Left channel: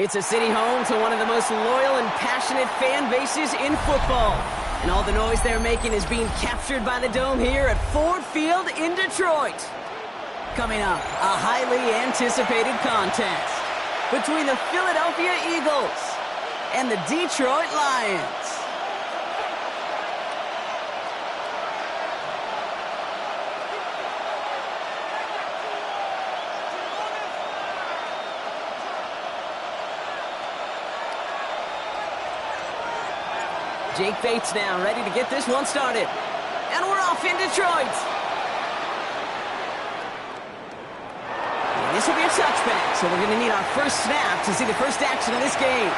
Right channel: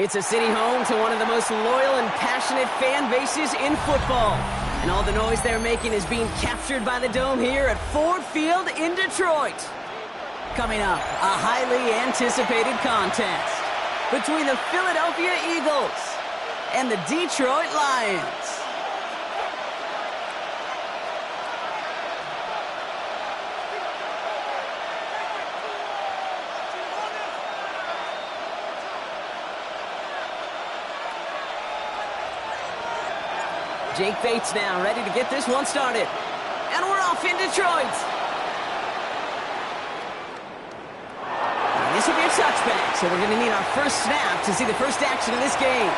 It's a city home to one of the most loyal and passionate fan bases in football. And all the noise they're making is being captured by the Dome here at Ford Field in Detroit. Coming up, a highly anticipated contest between the Philadelphia Eagles and the Detroit Lions. Jake Bates now ready to get this one started. And we're off in Detroit. And this will be a touchback, so we're going to need our first snap to see the first action of this game.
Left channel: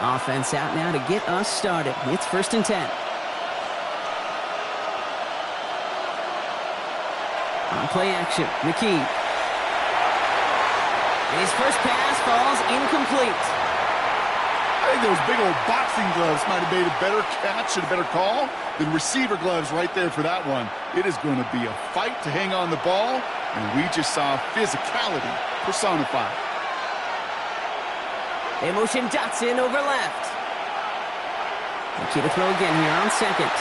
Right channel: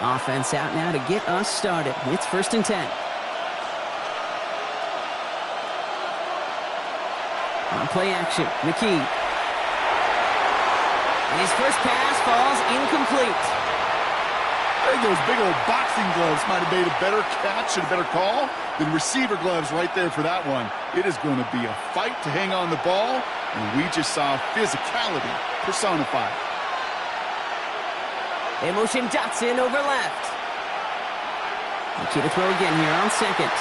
Offense out now to get us started. It's 1st and 10. On play action, McKee. And his first pass falls incomplete. I think those big old boxing gloves might have made a better catch and a better call than receiver gloves right there for that one. It is going to be a fight to hang on the ball, and we just saw physicality personified. They motion Dotson over left. McKee to throw again here on second.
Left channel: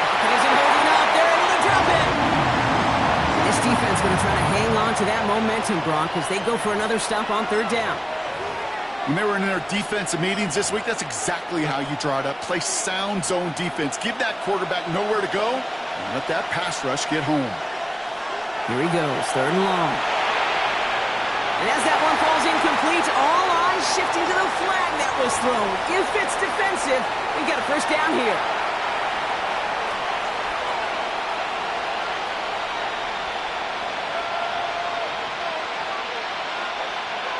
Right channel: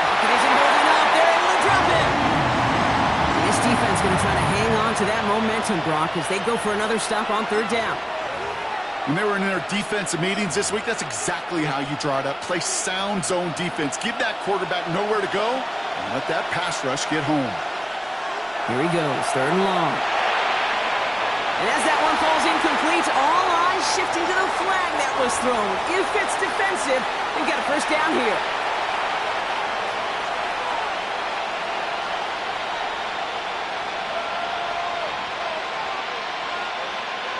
Pocket isn't holding up. They're able to drop him. This defense going to try to hang on to that momentum, Brock, as they go for another stop on 3rd down. When they were in their defensive meetings this week, that's exactly how you draw it up. Play sound zone defense. Give that quarterback nowhere to go and let that pass rush get home. Here he goes, 3rd and long. And as that one falls incomplete, all eyes shifting to the flag that was thrown. If it's defensive, we've got a first down here.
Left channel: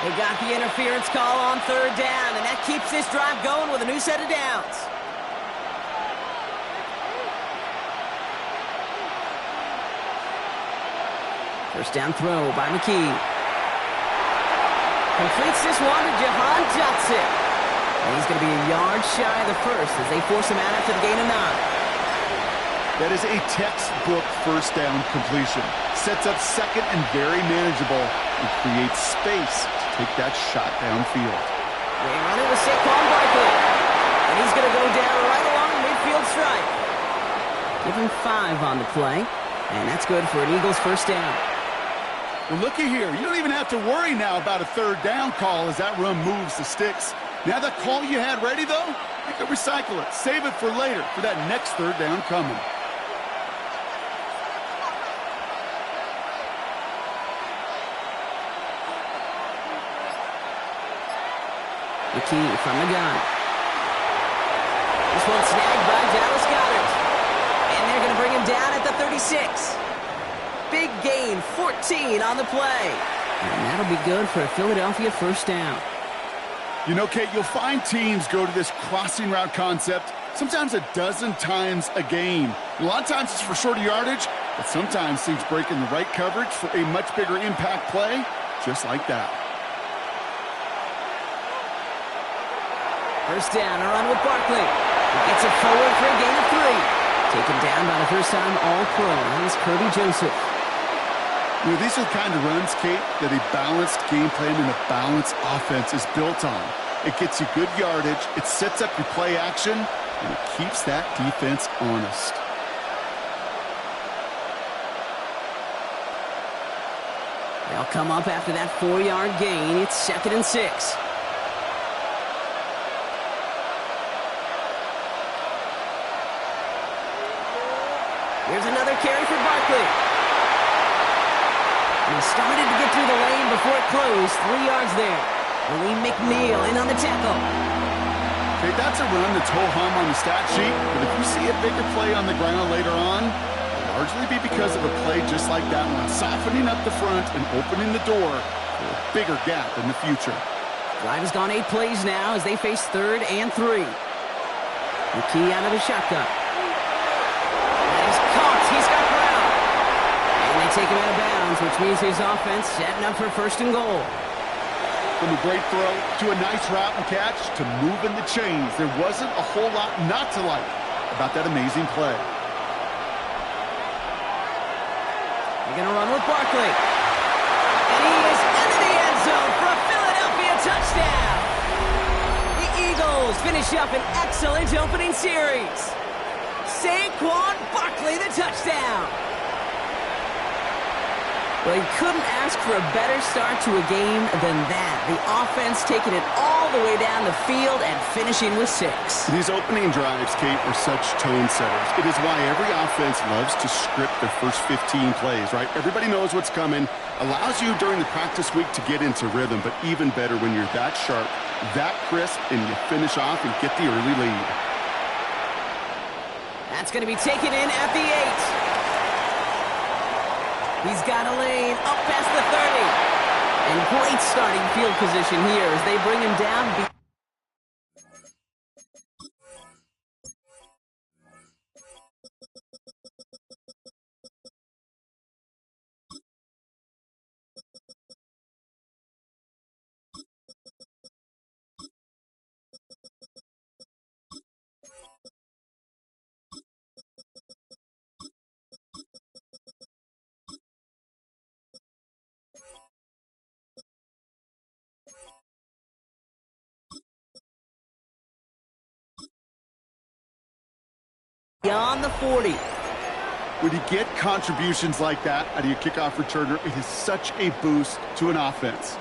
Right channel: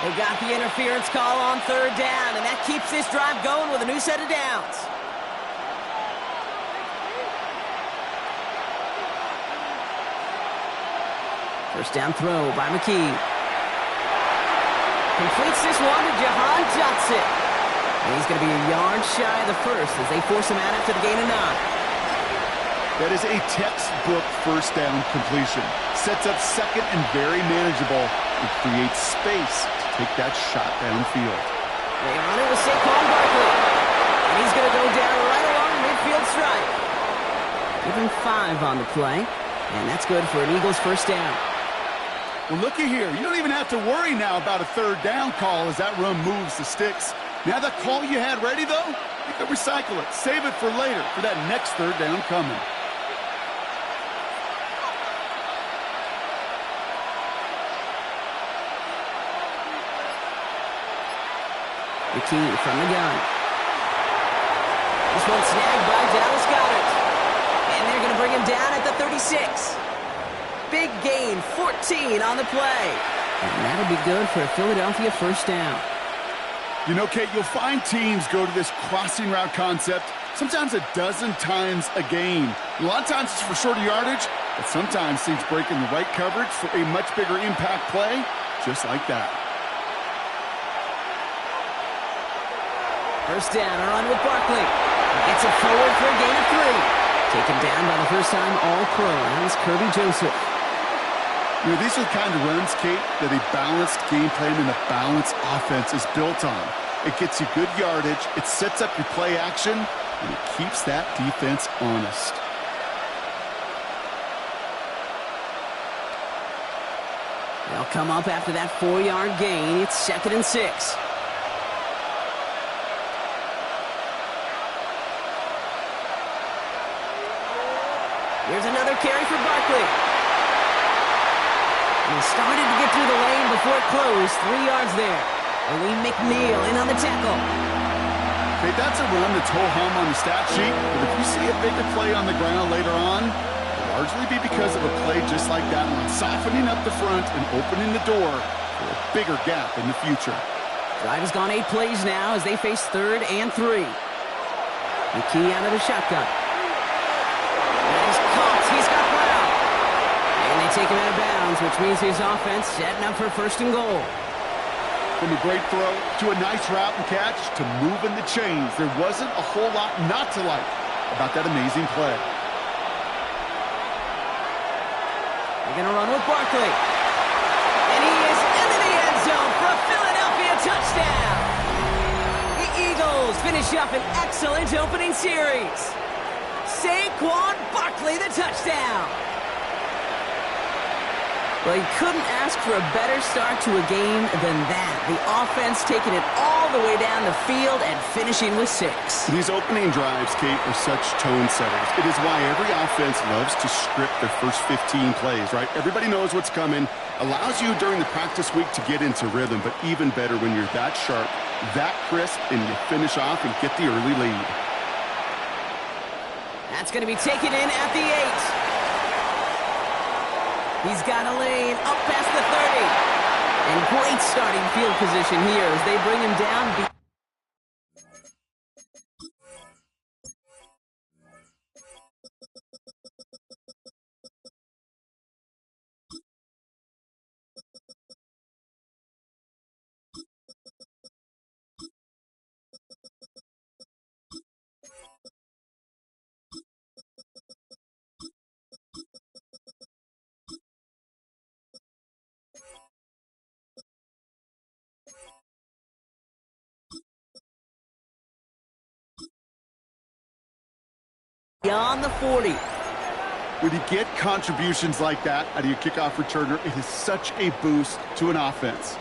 They got the interference call on 3rd down, and that keeps this drive going with a new set of downs. First down throw by McKee. Completes this one to Jahan Dotson. And he's going to be a yard shy of the first as they force him out after the gain of 9. That is a textbook first down completion. Sets up second and very manageable and creates space to take that shot downfield. They run it with Saquon Barkley. And he's going to go down right along the midfield stripe. Give him 5 on the play. And that's good for an Eagles first down. Well, looky here. You don't even have to worry now about a 3rd down call as that run moves the sticks. Now that call you had ready, though, you can recycle it. Save it for later for that next 3rd down coming. McKee from the gun. This one snagged by Dallas Goedert. And they're going to bring him down at the 36. Big gain, 14 on the play. And that'll be good for a Philadelphia first down. You know, Kate, you'll find teams go to this crossing route concept sometimes a dozen times a game. A lot of times it's for shorter yardage, but sometimes teams break in the right coverage for a much bigger impact play, just like that. First down, a run with Barkley. He gets it forward for a gain of 3. Taken down by the first-time All-Pro. That was Kirby Joseph. You know, these are the kind of runs, Kate, that a balanced game plan and a balanced offense is built on. It gets you good yardage, it sets up your play action, and it keeps that defense honest. They'll come up after that 4-yard gain. It's 2nd and 6. Here's another carry for Barkley. And he started to get through the lane before it closed. 3 yards there. Lee McNeil in on the tackle. Okay, that's a run that's ho-hum on the stat sheet, but if you see a bigger play on the ground later on, it'll largely be because of a play just like that one, softening up the front and opening the door for a bigger gap in the future. Drive has gone 8 plays now as they face 3rd and 3. McKee out of the shotgun. He's caught. He's got Brown. And they take him out of bounds, which means his offense setting up for 1st and goal. From a great throw to a nice route and catch to moving the chains, there wasn't a whole lot not to like about that amazing play. They're going to run with Barkley. And he is into the end zone for a Philadelphia touchdown. The Eagles finish up an excellent opening series. Saquon Barkley, the touchdown. Well, you couldn't ask for a better start to a game than that. The offense taking it all the way down the field and finishing with 6. These opening drives, Kate, are such tone setters. It is why every offense loves to script their first 15 plays, right? Everybody knows what's coming. Allows you during the practice week to get into rhythm, but even better when you're that sharp, that crisp, and you finish off and get the early lead. That's going to be taken in at the 8. He's got a lane up past the 30. And great starting field position here as they bring him down. Beyond the 40. When you get contributions like that out of your kickoff returner, it is such a boost to an offense.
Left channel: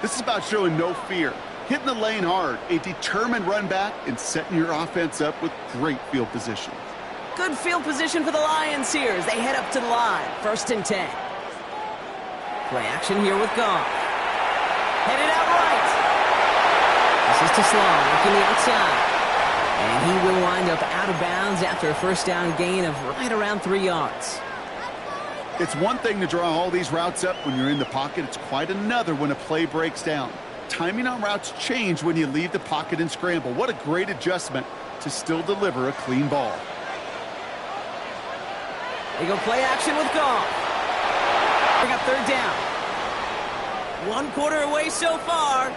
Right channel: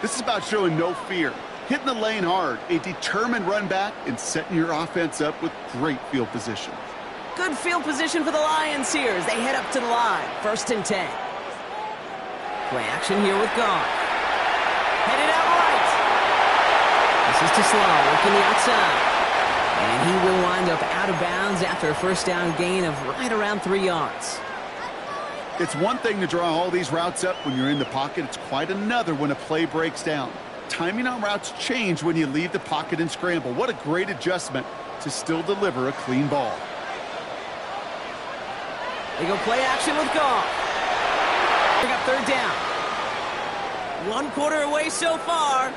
This is about showing no fear, hitting the lane hard, a determined run back, and setting your offense up with great field position. Good field position for the Lions here as they head up to the line. 1st and 10. Play action here with Goff. Headed out right. This is to Slaw working the outside. And he will wind up out of bounds after a first down gain of right around 3 yards. It's one thing to draw all these routes up when you're in the pocket. It's quite another when a play breaks down. Timing on routes change when you leave the pocket and scramble. What a great adjustment to still deliver a clean ball. They go play action with Goff. Bring up 3rd down. 1 quarter away so far.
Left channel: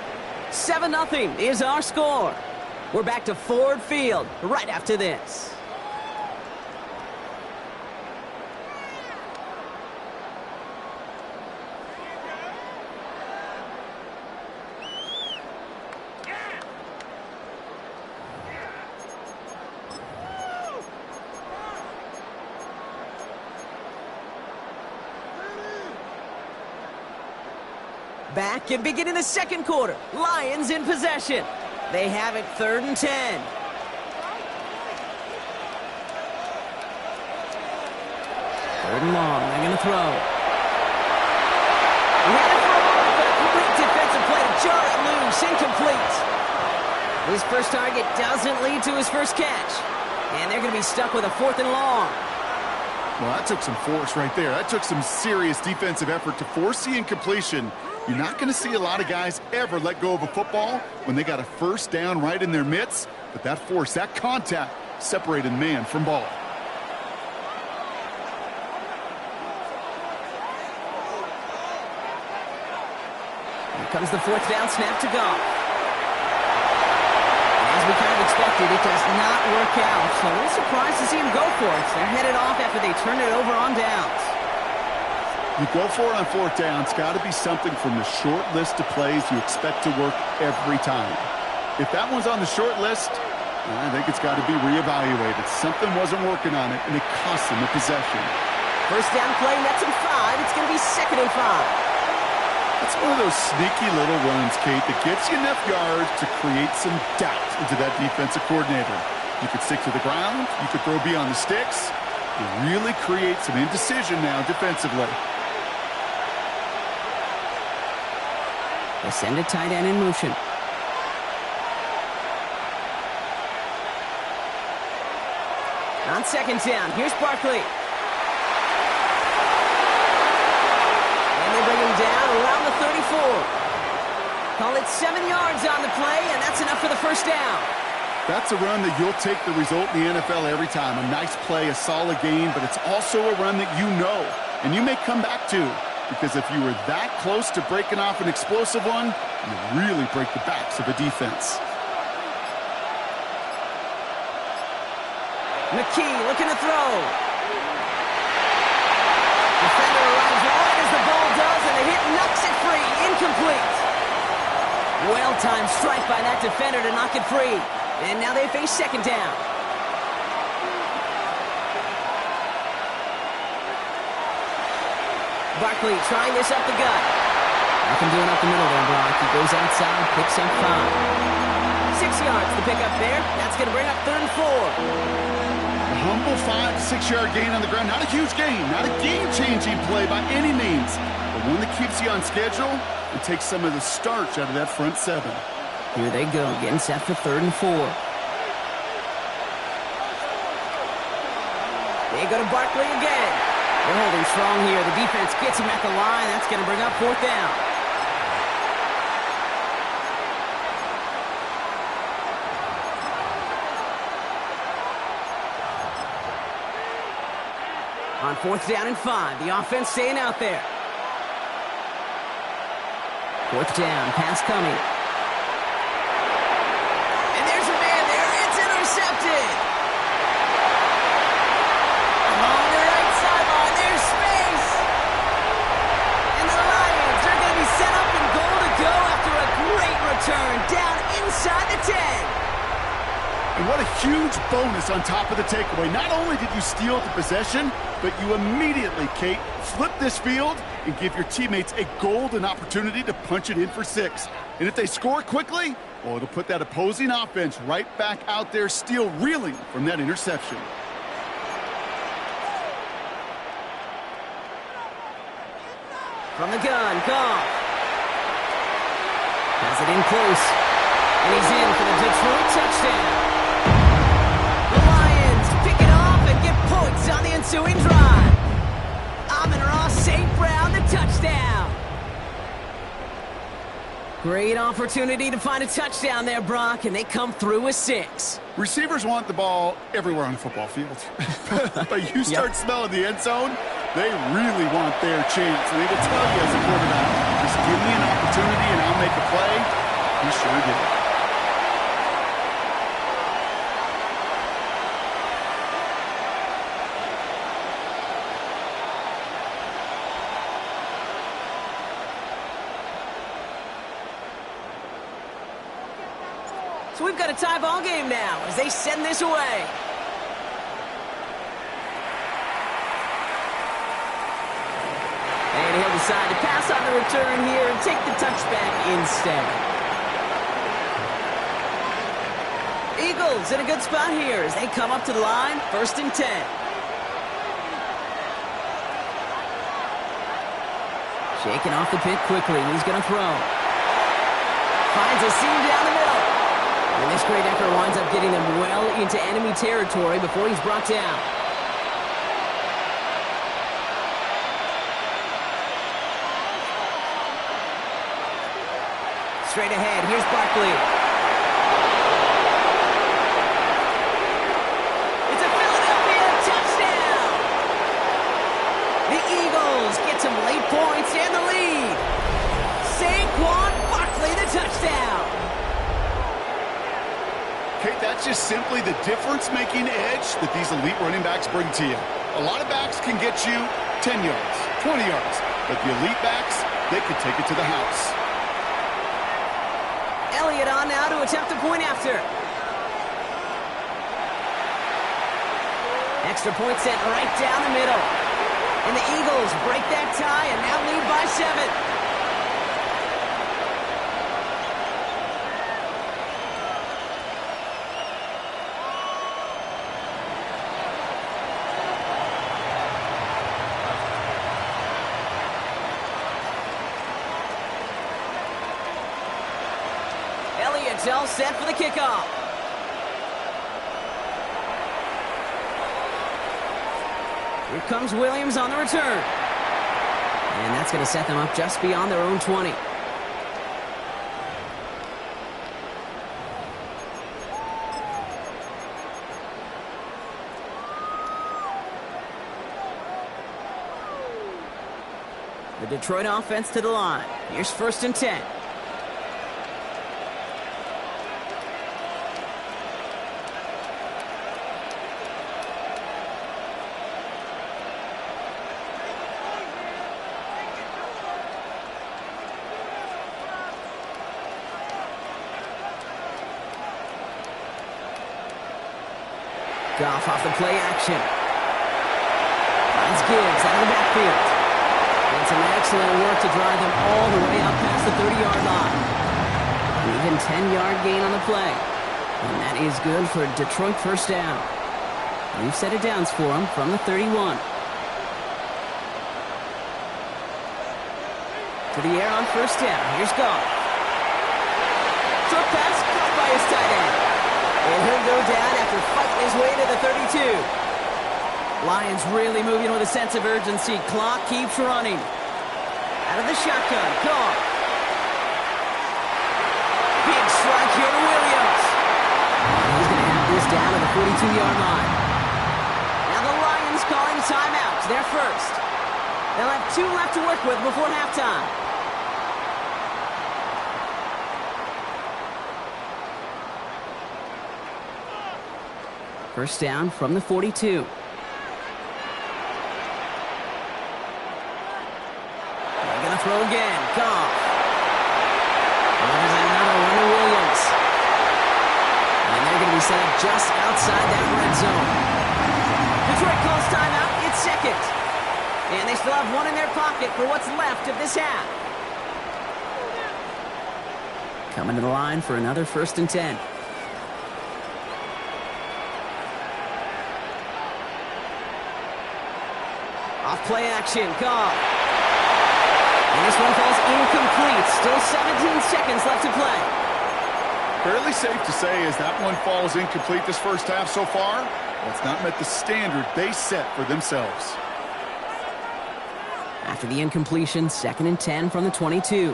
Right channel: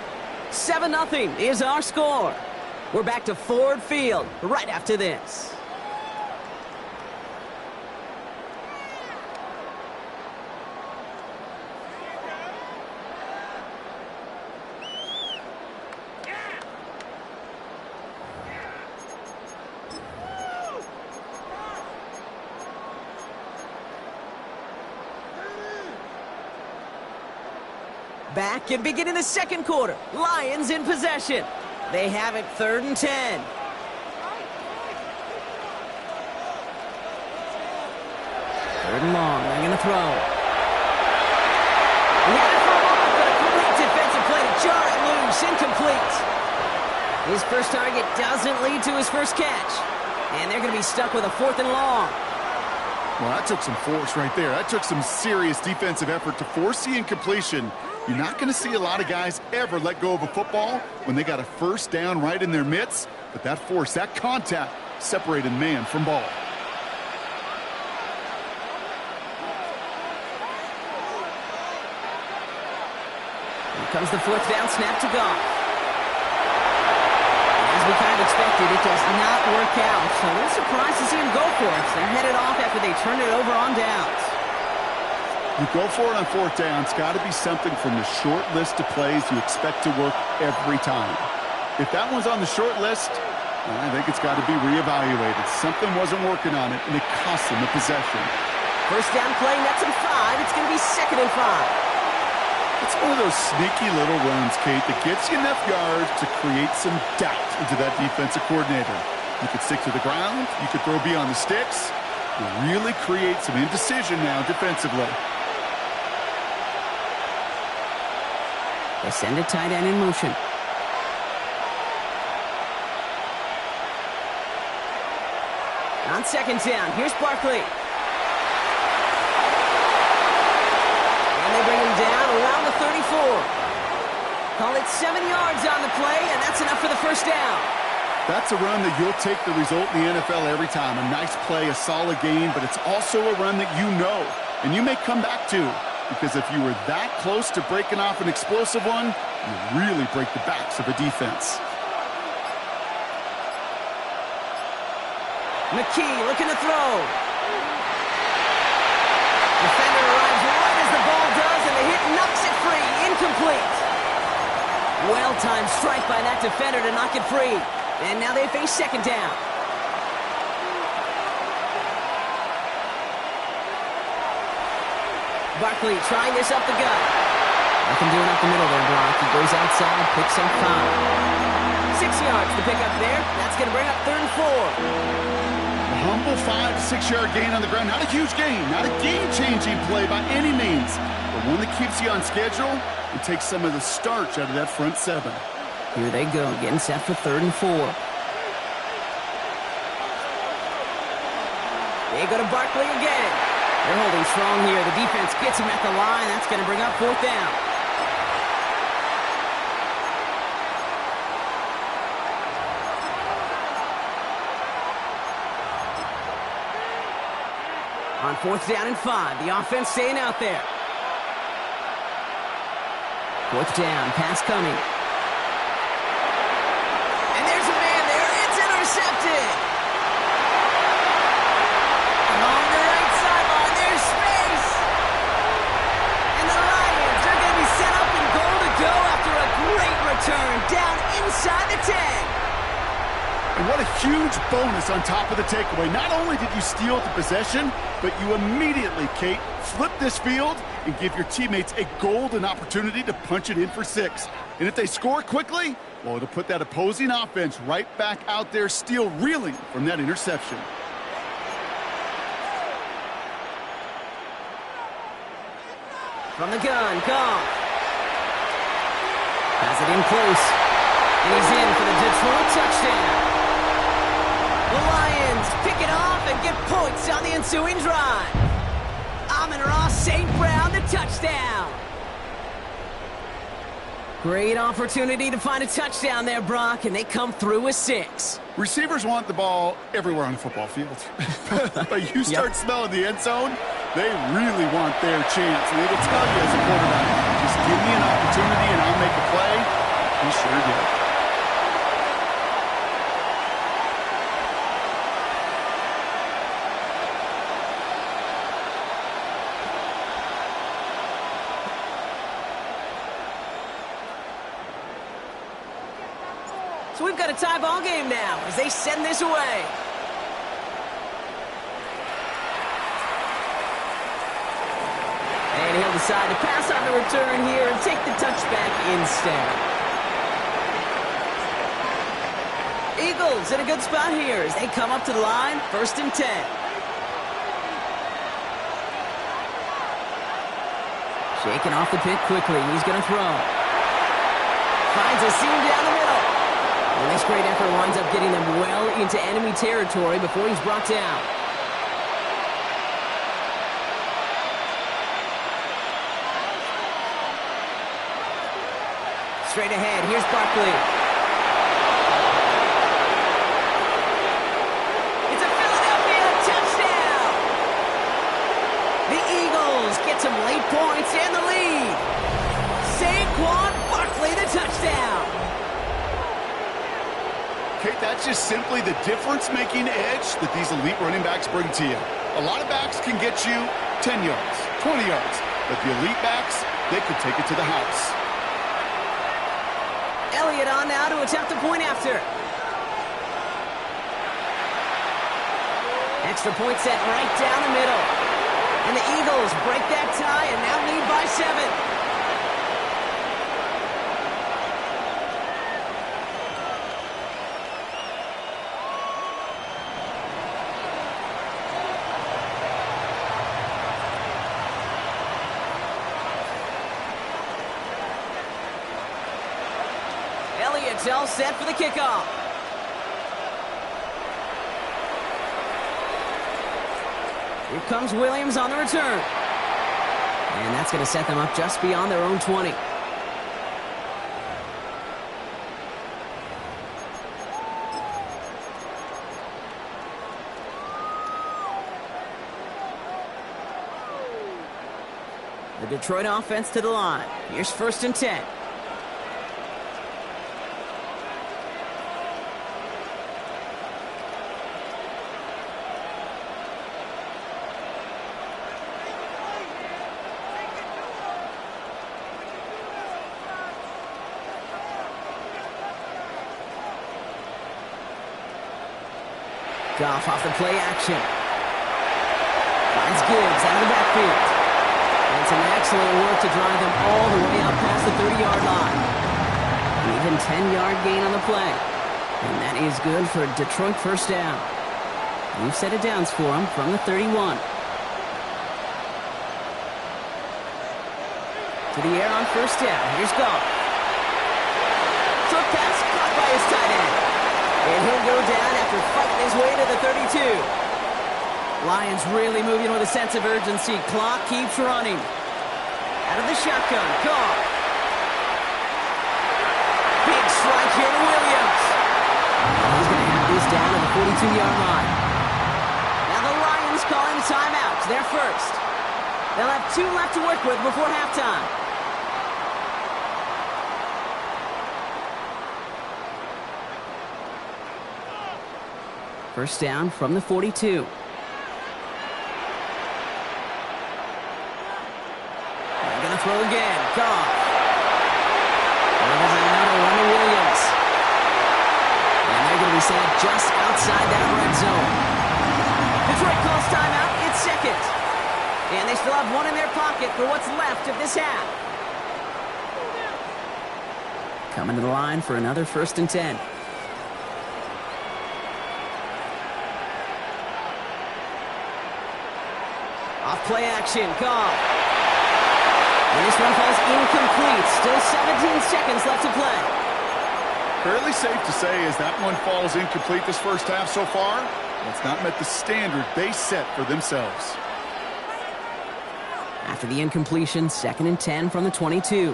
7-0 is our score. We're back to Ford Field right after this. Back and beginning the 2nd quarter. Lions in possession. They have it 3rd and 10. 3rd and long. They're going to throw. He had it for a moment, but a great defensive play to jar it loose. Incomplete. His first target doesn't lead to his first catch. And they're going to be stuck with a 4th and long. Well, that took some force right there. That took some serious defensive effort to force the incompletion. You're not going to see a lot of guys ever let go of a football when they got a first down right in their midst. But that force, that contact, separated man from ball. Here comes the 4th down snap to Goff. As we kind of expected, it does not work out. So a little surprised to see him go for it. They're headed off after they turn it over on downs. You go for it on 4th down. It's got to be something from the short list of plays you expect to work every time. If that one's on the short list, I think it's got to be reevaluated. Something wasn't working on it, and it cost them the possession. First down play, nets him 5. It's going to be 2nd and 5. It's one of those sneaky little runs, Kate, that gets you enough yards to create some doubt into that defensive coordinator. You could stick to the ground. You could throw beyond the sticks. You really create some indecision now defensively. They send a tight end in motion. On 2nd down, here's Barkley. And they bring him down around the 34. Call it 7 yards on the play, and that's enough for the first down. That's a run that you'll take the result in the NFL every time. A nice play, a solid gain, but it's also a run that you know, and you may come back to. Because if you were that close to breaking off an explosive one, you really break the backs of a defense. McKee looking to throw. Defender arrives right as the ball does, and the hit knocks it free. Incomplete. Well-timed strike by that defender to knock it free. And now they face second down. Barkley trying this up the gut. Nothing doing up the middle there, Brock. He goes outside, picks up 5. 6 yards to pick up there. That's going to bring up 3rd and 4. A humble 5 to 6 yard gain on the ground. Not a huge gain, not a game-changing play by any means, but one that keeps you on schedule and takes some of the starch out of that front 7. Here they go, getting set for 3rd and 4. They go to Barkley again. They're holding strong here. The defense gets him at the line. That's going to bring up 4th down. On 4th down and 5, the offense staying out there. 4th down, pass coming. And there's a man there. It's intercepted. Along the right sideline, there's space. And the Lions are going to be set up in goal to go after a great return down inside the 10. And what a huge bonus on top of the takeaway. Not only did you steal the possession, but you immediately, Kate, flip this field and give your teammates a golden opportunity to punch it in for 6. And if they score quickly, well, it'll put that opposing offense right back out there, still reeling from that interception. From the gun, Goff. Has it in close. And he's in for the Detroit touchdown. The Lions pick it off and get points on the ensuing drive. Amon-Ra St. Brown, the touchdown. Great opportunity to find a touchdown there, Brock, and they come through with 6. Receivers want the ball everywhere on the football field. But you start smelling the end zone, they really want their chance. And they will tell you as a quarterback, just give me an opportunity and I'll make a play. He sure did. So we've got a tie ball game now as they send this away. And he'll decide to pass on the return here and take the touchback instead. Eagles in a good spot here as they come up to the line, 1st and 10. Shaking off the pick quickly. He's going to throw. Finds a seam down the middle. And this great effort winds up getting them well into enemy territory before he's brought down. Straight ahead, here's Barkley. It's a Philadelphia touchdown! The Eagles get some late points and the lead. Saquon Barkley, the touchdown. Kate, that's just simply the difference-making edge that these elite running backs bring to you. A lot of backs can get you 10 yards, 20 yards, but the elite backs, they could take it to the house. Elliott on now to attempt a point after. Extra point set right down the middle. And the Eagles break that tie and now lead by 7. Elliott's all set for the kickoff. Here comes Williams on the return. And that's going to set them up just beyond their own 20. The Detroit offense to the line. Here's 1st and 10. Goff off the play action. Finds Gibbs out of the backfield. And some excellent work to drive them all the way out past the 30-yard line. An even 10-yard gain on the play. And that is good for a Detroit first down. We've set it downs for them from the 31. To the air on first down. Here's Goff. Short pass caught by his tight end. And he'll go down after fighting his way to the 32. Lions really moving with a sense of urgency. Clock keeps running. Out of the shotgun, Goff. Big strike here to Williams. And he's going to have this down to the 42-yard line. Now the Lions calling a timeout. They're first. They'll have 2 left to work with before halftime. First down from the 42. They're going to throw again. Goff. Well, there's another one to Williams. And they're going to be set up just outside that red zone. Detroit calls timeout. It's second. And they still have 1 in their pocket for what's left of this half. Coming to the line for another 1st and 10. Off play action, Goff. And this one falls incomplete. Still 17 seconds left to play. Fairly safe to say as that one falls incomplete this first half so far, that's not met the standard they set for themselves. After the incompletion, 2nd and 10 from the 22.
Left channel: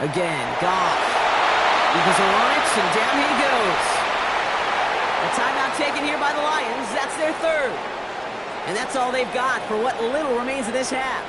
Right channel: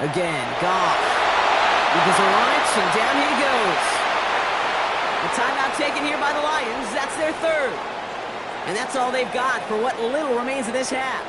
Again, Goff. Eagles are on it, and down he goes. A timeout taken here by the Lions. That's their 3rd. And that's all they've got for what little remains of this half.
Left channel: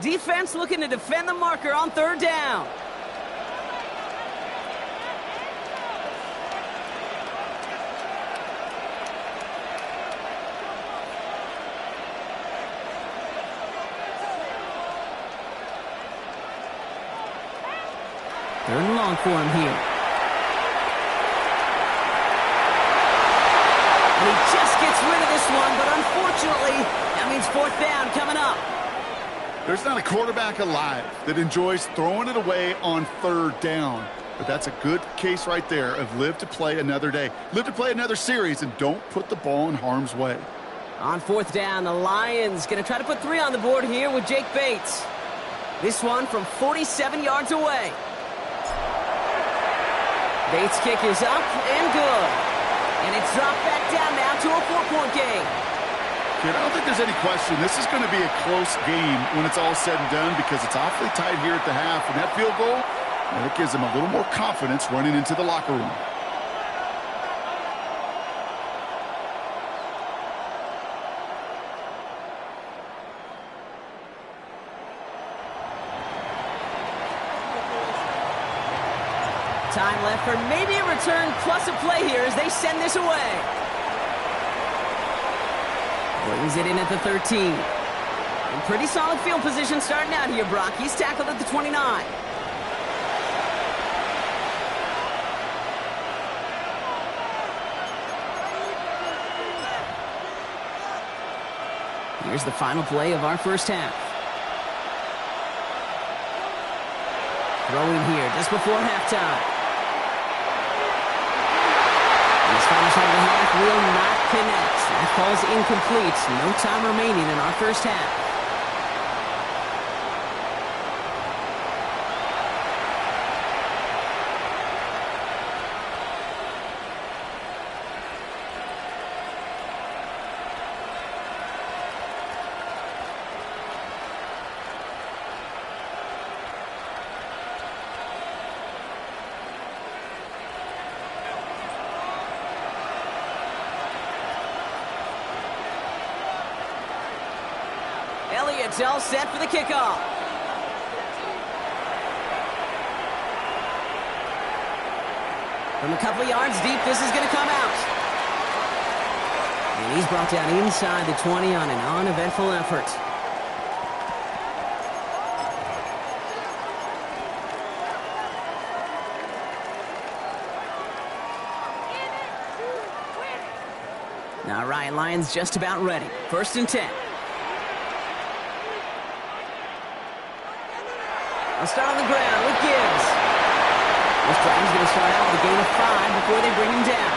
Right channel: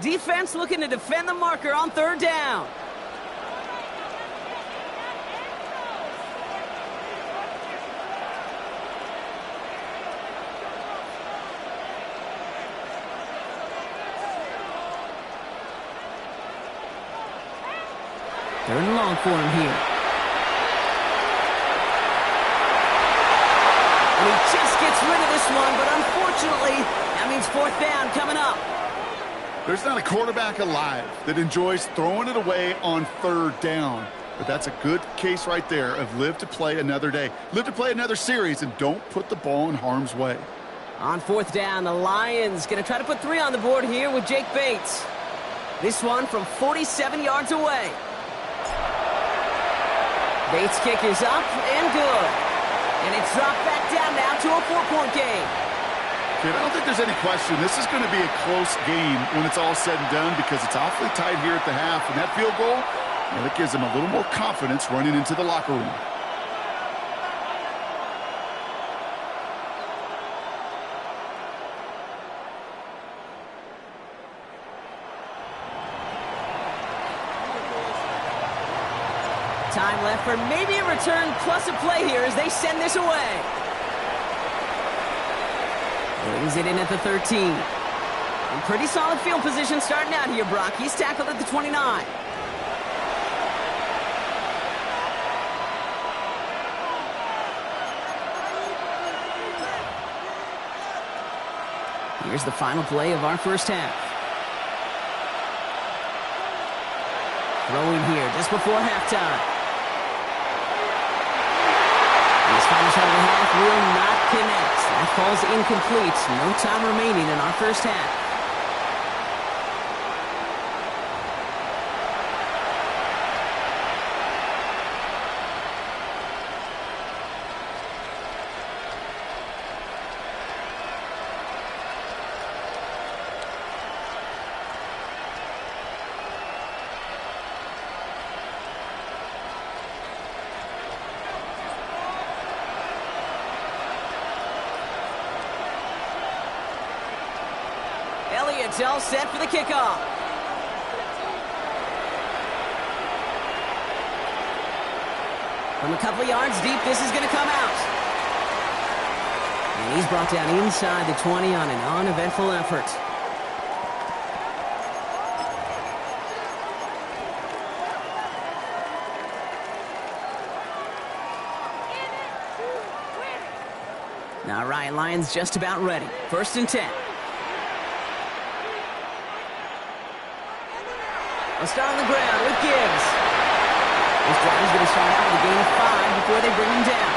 Defense looking to defend the marker on 3rd down. Third and long for him here. And he just gets rid of this one, but unfortunately, that means 4th down coming up. There's not a quarterback alive that enjoys throwing it away on 3rd down. But that's a good case right there of live to play another day. Live to play another series and don't put the ball in harm's way. On 4th down, the Lions going to try to put 3 on the board here with Jake Bates. This one from 47 yards away. Bates' kick is up and good. And it's dropped back down now to a 4-point game. Kid, I don't think there's any question. This is going to be a close game when it's all said and done because it's awfully tight here at the half. And that field goal, that gives them a little more confidence running into the locker room. Time left for maybe a return plus a play here as they send this away. Brings it in at the 13. In pretty solid field position starting out here, Brock. He's tackled at the 29. Here's the final play of our first half. Throwing here just before halftime. His final shot of the half will not connect. That falls incomplete. No time remaining in our first half. It's all set for the kickoff. From a couple yards deep, this is going to come out. And he's brought down inside the 20 on an uneventful effort. All right, Lions just about ready. 1st and 10. They'll start on the ground with Gibbs. This drive is going to start out with a gain of 5 before they bring him down.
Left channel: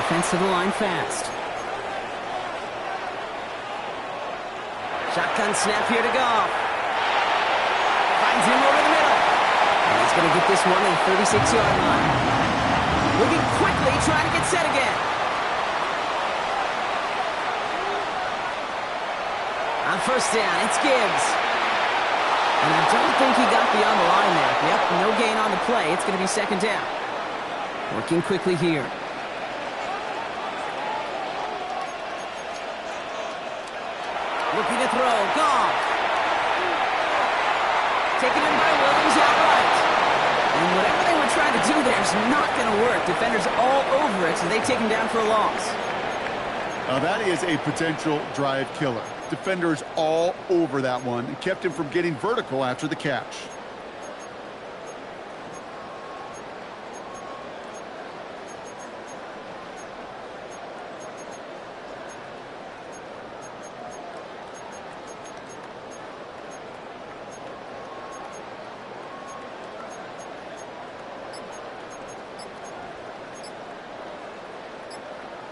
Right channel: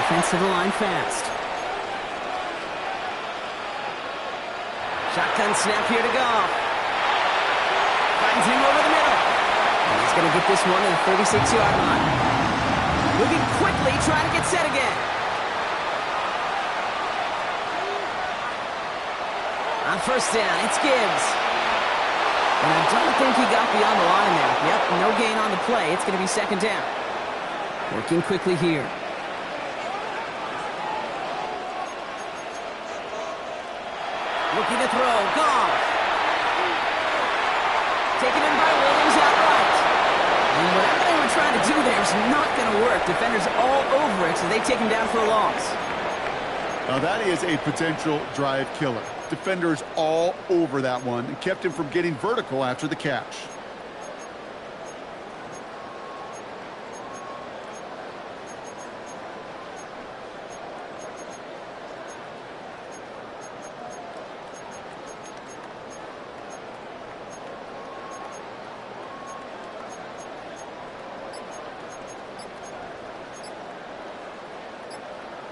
Offense to the line fast. Shotgun snap here to Goff. Finds him over the middle. And he's going to get this one to the 36-yard line. Moving quickly, trying to get set again. On 1st down, it's Gibbs. And I don't think he got beyond the line there. Yep, no gain on the play. It's going to be 2nd down. Working quickly here. Looking to throw. Goff. Taken in by Williams outright. And whatever they were trying to do there is not going to work. Defenders all over it, so they take him down for a loss. Now that is a potential drive killer. Defenders all over that one and kept him from getting vertical after the catch.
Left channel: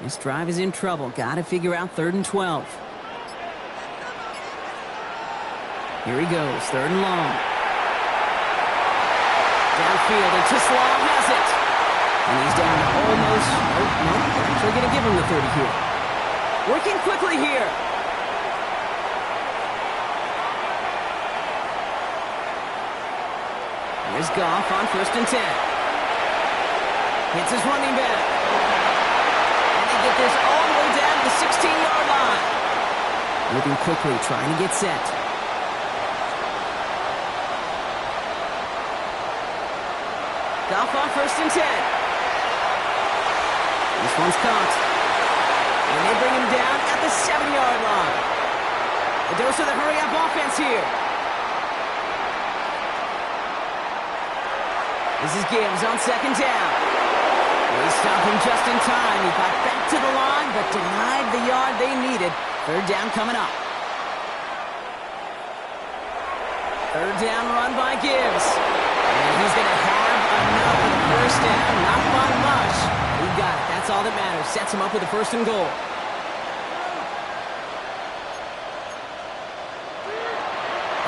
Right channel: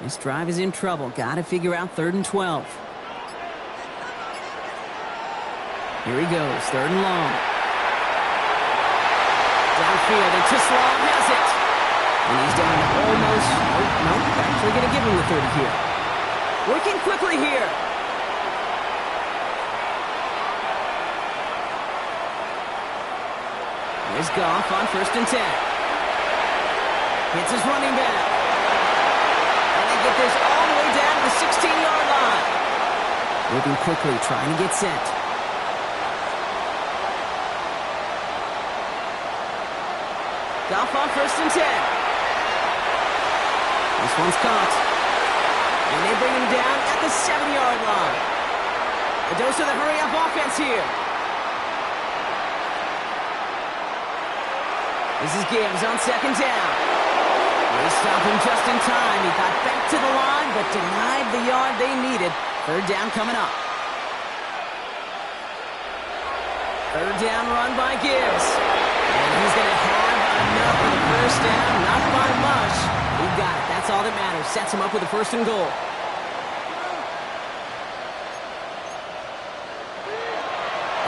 This drive is in trouble. Got to figure out 3rd and 12. Here he goes, 3rd and long. Downfield, and Tisslaw has it. And he's down to almost, nope, actually going to give him the 30 here. Working quickly here. Here's Goff on 1st and 10. Hits his running back. And they get this all the way down to the 16-yard line. Moving quickly, trying to get set. Goff on 1st and 10. This one's caught. And they bring him down at the 7-yard line. A dose of the hurry-up offense here. This is Gibbs on 2nd down. They stop him just in time. He got back to the line, but denied the yard they needed. 3rd down coming up. 3rd down run by Gibbs. And he's going to have enough for the 1st down. Not by much. He got it. That's all that matters. Sets him up with a 1st and goal.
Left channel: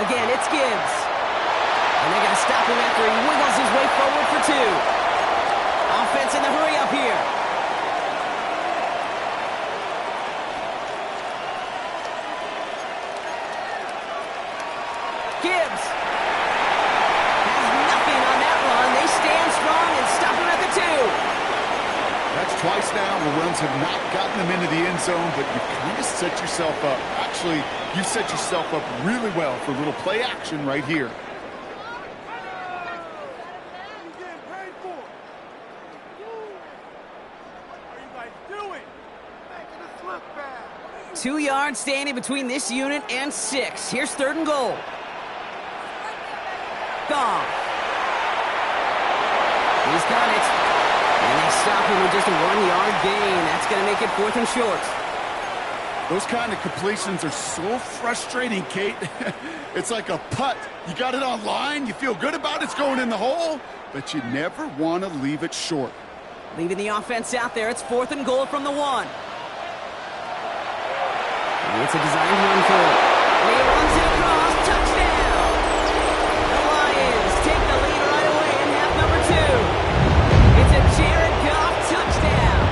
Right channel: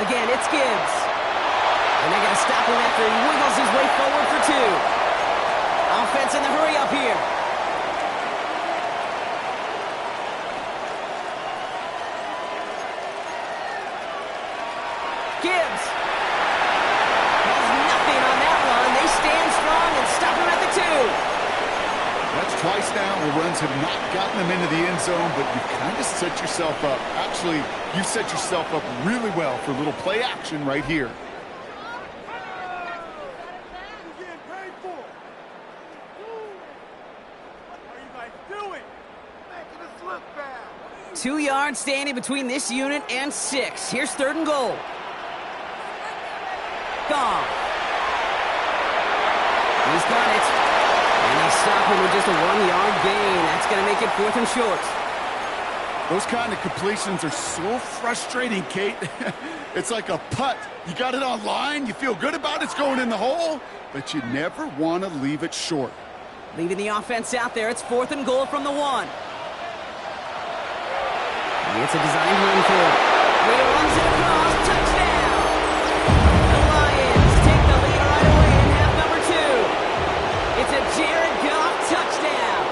Again, it's Gibbs. And they're going to stop him after he wiggles his way forward for 2. Offense in the hurry up here. Gibbs has nothing on that run. They stand strong and stop him at the 2. That's twice now where runs have not gotten them into the end zone, but you've kind of set yourself up. Actually, you set yourself up really well for a little play action right here. Getting paid for. What are you guys doing? Making us look bad. 2 yards standing between this unit and 6. Here's 3rd and goal. Goff. He's got it. And they stop him with just a 1-yard gain. That's going to make it 4th and short. Those kind of completions are so frustrating, Kate. It's like a putt. You got it on line, you feel good about it's going in the hole, but you never want to leave it short. Leaving the offense out there. It's 4th and goal from the 1. It's a designed run for it. And he runs it across. Touchdown! The Lions take the lead right away in half number 2. It's a Jared Goff touchdown.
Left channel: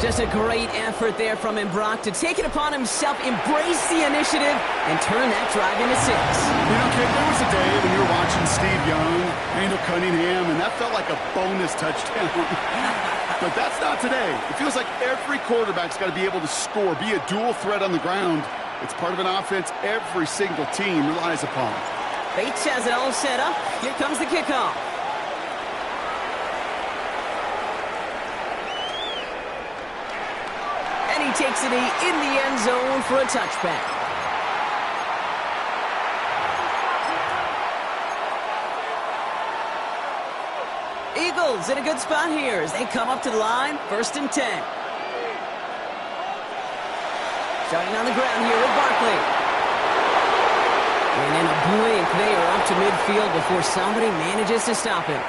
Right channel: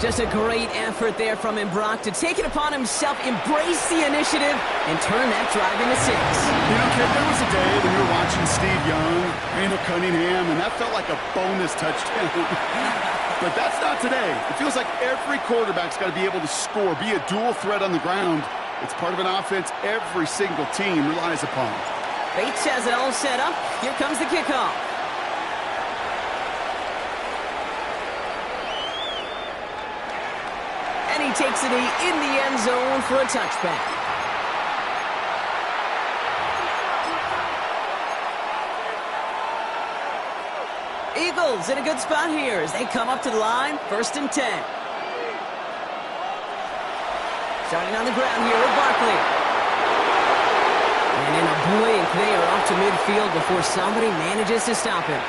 Just a great effort there from him, Brock, to take it upon himself, embrace the initiative, and turn that drive into 6. You know, Kate, there was a day when you were watching Steve Young, Randall Cunningham, and that felt like a bonus touchdown. But that's not today. It feels like every quarterback's got to be able to score, be a dual threat on the ground. It's part of an offense every single team relies upon. Bates has it all set up. Here comes the kickoff. And he takes it in the end zone for a touchback. Eagles in a good spot here as they come up to the line. 1st and 10. Starting on the ground here with Barkley. And in a blink, they are off to midfield before somebody manages to stop him.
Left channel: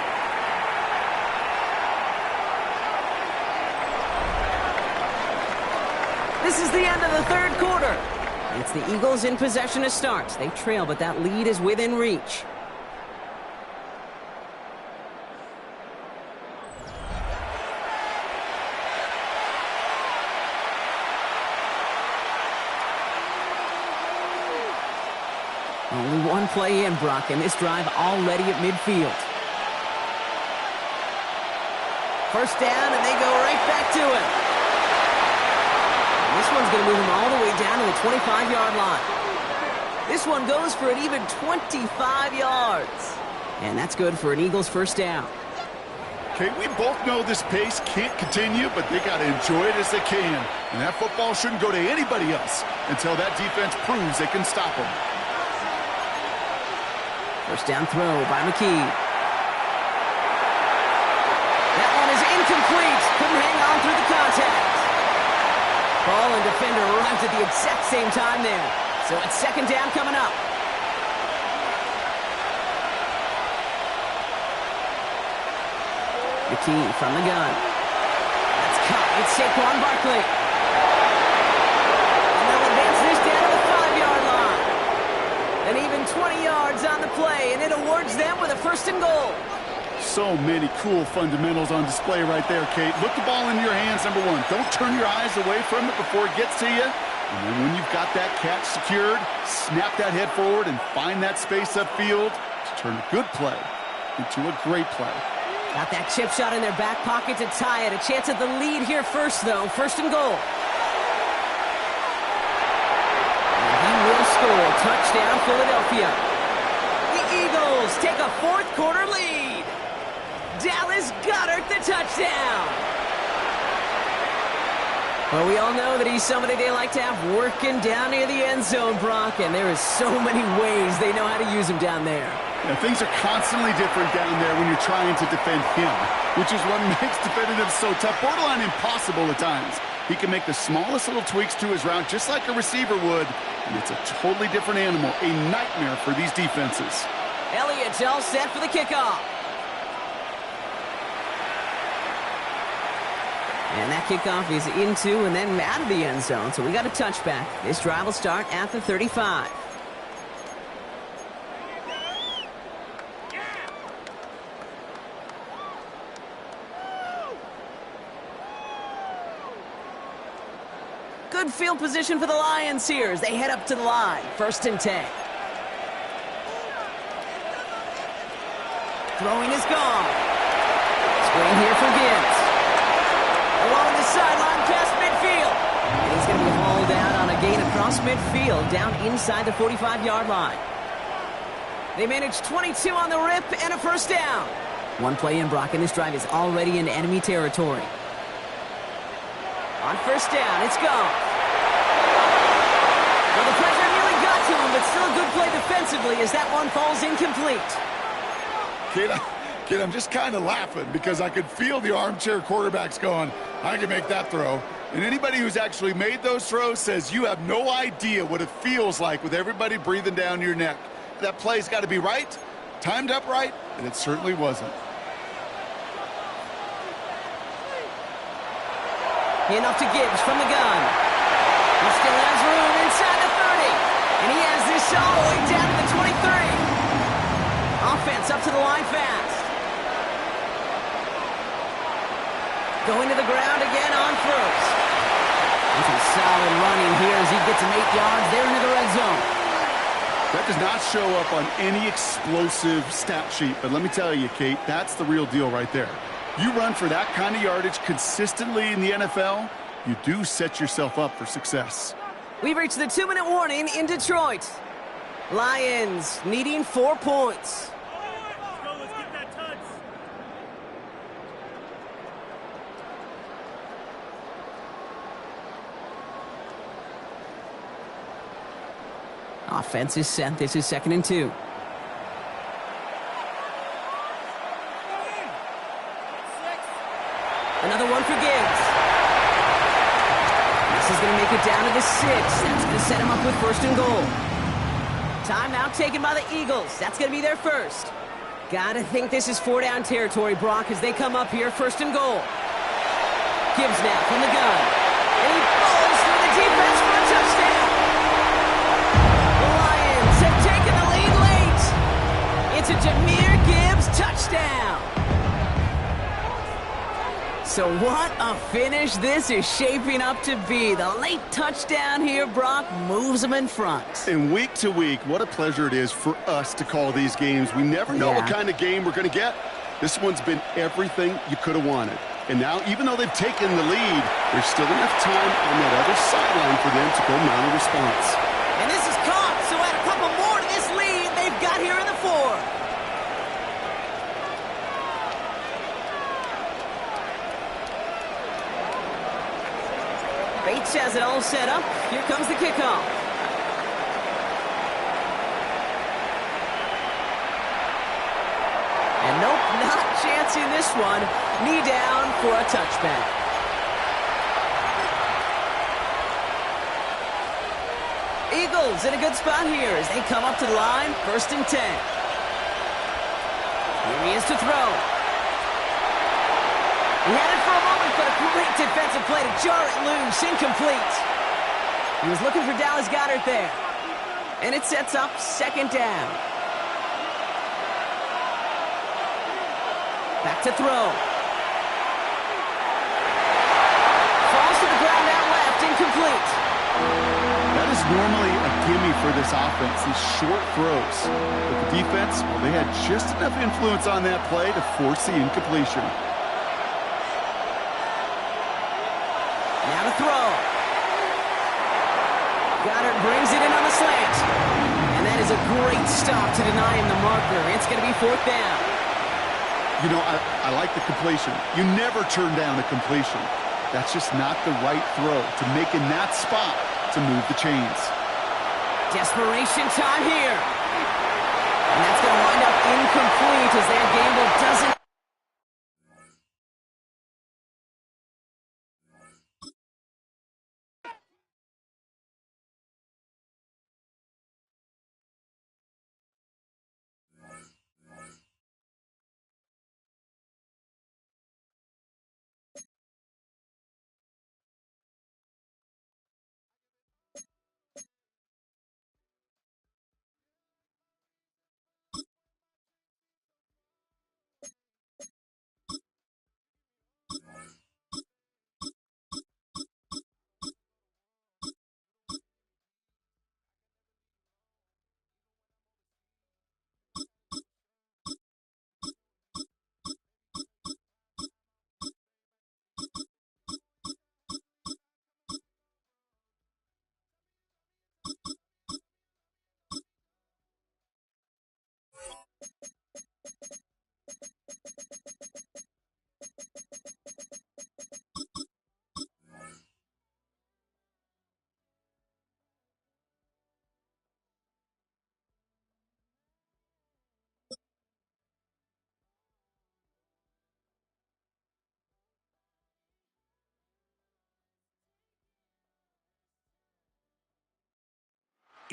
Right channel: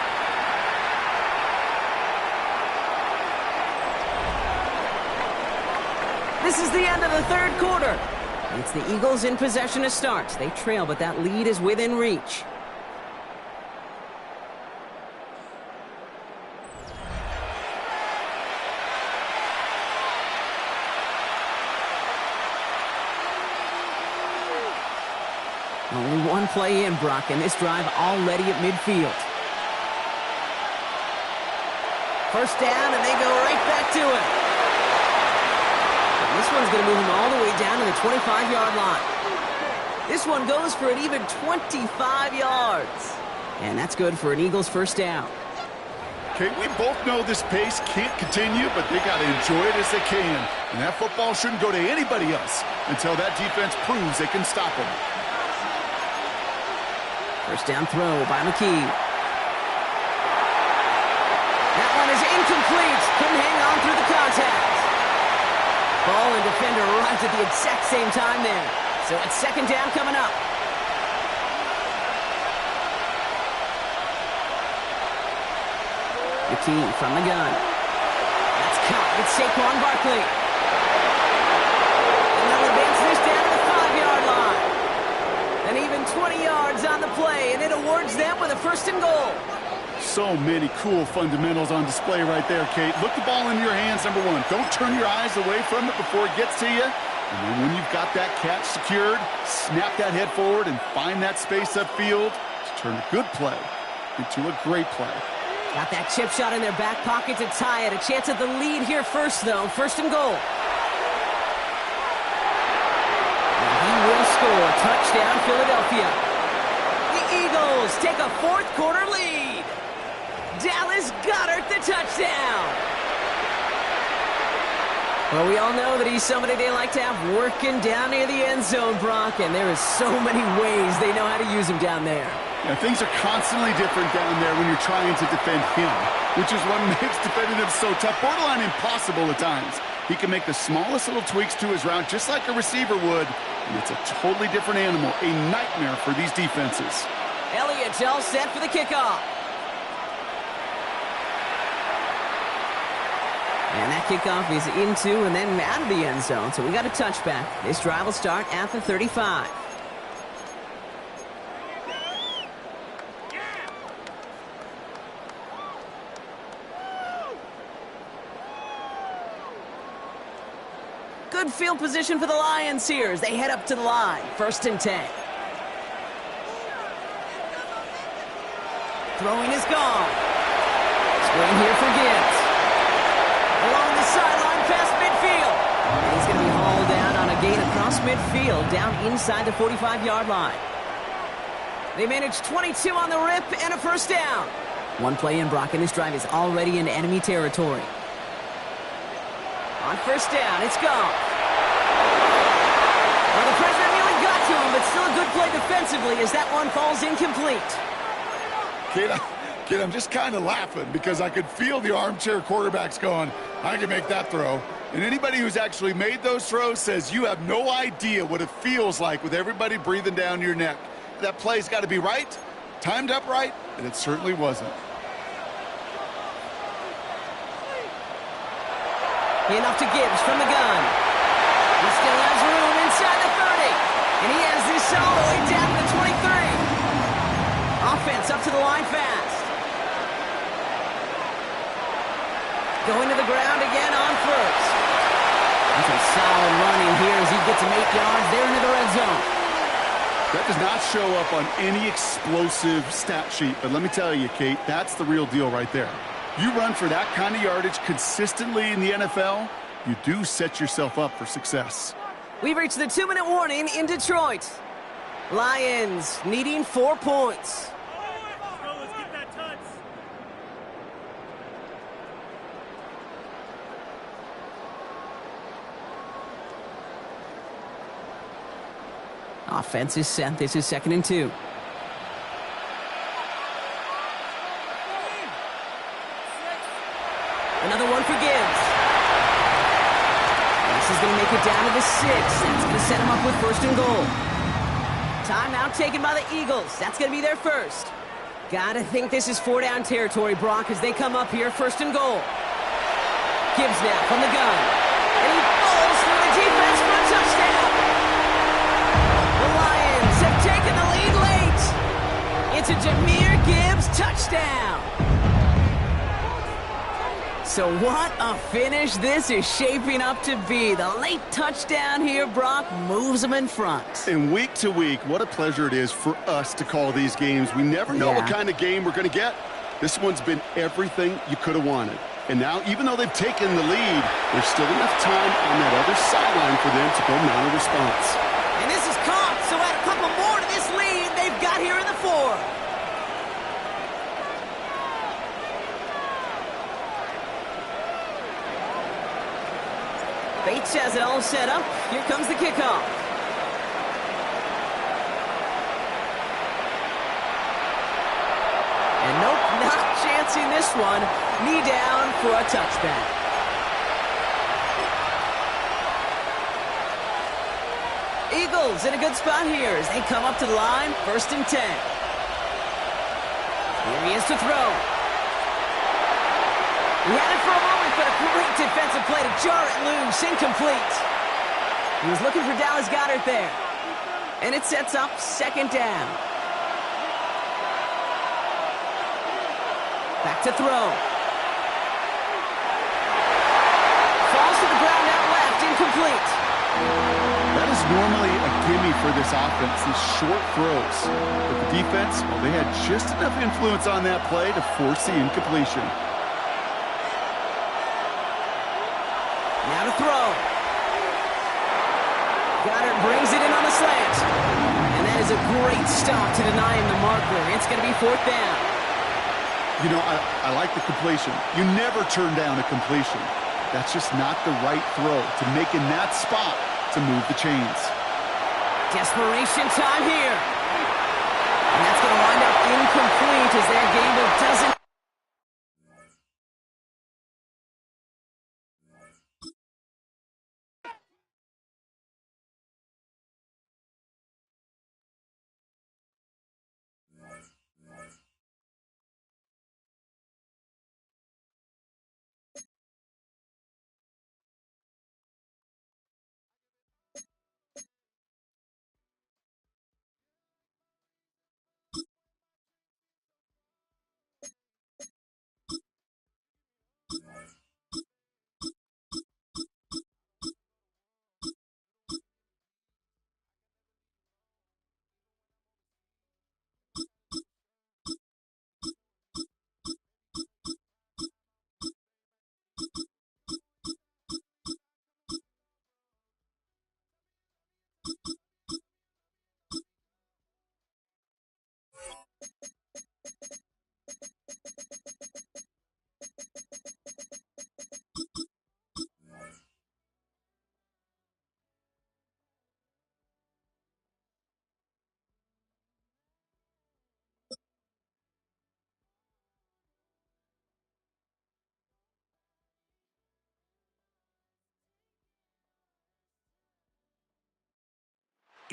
This is the end of the 3rd quarter. It's the Eagles in possession to start. They trail, but that lead is within reach. Only one play in, Brock, and this drive already at midfield. 1st down, and they go right back to him. And this one's going to move him all the way down to the 25-yard line. This one goes for an even 25 yards. And that's good for an Eagles 1st down. Okay, we both know this pace can't continue, but they got to enjoy it as they can. And that football shouldn't go to anybody else until that defense proves they can stop them. 1st down throw by McKee. That one is incomplete. Couldn't hang on through the contact. Ball and defender arrived at the exact same time there. So it's 2nd down coming up. McKee from the gun. That's caught. It's Saquon Barkley. And they'll advance this down to the 5-yard line. And even 20 yards on the play, and it awards them with a 1st and goal. So many cool fundamentals on display right there, Kate. Look the ball in your hands, number one. Don't turn your eyes away from it before it gets to you. And then when you've got that catch secured, snap that head forward and find that space upfield to turn a good play into a great play. Got that chip shot in their back pocket to tie it. A chance at the lead here first, though. 1st and goal. He will score. Touchdown, Philadelphia. The Eagles take a 4th quarter lead. Dallas Goedert the touchdown. Well, we all know that he's somebody they like to have working down near the end zone, Brock, and there is so many ways they know how to use him down there. Yeah, things are constantly different down there when you're trying to defend him, which is what makes defending him so tough, borderline impossible at times. He can make the smallest little tweaks to his route just like a receiver would, and it's a totally different animal, a nightmare for these defenses. Elliott's all set for the kickoff. And that kickoff is into and then out of the end zone, so we got a touchback. This drive will start at the 35. Good field position for the Lions here as they head up to the line. 1st and 10. Throwing is gone. Screen here for Gibbs. Along the sideline past midfield. And he's going to be hauled down on a gain across midfield, down inside the 45-yard line. They managed 22 on the rip and a 1st down. One play in, Brock, and this drive is already in enemy territory. On 1st down, it's gone. Well, the pressure nearly got to him, but still a good play defensively as that one falls incomplete. Kid, I'm just kind of laughing because I could feel the armchair quarterbacks going, I can make that throw. And anybody who's actually made those throws says you have no idea what it feels like with everybody breathing down your neck. That play's got to be right, timed up right, and it certainly wasn't. Enough to Gibbs from the gun. He still has room inside the 30. And he has this all the way down to the 23. Offense up to the line fast. Going to the ground again on 1st. And some solid running here as he gets him 8 yards there into the red zone. That does not show up on any explosive stat sheet, but let me tell you, Kate, that's the real deal right there. You run for that kind of yardage consistently in the NFL, you do set yourself up for success. We've reached the 2-minute warning in Detroit. Lions needing 4 points. Let's go, let's get that touch. Offense is set. This is 2nd and 2. Another one for Gibbs. This is going to make it down to the 6. That's going to set him up with 1st and goal. Timeout taken by the Eagles. That's going to be their first. Gotta think this is 4-down territory, Brock, as they come up here, 1st and goal. Gibbs now from the gun. And he falls through the defense for a touchdown. The Lions have taken the lead late. It's a Jahmyr Gibbs touchdown. So what a finish this is shaping up to be. The late touchdown here, Brock, moves them in front. And week to week, what a pleasure it is for us to call these games. We never know what kind of game we're going to get. This one's been everything you could have wanted. And now, even though they've taken the lead, there's still enough time on that other sideline for them to go mount a response. And this is caught, so add a couple more to this lead they've got here in the 4th. Bates has it all set up. Here comes the kickoff. And nope, not chancing this one. Knee down for a touchback. Eagles in a good spot here as they come up to the line. 1st and 10. Here he is to throw. He had it for a moment, but a great defensive play to jar it loose. Incomplete. He was looking for Dallas Goedert there. And it sets up 2nd down. Back to throw. Falls to the ground out left. Incomplete. That is normally a gimme for this offense, these short throws. But the defense, well, they had just enough influence on that play to force the incompletion. Now to throw. Goddard brings it in on the slant. And that is a great stop to deny him the marker. It's going to be 4th down. You know, I like the completion. You never turn down a completion. That's just not the right throw to make in that spot to move the chains. Desperation time here. And that's going to wind up incomplete as their gamble doesn't.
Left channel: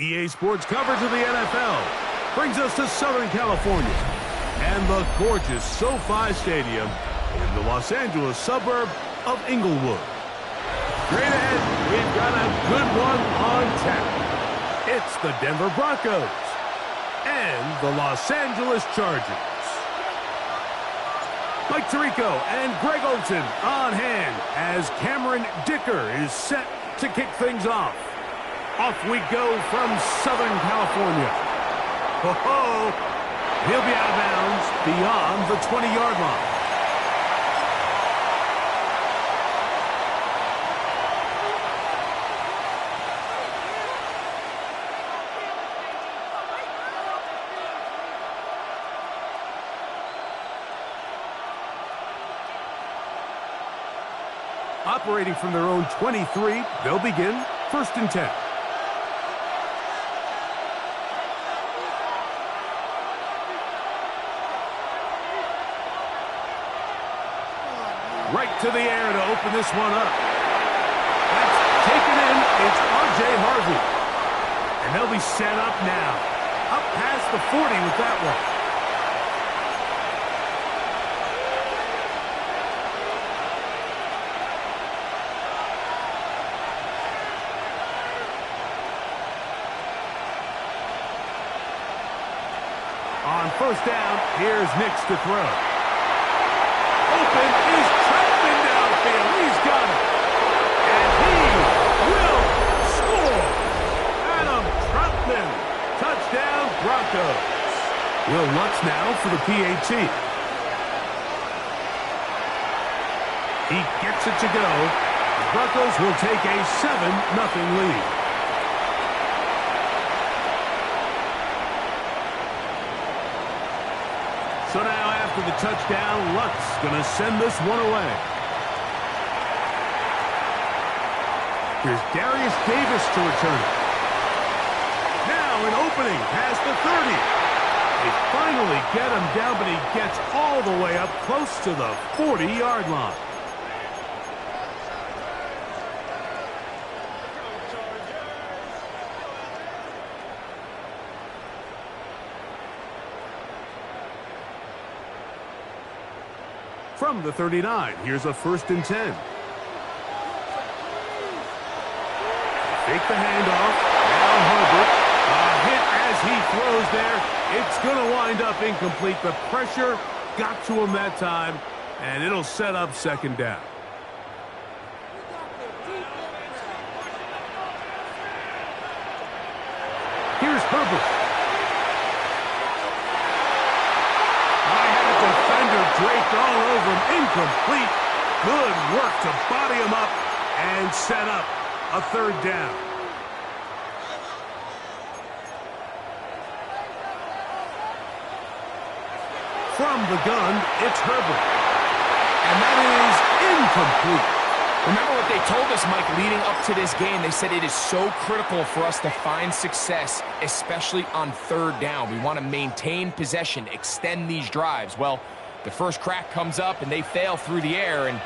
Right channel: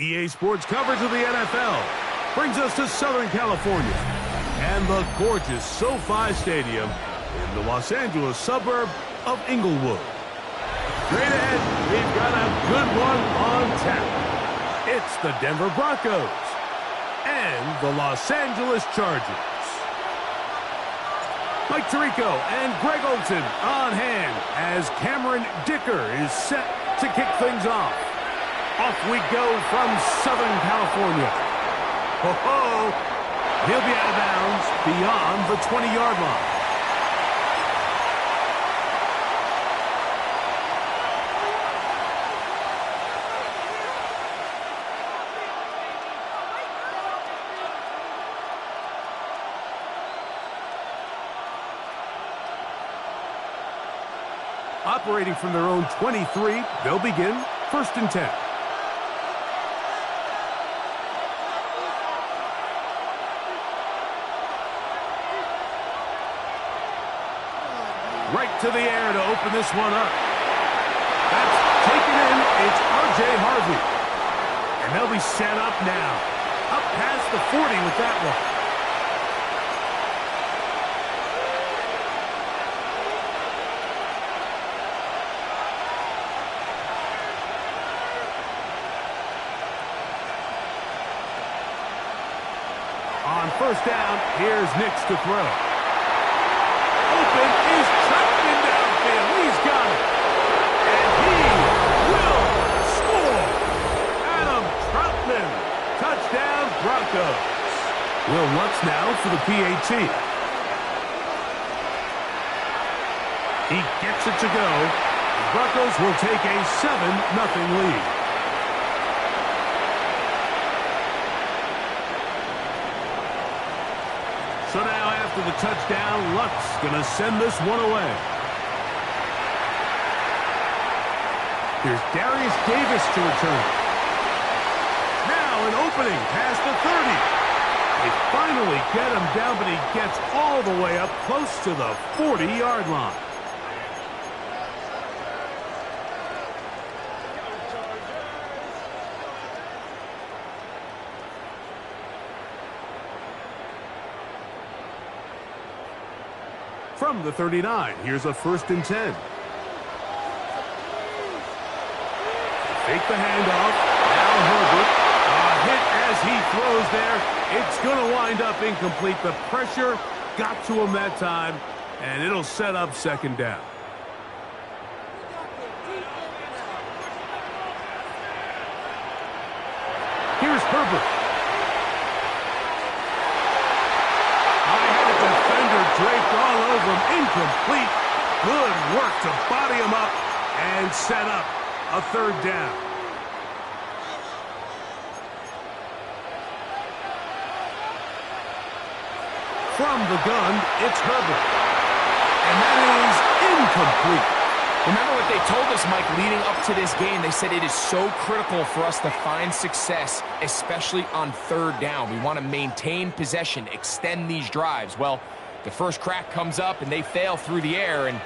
EA Sports coverage of the NFL brings us to Southern California and the gorgeous SoFi Stadium in the Los Angeles suburb of Inglewood. Straight ahead, we've got a good one on tap. It's the Denver Broncos and the Los Angeles Chargers. Mike Tirico and Greg Olsen on hand as Cameron Dicker is set to kick things off. Off we go from Southern California. Ho-ho! He'll be out of bounds beyond the 20-yard line. Operating from their own 23, they'll begin 1st and 10. Right to the air to open this one up. That's taken in. It's R.J. Harvey. And they'll be set up now. Up past the 40 with that one. On 1st down, here's Nix to throw. Open is Troutman downfield. He's got it. And he will score. Adam Troutman. Touchdown, Broncos. Will Lutz now for the PAT. He gets it to go. The Broncos will take a 7-0 lead. So now after the touchdown, Lutz going to send this one away. Here's Darius Davis to return it. Now an opening past the 30. They finally get him down, but he gets all the way up close to the 40-yard line. From the 39, here's a 1st and 10. Fake the handoff. Now Herbert. A hit as he throws there. It's going to wind up incomplete. The pressure got to him that time, and it'll set up 2nd down. Here's Herbert. Defender draped all over him. Incomplete. Good work to body him up and set up a 3rd down. From the gun, it's Herbert. And that is incomplete. Remember what they told us, Mike, leading up to this game. They said it is so critical for us to find success, especially on 3rd down. We want to maintain possession, extend these drives. Well, the first crack comes up, and they fail through the air, and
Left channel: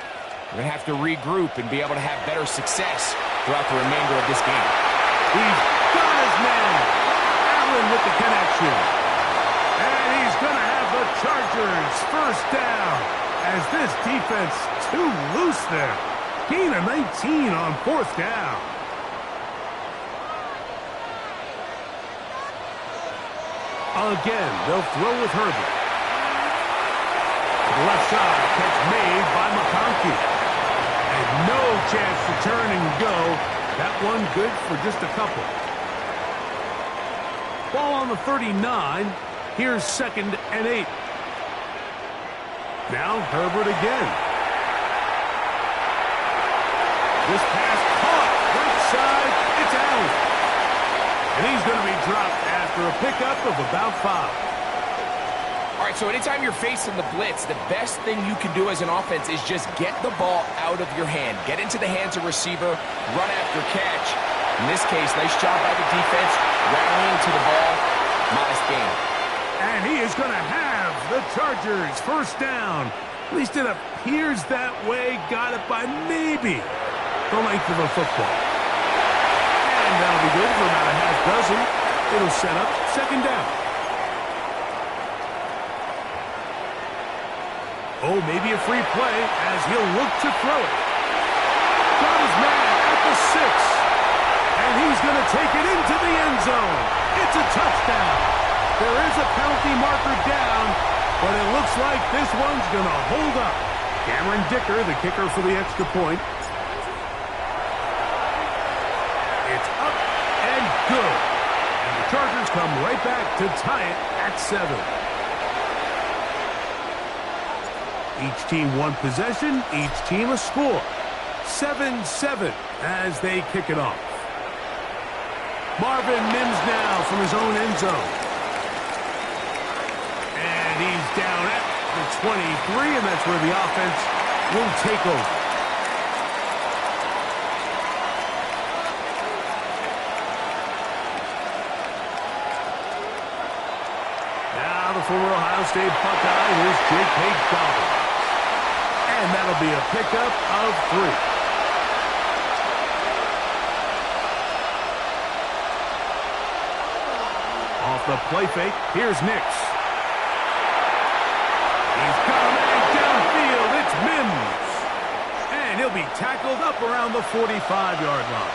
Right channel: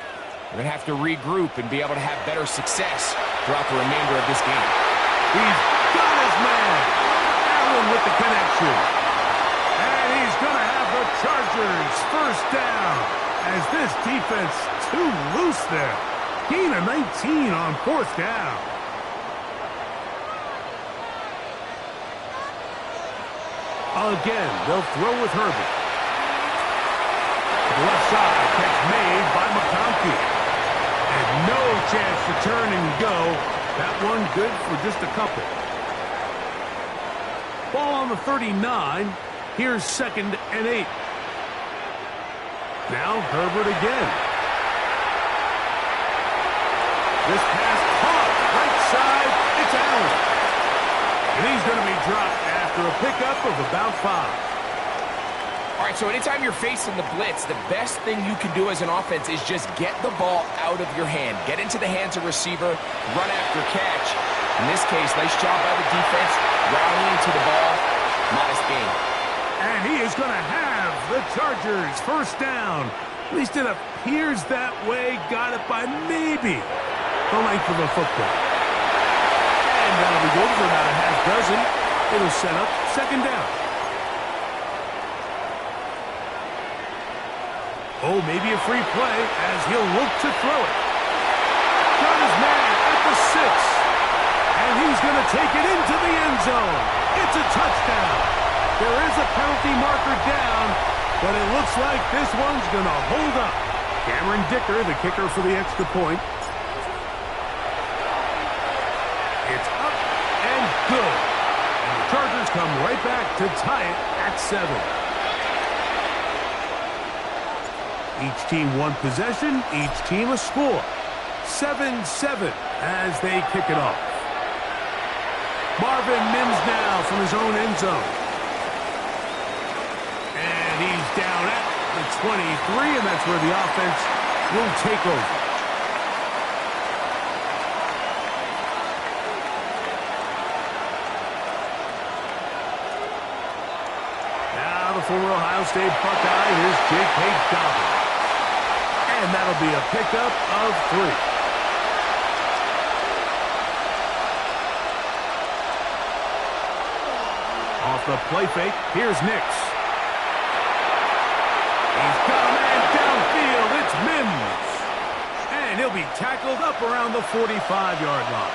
we're going to have to regroup and be able to have better success throughout the remainder of this game. He's got his man. Allen with the connection. And he's going to have the Chargers 1st down as this defense too loose there. Gain of 19 on 4th down. Again, they'll throw with Herbert. To the left side, catch made by McConkey. And no chance to turn and go. That one good for just a couple. Ball on the 39. Here's 2nd and 8. Now Herbert again. This pass caught. Right side, it's Allen. And he's going to be dropped after a pickup of about 5. All right, so anytime you're facing the blitz, the best thing you can do as an offense is just get the ball out of your hand. Get into the hands of receiver, run after catch. In this case, nice job by the defense, rallying to the ball. Modest gain. And he is going to have the Chargers 1st down. At least it appears that way. Got it by maybe the length of a football. And that'll be good for about a half dozen. It'll set up 2nd down. Oh, maybe a free play as he'll look to throw it. Got his man at the 6. And he's going to take it into the end zone. It's a touchdown. There is a penalty marker down, but it looks like this one's going to hold up. Cameron Dicker, the kicker for the extra point. It's up and good. And the Chargers come right back to tie it at 7. Each team one possession, each team a score. 7-7 as they kick it off. Marvin Mims now from his own end zone. And he's down at the 23, and that's where the offense will take over. former Ohio State Buckeye. Here's J.K. Dobbins. And that'll be a pickup of 3. Off the play fake, here's Nix. He's got a man downfield. It's Mims. And he'll be tackled up around the 45-yard line.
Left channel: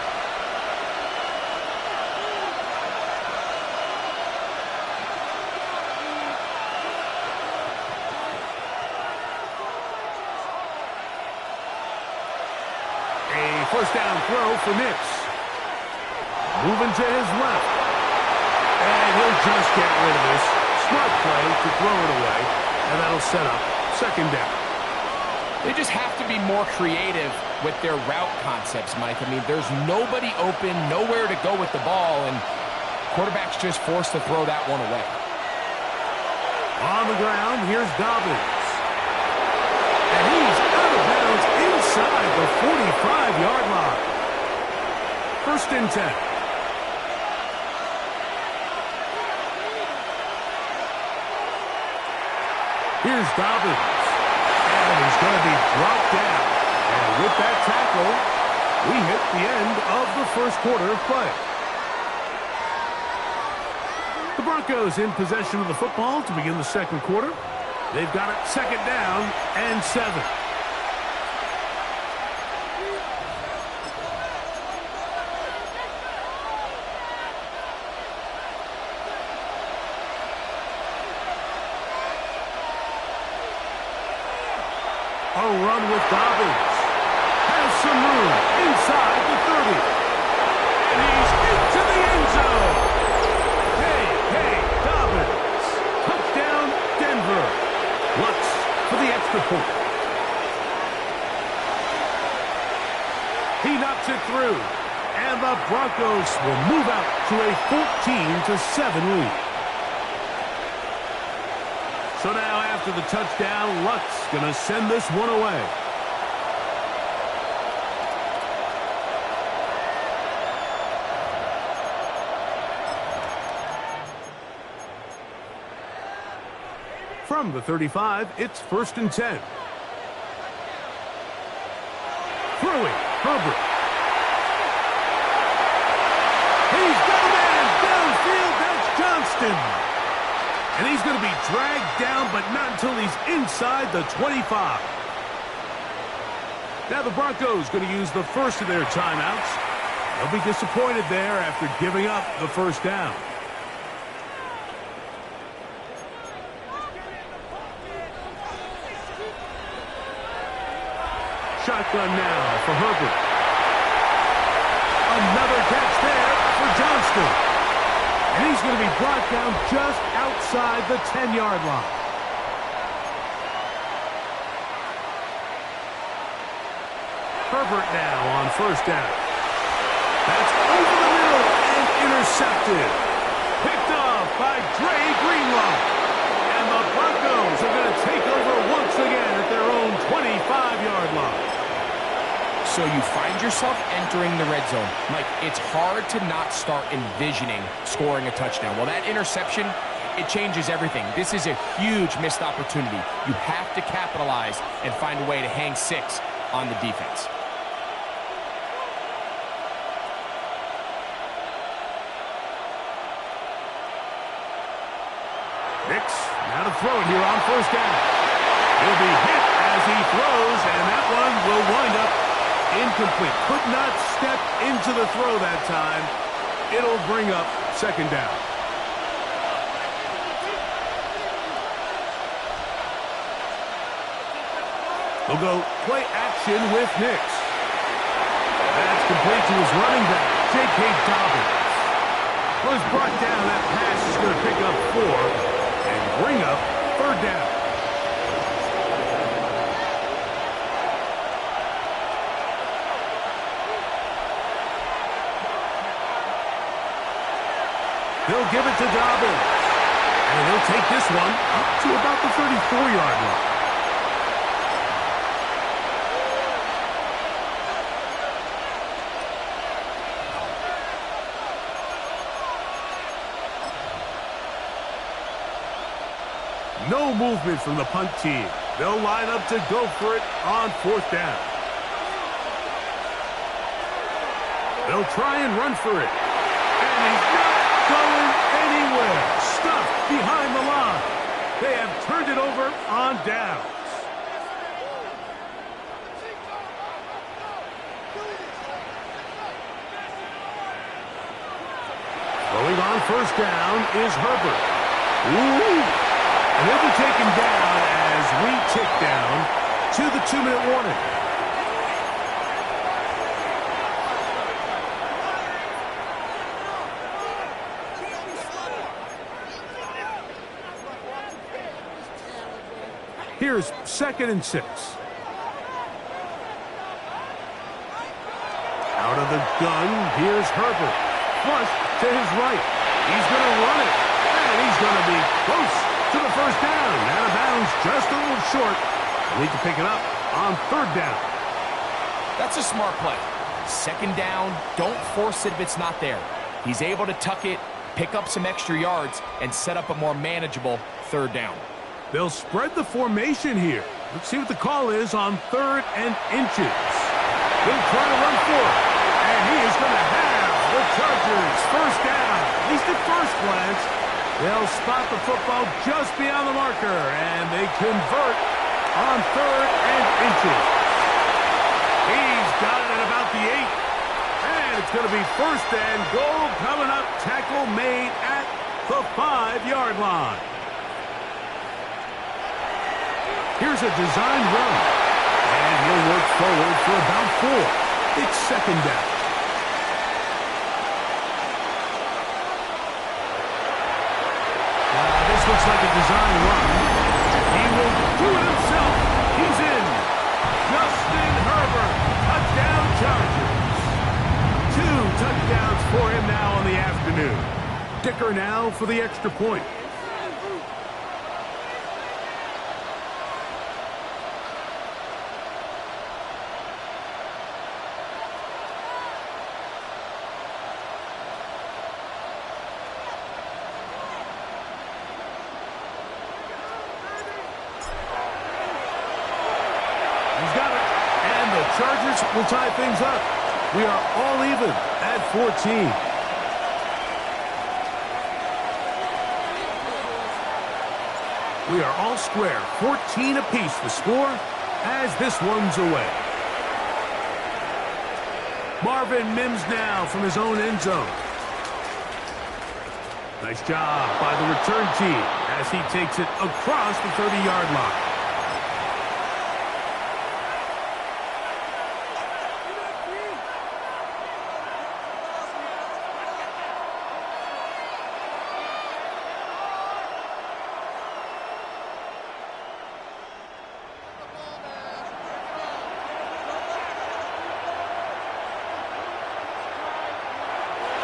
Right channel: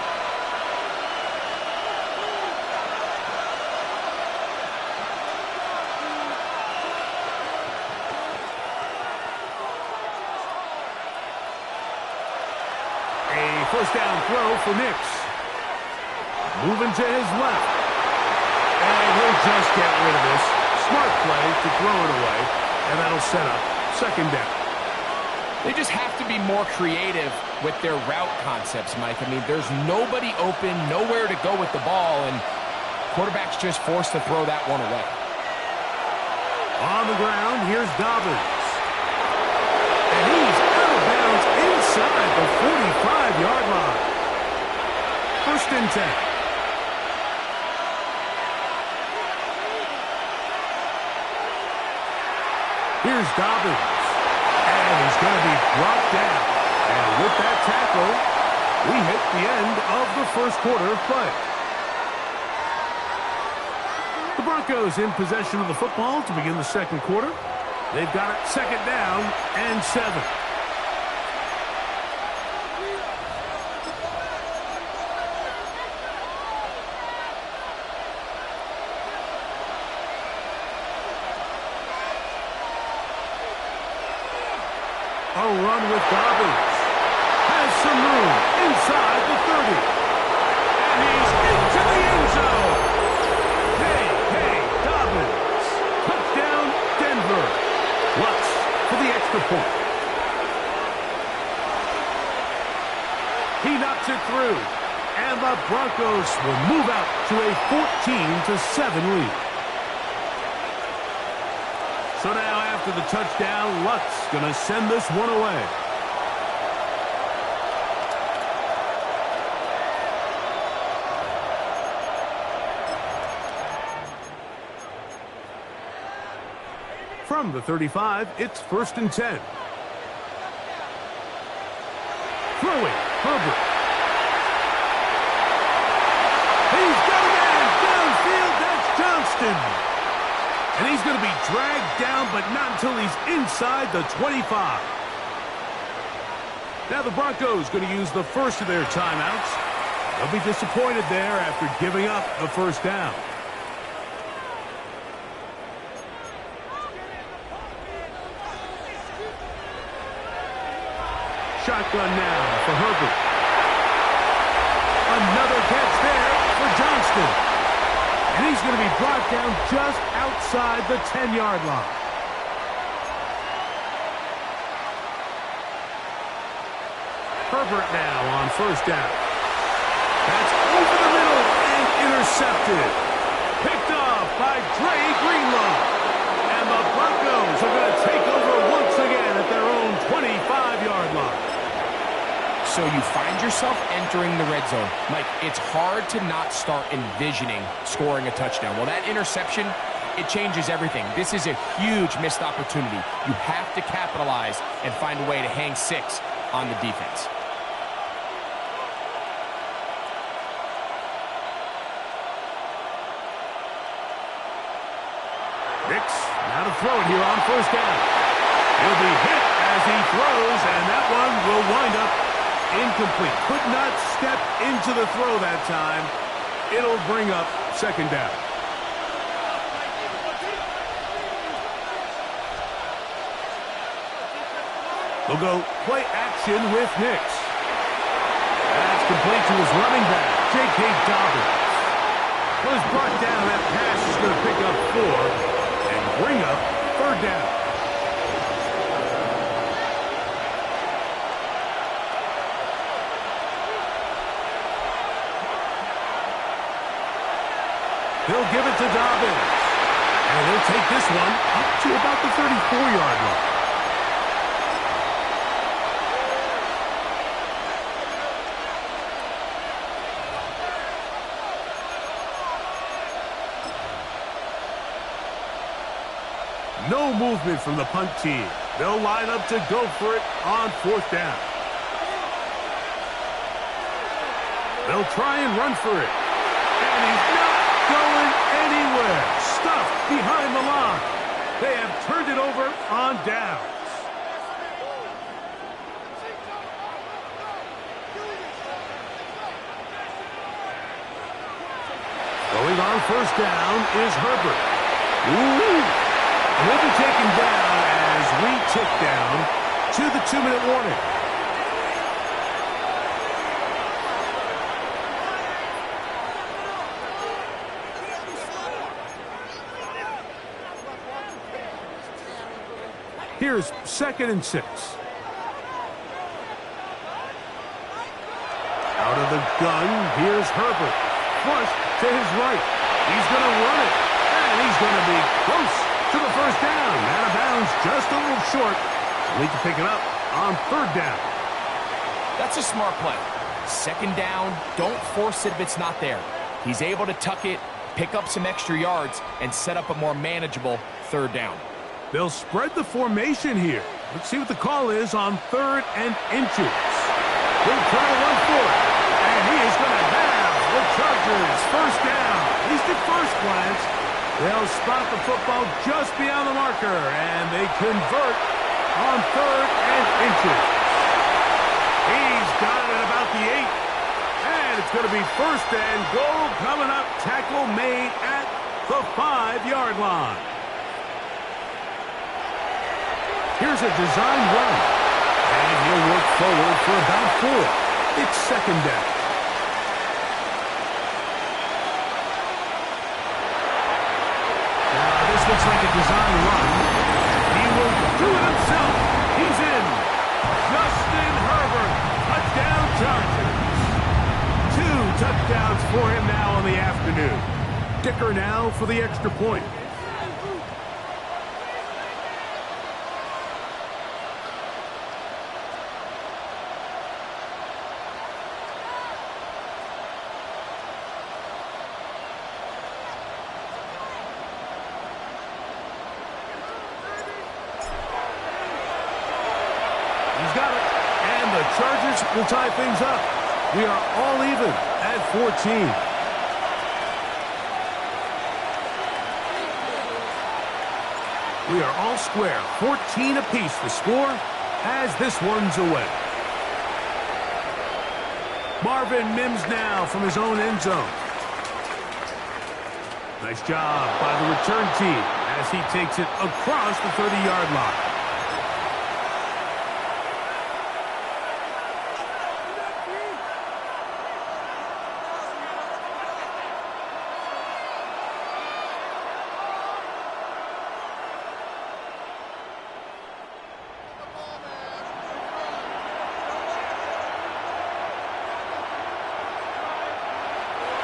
A first down throw for Nix. Moving to his left. And he'll just get rid of this. Smart play to throw it away. And that'll set up second down. They just have to be more creative with their route concepts, Mike. I mean, there's nobody open, nowhere to go with the ball, and quarterback's just forced to throw that one away. On the ground, here's Dobbins. And he's out of bounds inside the 45-yard line. First and 10. Here's Dobbins. And he's going to be brought down. And with that tackle, we hit the end of the first quarter of play. The Broncos in possession of the football to begin the second quarter. They've got it second down and 7. A run with Dobbins. Has some room inside the 30. And he's into the end zone. J.K. Dobbins. Touchdown, Denver. Lutz for the extra point. He knocks it through. And the Broncos will move out to a 14-7 lead. So now after the touchdown, Lutz going to send this one away. From the 35, it's first and 10. Throwing, Herbert. He's got a man downfield, that's Johnston. And he's going to be dragged down, but not until he's inside the 25. Now the Broncos going to use the first of their timeouts. They'll be disappointed there after giving up the first down. Shotgun now for Herbert. Another catch there for Johnston. And he's going to be brought down just outside the 10-yard line. Herbert now on first down. That's over the middle and intercepted. Picked off by Dre Greenlaw. And the Broncos are going to take over once again at their own 25-yard line. So you find yourself entering the red zone. Mike, it's hard to not start envisioning scoring a touchdown. Well, that interception, it changes everything. This is a huge missed opportunity. You have to capitalize and find a way to hang 6 on the defense. Nix, now to throw it here on first down. He'll be hit as he throws, and that one will wind up incomplete. Could not step into the throw that time. It'll bring up second down. They'll go play action with Nix. That's complete to his running back, J.K. Dobbins. Well, he's brought down. That pass is going to pick up 4 and bring up third down. He'll give it to Dobbins. And he'll take this one up to about the 34-yard line. No movement from the punt team. They'll line up to go for it on 4th down. They'll try and run for it. And he's not going anywhere. Stuffed behind the line. They have turned it over on downs. Throwing on 1st down is Herbert. Ooh! And he'll be taken down as we tick down to the 2-minute warning. Here's 2nd and 6. Out of the gun, here's Herbert. Flush to his right. He's going to run it. And he's going to be close to the 1st down. Out of bounds, just a little short. They'll need to pick it up on 3rd down. That's a smart play. 2nd down, don't force it if it's not there. He's able to tuck it, pick up some extra yards, and set up a more manageable 3rd down. They'll spread the formation here. Let's see what the call is on 3rd and inches. He'll try to run for it. And he is going to have the Chargers 1st down. At least at first glance, they'll spot the football just beyond the marker. And they convert on 3rd and inches. He's got it at about the 8. And it's going to be 1st and goal coming up. Tackle made at the 5-yard line. Here's a design run. And he'll work forward for about 4. It's 2nd down. Now, this looks like a design run. He will do it himself. He's in. Justin Herbert. Touchdown Chargers. 2 touchdowns for him now on the afternoon. Dicker now for the extra point. He's got it. And the Chargers will tie things up. We are all even at 14. We are all square. 14 apiece the score as this one's away. Marvin Mims now from his own end zone. Nice job by the return team as he takes it across the 30-yard line.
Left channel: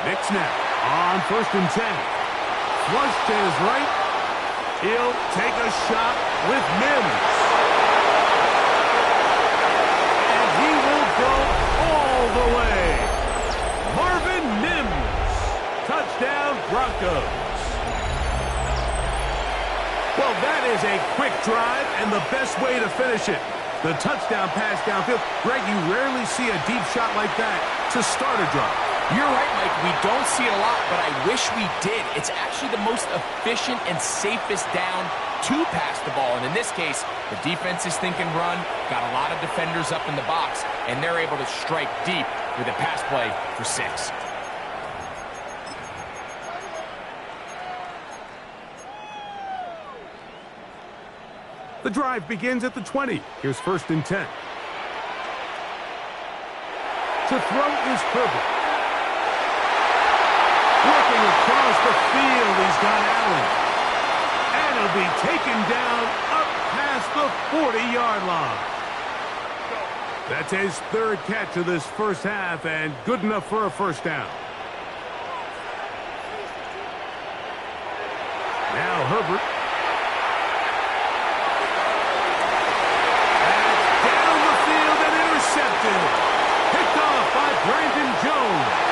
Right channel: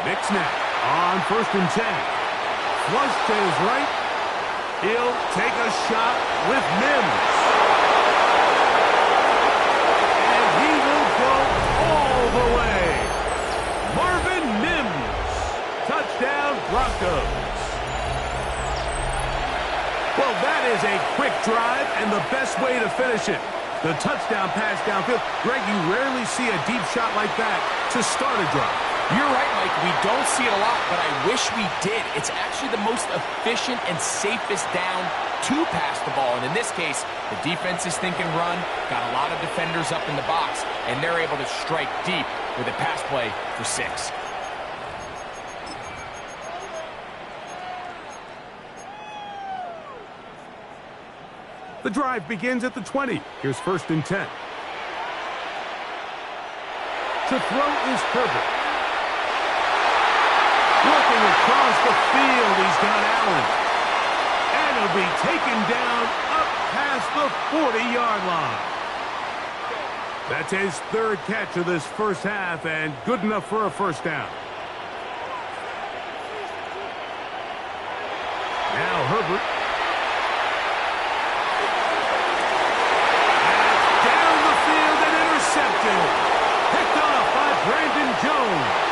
Nick snap on 1st and 10. Flush to his right. He'll take a shot with Mims. And he will go all the way. Marvin Mims. Touchdown Broncos. Well, that is a quick drive and the best way to finish it. The touchdown pass downfield. Greg, you rarely see a deep shot like that to start a drive. You're right, Mike. We don't see it a lot, but I wish we did. It's actually the most efficient and safest down to pass the ball. And in this case, the defense is thinking run, got a lot of defenders up in the box, and they're able to strike deep with a pass play for 6. The drive begins at the 20. Here's 1st and 10. To throw is Herbert. Working across the field, he's got Allen. And he'll be taken down up past the 40-yard line. That's his 3rd catch of this first half and good enough for a 1st down. Now Herbert. That's down the field and intercepted. Picked off by Brandon Jones.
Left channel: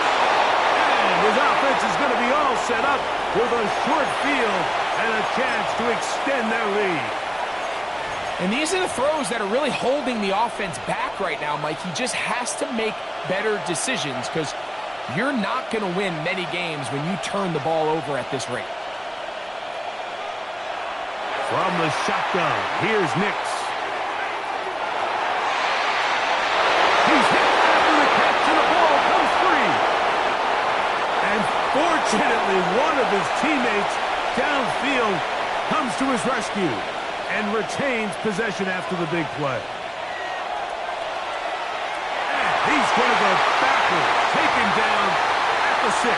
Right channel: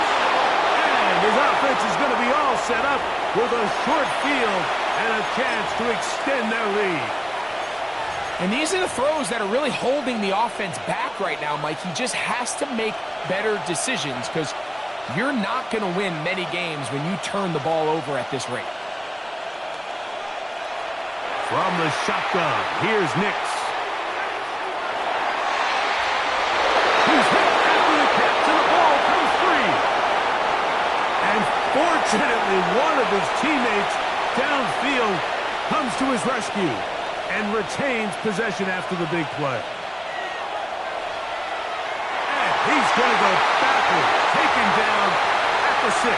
And his offense is going to be all set up with a short field and a chance to extend their lead. And these are the throws that are really holding the offense back right now, Mike. He just has to make better decisions because you're not going to win many games when you turn the ball over at this rate. From the shotgun, here's Nix. He's hit after the catch, and the ball comes free. And fortunately, one of his teammates downfield comes to his rescue and retains possession after the big play. And he's going to go backwards, taken down at the 6.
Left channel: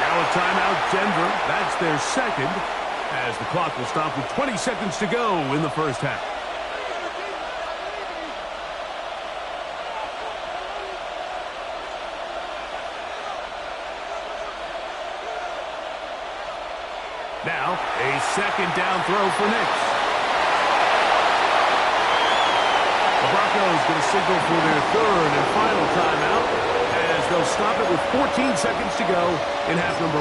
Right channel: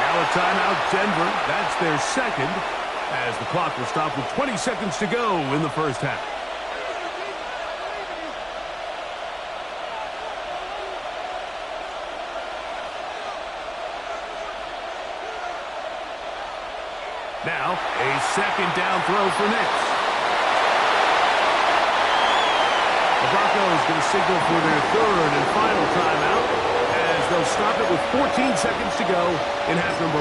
Now a timeout, Denver. That's their second, as the clock will stop with 20 seconds to go in the first half. Now, a second down throw for Nix. The Broncos going to signal for their third and final timeout as they'll stop it with 14 seconds to go in half number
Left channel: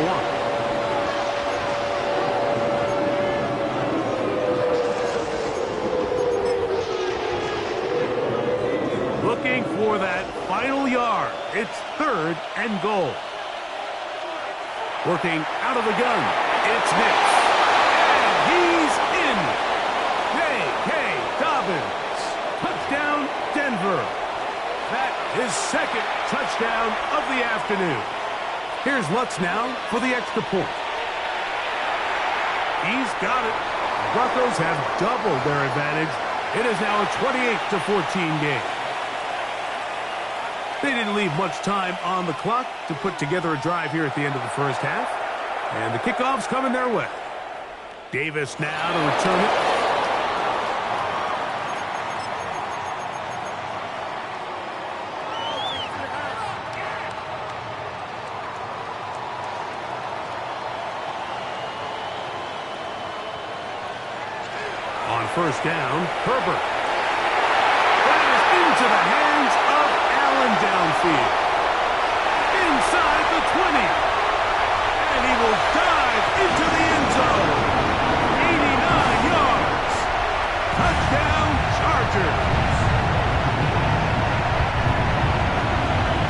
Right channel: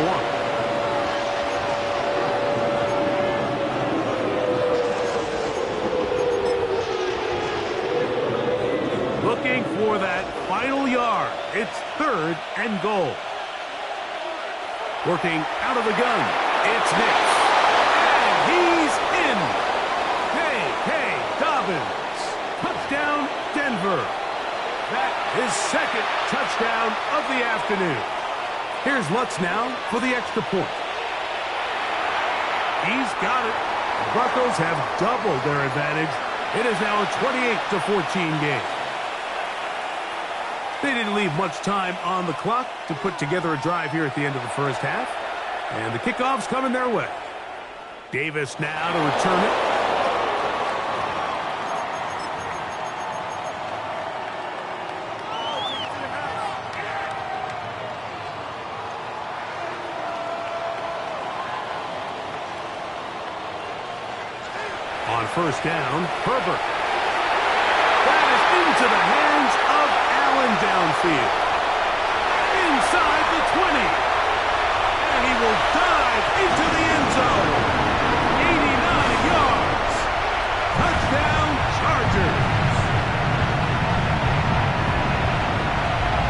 1. Looking for that final yard. It's 3rd and goal. Working out of the gun. It's Nix. And he's in. J.K. Dobbins. Touchdown, Denver. That is second touchdown of the afternoon. Here's Lutz now for the extra point. He's got it. The Broncos have doubled their advantage. It is now a 28-14 game. They didn't leave much time on the clock to put together a drive here at the end of the first half. And the kickoff's coming their way. Davis now to return it. On first down, Herbert. That is into the hands of Allen downfield. Inside the 20. And he will dive into the end zone. 89 yards. Touchdown, Chargers.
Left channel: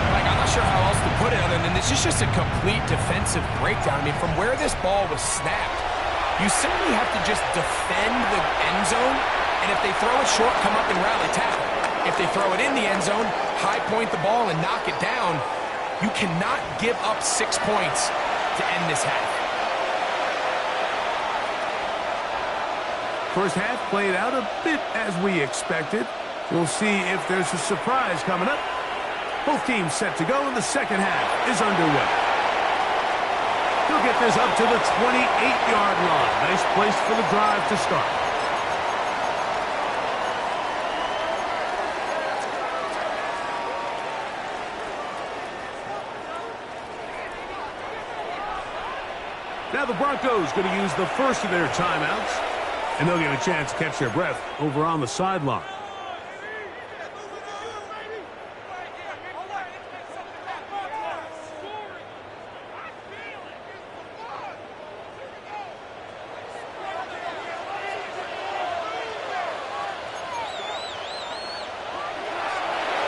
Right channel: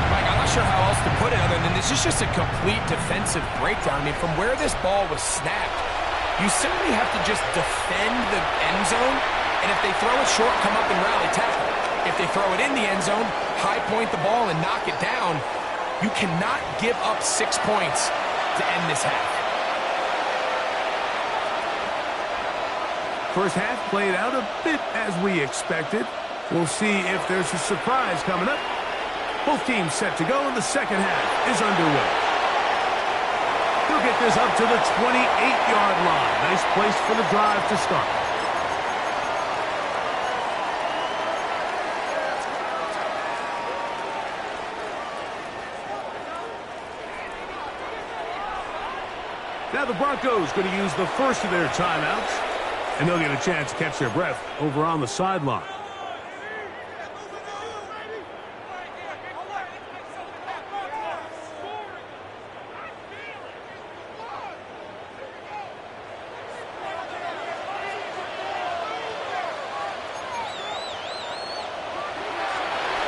Mike, I'm not sure how else to put it other than this is just a complete defensive breakdown. I mean, from where this ball was snapped, you simply have to just defend the end zone, and if they throw it short, come up and rally tackle. If they throw it in the end zone, high point the ball and knock it down. You cannot give up 6 points to end this half. First half played out a bit as we expected. We'll see if there's a surprise coming up. Both teams set to go, and the second half is underway. He'll get this up to the 28-yard line. Nice place for the drive to start. Now the Broncos going to use the first of their timeouts, and they'll get a chance to catch their breath over on the sideline.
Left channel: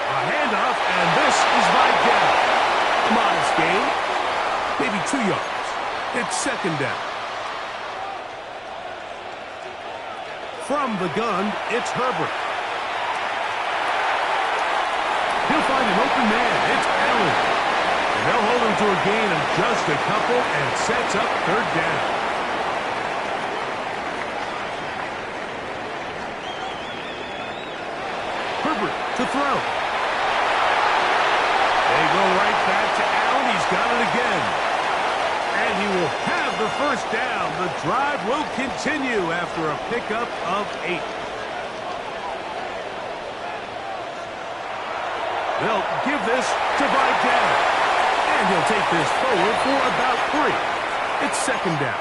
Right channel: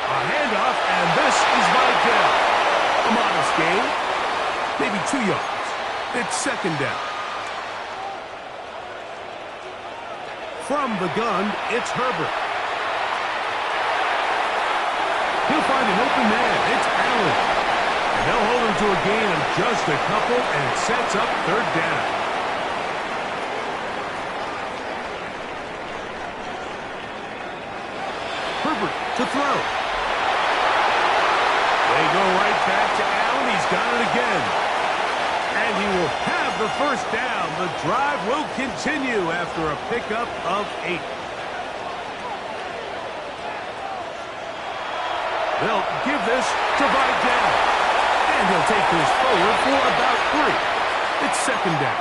A handoff, and this is Vidal. A modest gain, maybe 2 yards. It's second down. From the gun, it's Herbert. He'll find an open man. It's Allen. And they'll hold him to a gain of just a couple and sets up third down. Herbert to throw. They go right back to Allen. He's got it again. And he will have the first down. The drive will continue after a pickup of 8. They'll give this to Vidal. And he'll take this forward for about 3. It's second down.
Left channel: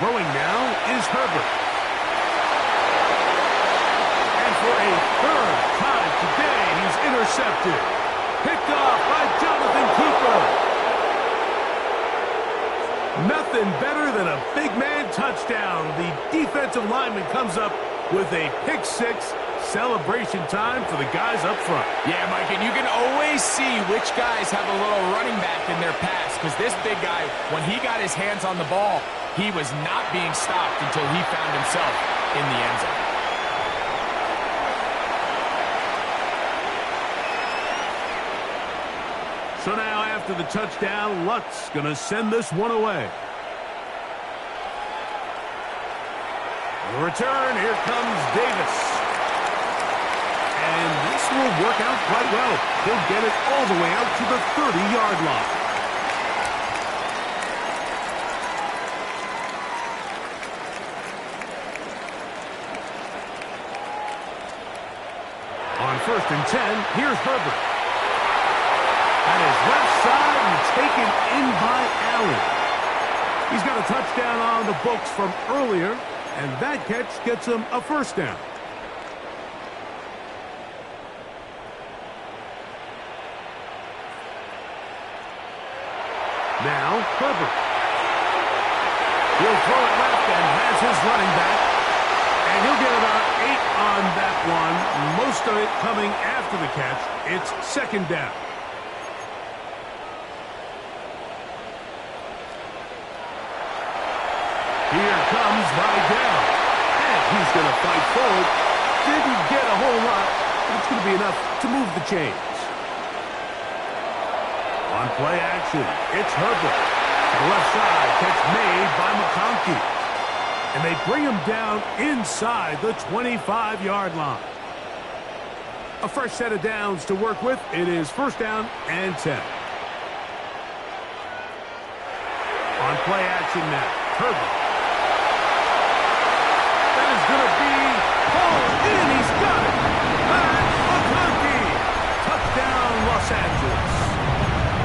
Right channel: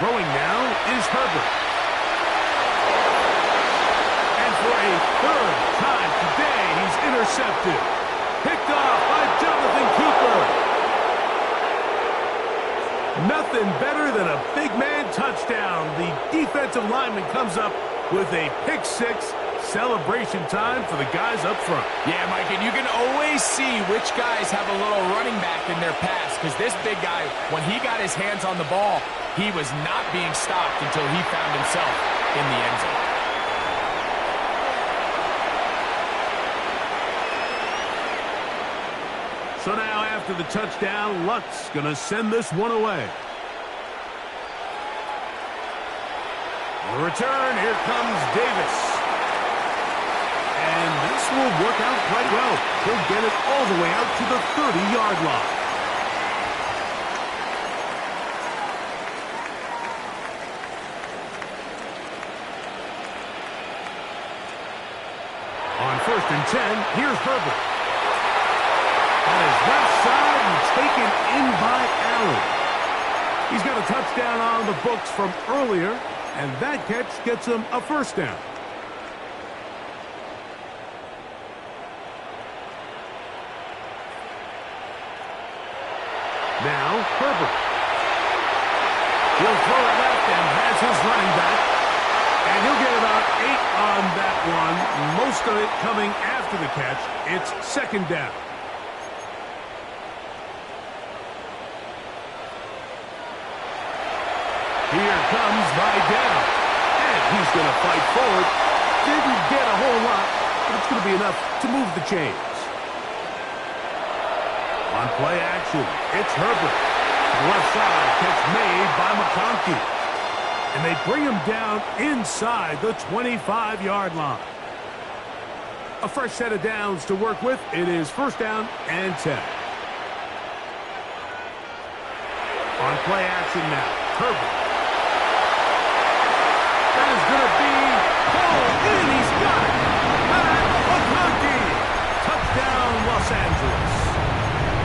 Throwing now is Herbert. And for a third time today, he's intercepted. Picked off by Jonathan Cooper. Nothing better than a big man touchdown. The defensive lineman comes up with a pick six. Celebration time for the guys up front. Yeah, Mike, and you can always see which guys have a little running back in their pass, because this big guy, when he got his hands on the ball, he was not being stopped until he found himself in the end zone. So now after the touchdown, Luck's going to send this one away. On the return, here comes Davis. And this will work out quite well. He'll get it all the way out to the 30-yard line. On 1st and 10, here's Herbert. And his left side and taken in by Allen. He's got a touchdown on the books from earlier, and that catch gets him a first down. Now, Herbert. He'll throw it left and has his running back. And he'll get about 8 on that one. Most of it coming after the catch. It's second down. Here comes Vidal. And he's going to fight forward. Didn't get a whole lot, but it's going to be enough to move the chains. On play action, it's Herbert. To the left side, catch made by McConkey. And they bring him down inside the 25-yard line. A fresh set of downs to work with. It is first down and 10. On play action now, Herbert. That is going to be pulled in. He's got it. Pat McConkey. Touchdown, Los Angeles.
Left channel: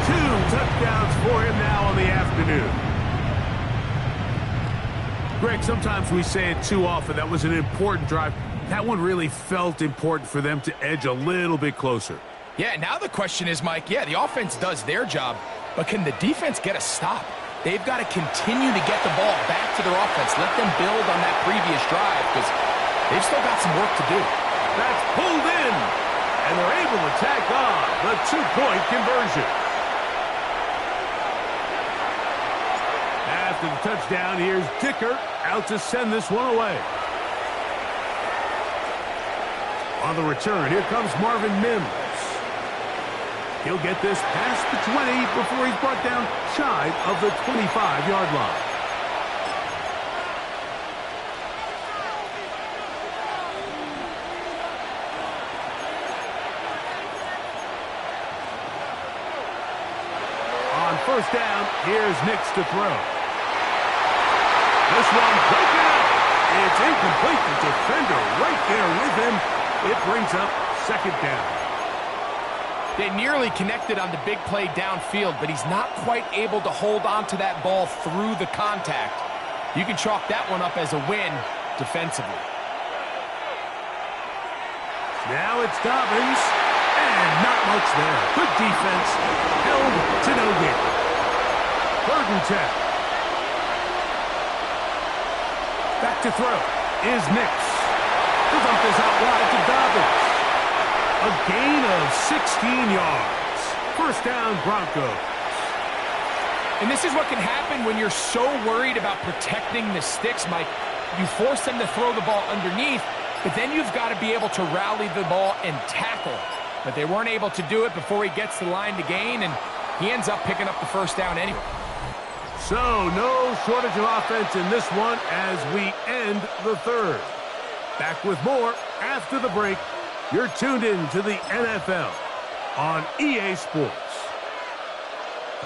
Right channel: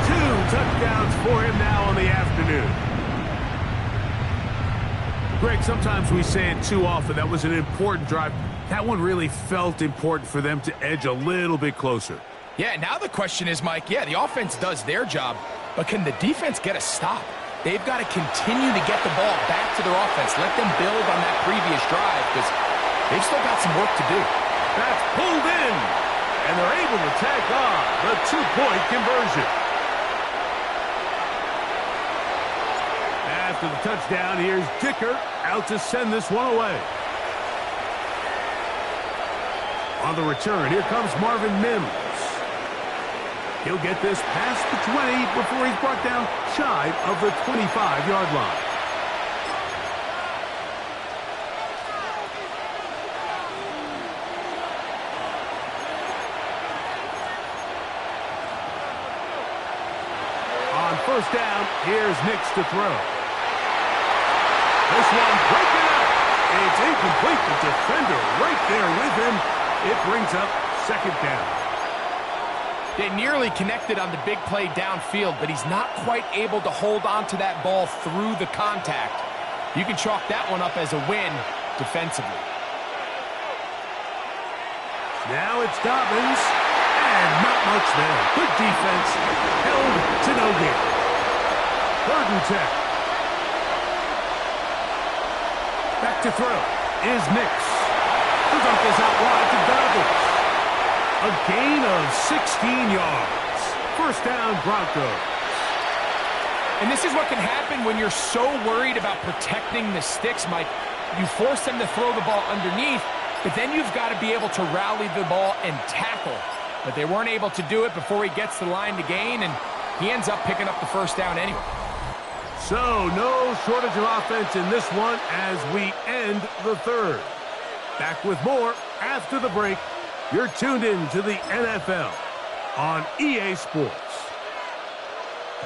2 touchdowns for him now on the afternoon. Greg, sometimes we say it too often. That was an important drive. That one really felt important for them to edge a little bit closer. Yeah, now the question is, Mike, yeah, the offense does their job, but can the defense get a stop? They've got to continue to get the ball back to their offense. Let them build on that previous drive, because they've still got some work to do. That's pulled in, and they're able to tack on the 2-point conversion. After the touchdown, here's Dicker out to send this one away. On the return, here comes Marvin Mims. He'll get this past the 20 before he's brought down shy of the 25-yard line. On first down, here's Nix to throw. This one breaking up. It's incomplete. The defender right there with him. It brings up second down. They nearly connected on the big play downfield, but he's not quite able to hold on to that ball through the contact. You can chalk that one up as a win defensively. Now it's Dobbins, and not much there. Good defense, held to no gain. 3rd and 10. Back to throw is Nix. He'll dump this out wide to Dobbins. A gain of 16 yards. First down, Broncos. And this is what can happen when you're so worried about protecting the sticks, Mike. You force them to throw the ball underneath, but then you've got to be able to rally the ball and tackle. But they weren't able to do it before he gets the line to gain, and he ends up picking up the first down anyway. So no shortage of offense in this one as we end the third. Back with more after the break. You're tuned in to the NFL on EA Sports.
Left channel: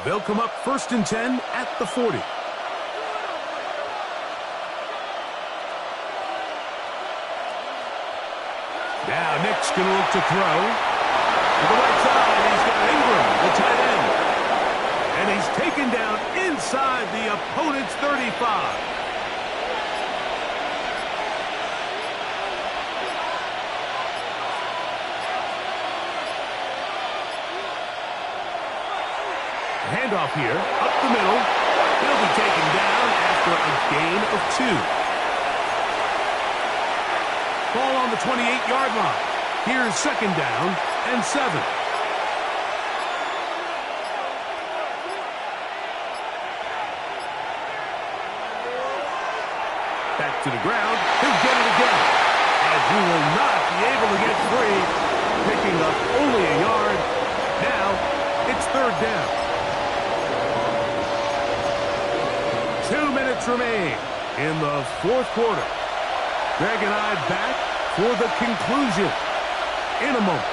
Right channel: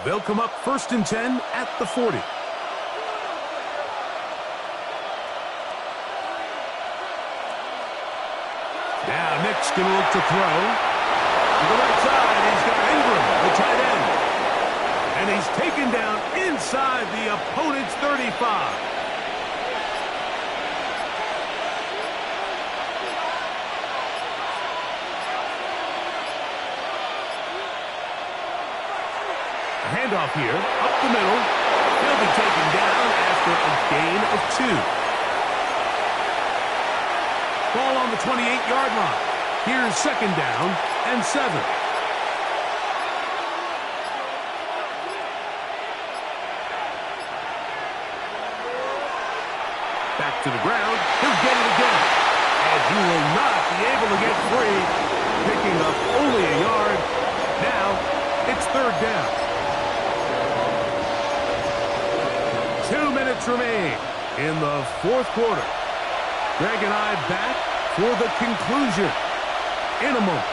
They'll come up 1st and 10 at the 40. Now Nick's going to look to throw. To the right side, he's got Ingram, the tight end. And he's taken down inside the opponent's 35. handoff here, up the middle. He'll be taken down after a gain of 2. Ball on the 28-yard line. Here's 2nd down and 7. Back to the ground. He'll get it again. And he will not be able to get free. Picking up only a yard. Now, it's 3rd down. 2 minutes remain in the 4th quarter. Greg and I back for the conclusion in a moment.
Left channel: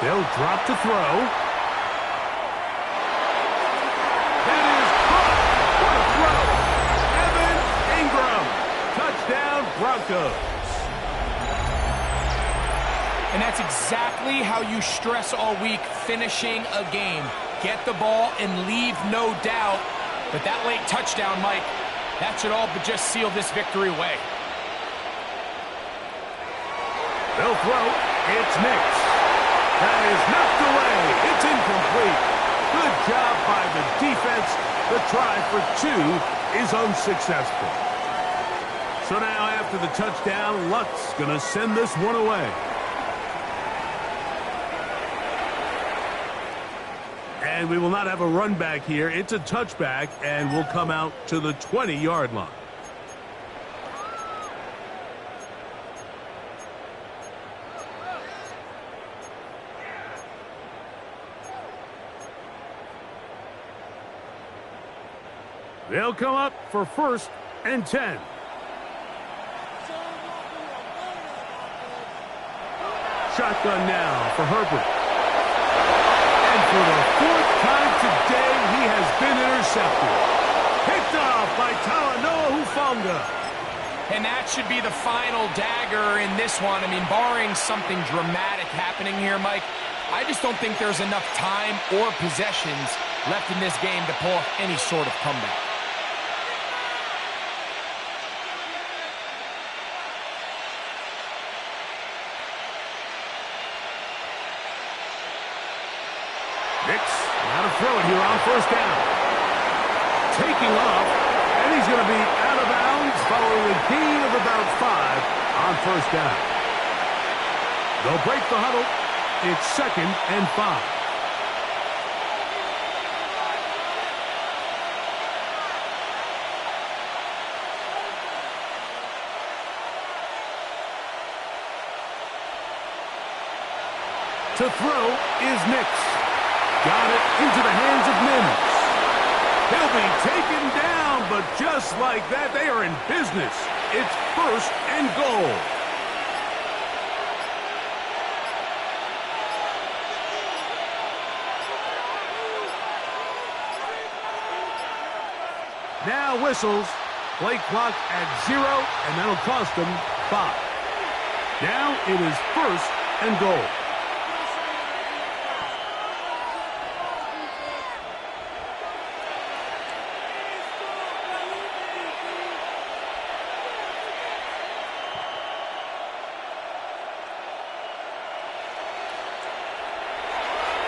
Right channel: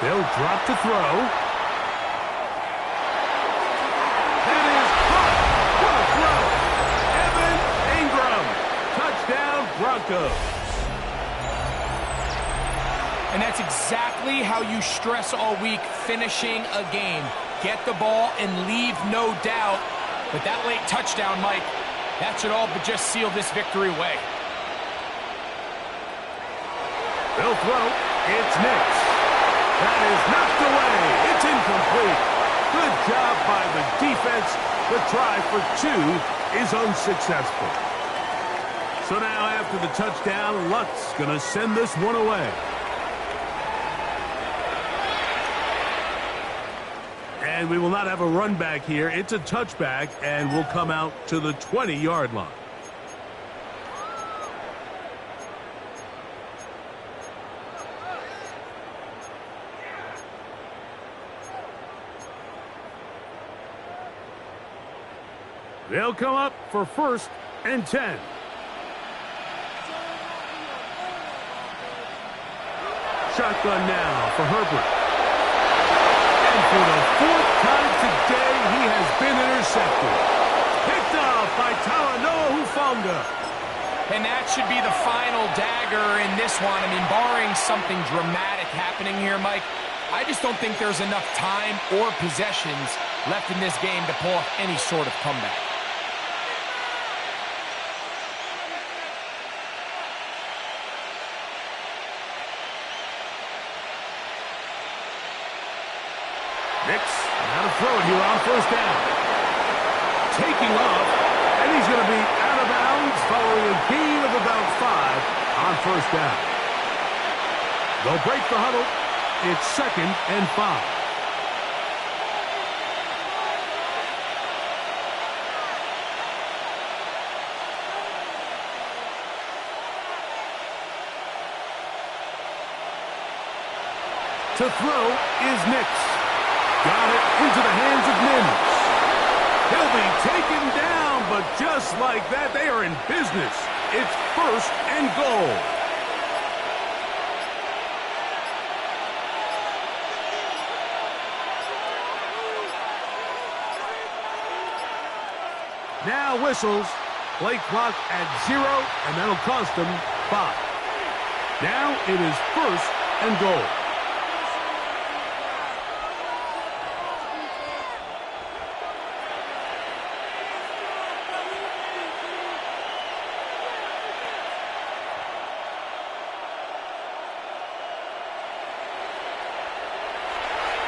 They'll drop to throw. That is caught. What a throw. Evan Ingram. Touchdown, Broncos. And that's exactly how you stress all week, finishing a game. Get the ball and leave no doubt. But that late touchdown, Mike, that should all but just seal this victory away. They'll throw. It's Nix. That is knocked away. It's incomplete. Good job by the defense. The try for 2 is unsuccessful. So now after the touchdown, Luck's going to send this one away. And we will not have a run back here. It's a touchback, and we'll come out to the 20-yard line. They'll come up for 1st and 10. Shotgun now for Herbert. And for the 4th time today, he has been intercepted. Picked off by Talanoa Hufanga. And that should be the final dagger in this one. I mean, barring something dramatic happening here, Mike, I just don't think there's enough time or possessions left in this game to pull off any sort of comeback. Nix, now to throw it here on 1st down. Taking off, and he's going to be out of bounds following a gain of about 5 on 1st down. They'll break the huddle. It's 2nd and 5. To throw is Nix. Got it into the hands of Mims. He'll be taken down, but just like that, they are in business. It's 1st and goal. Now whistles. Play clock at 0, and that'll cost them 5. Now it is 1st and goal.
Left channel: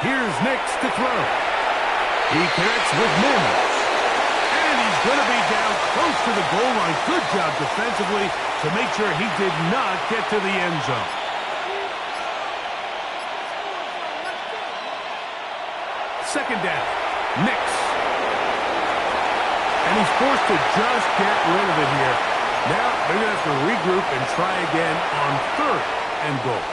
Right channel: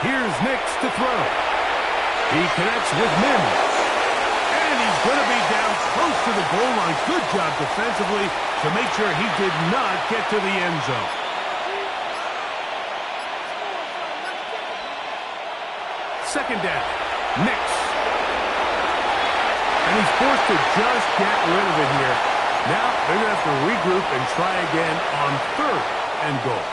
Here's Nix to throw. He connects with Mims. And he's going to be down close to the goal line. Good job defensively to make sure he did not get to the end zone. Second down. Nix. And he's forced to just get rid of it here. Now they're going to have to regroup and try again on 3rd and goal.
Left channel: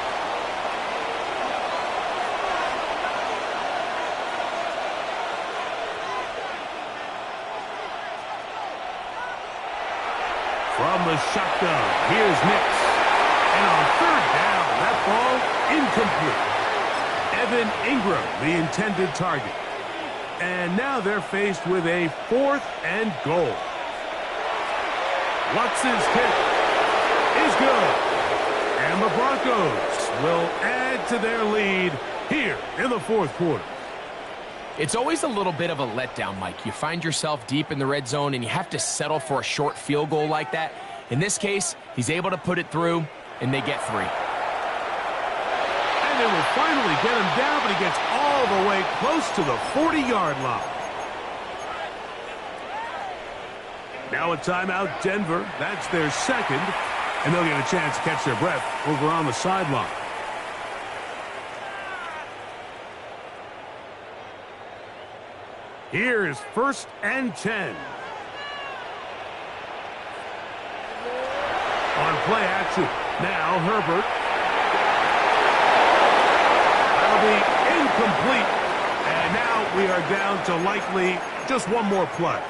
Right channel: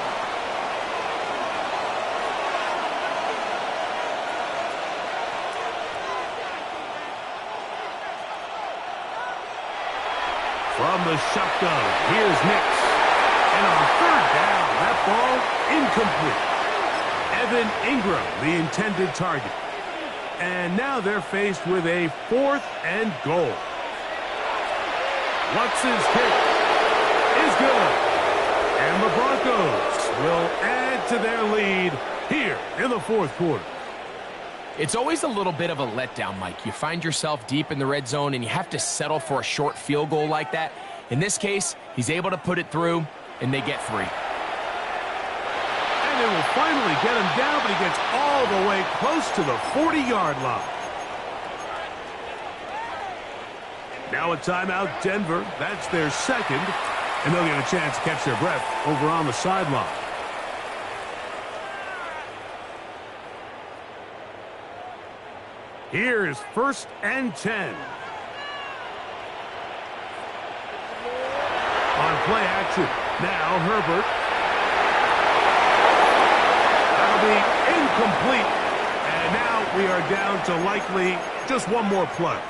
From the shotgun, here's Nix. And on 3rd down, that ball incomplete. Evan Ingram, the intended target. And now they're faced with a 4th and goal. Lutz's kick is good. And the Broncos will add to their lead here in the 4th quarter. It's always a little bit of a letdown, Mike. You find yourself deep in the red zone, and you have to settle for a short field goal like that. In this case, he's able to put it through, and they get 3. And they will finally get him down, but he gets all the way close to the 40-yard line. Now a timeout, Denver. That's their second, and they'll get a chance to catch their breath over on the sideline. Here is 1st and 10. On play action. Now Herbert. That'll be incomplete. And now we are down to likely just one more play.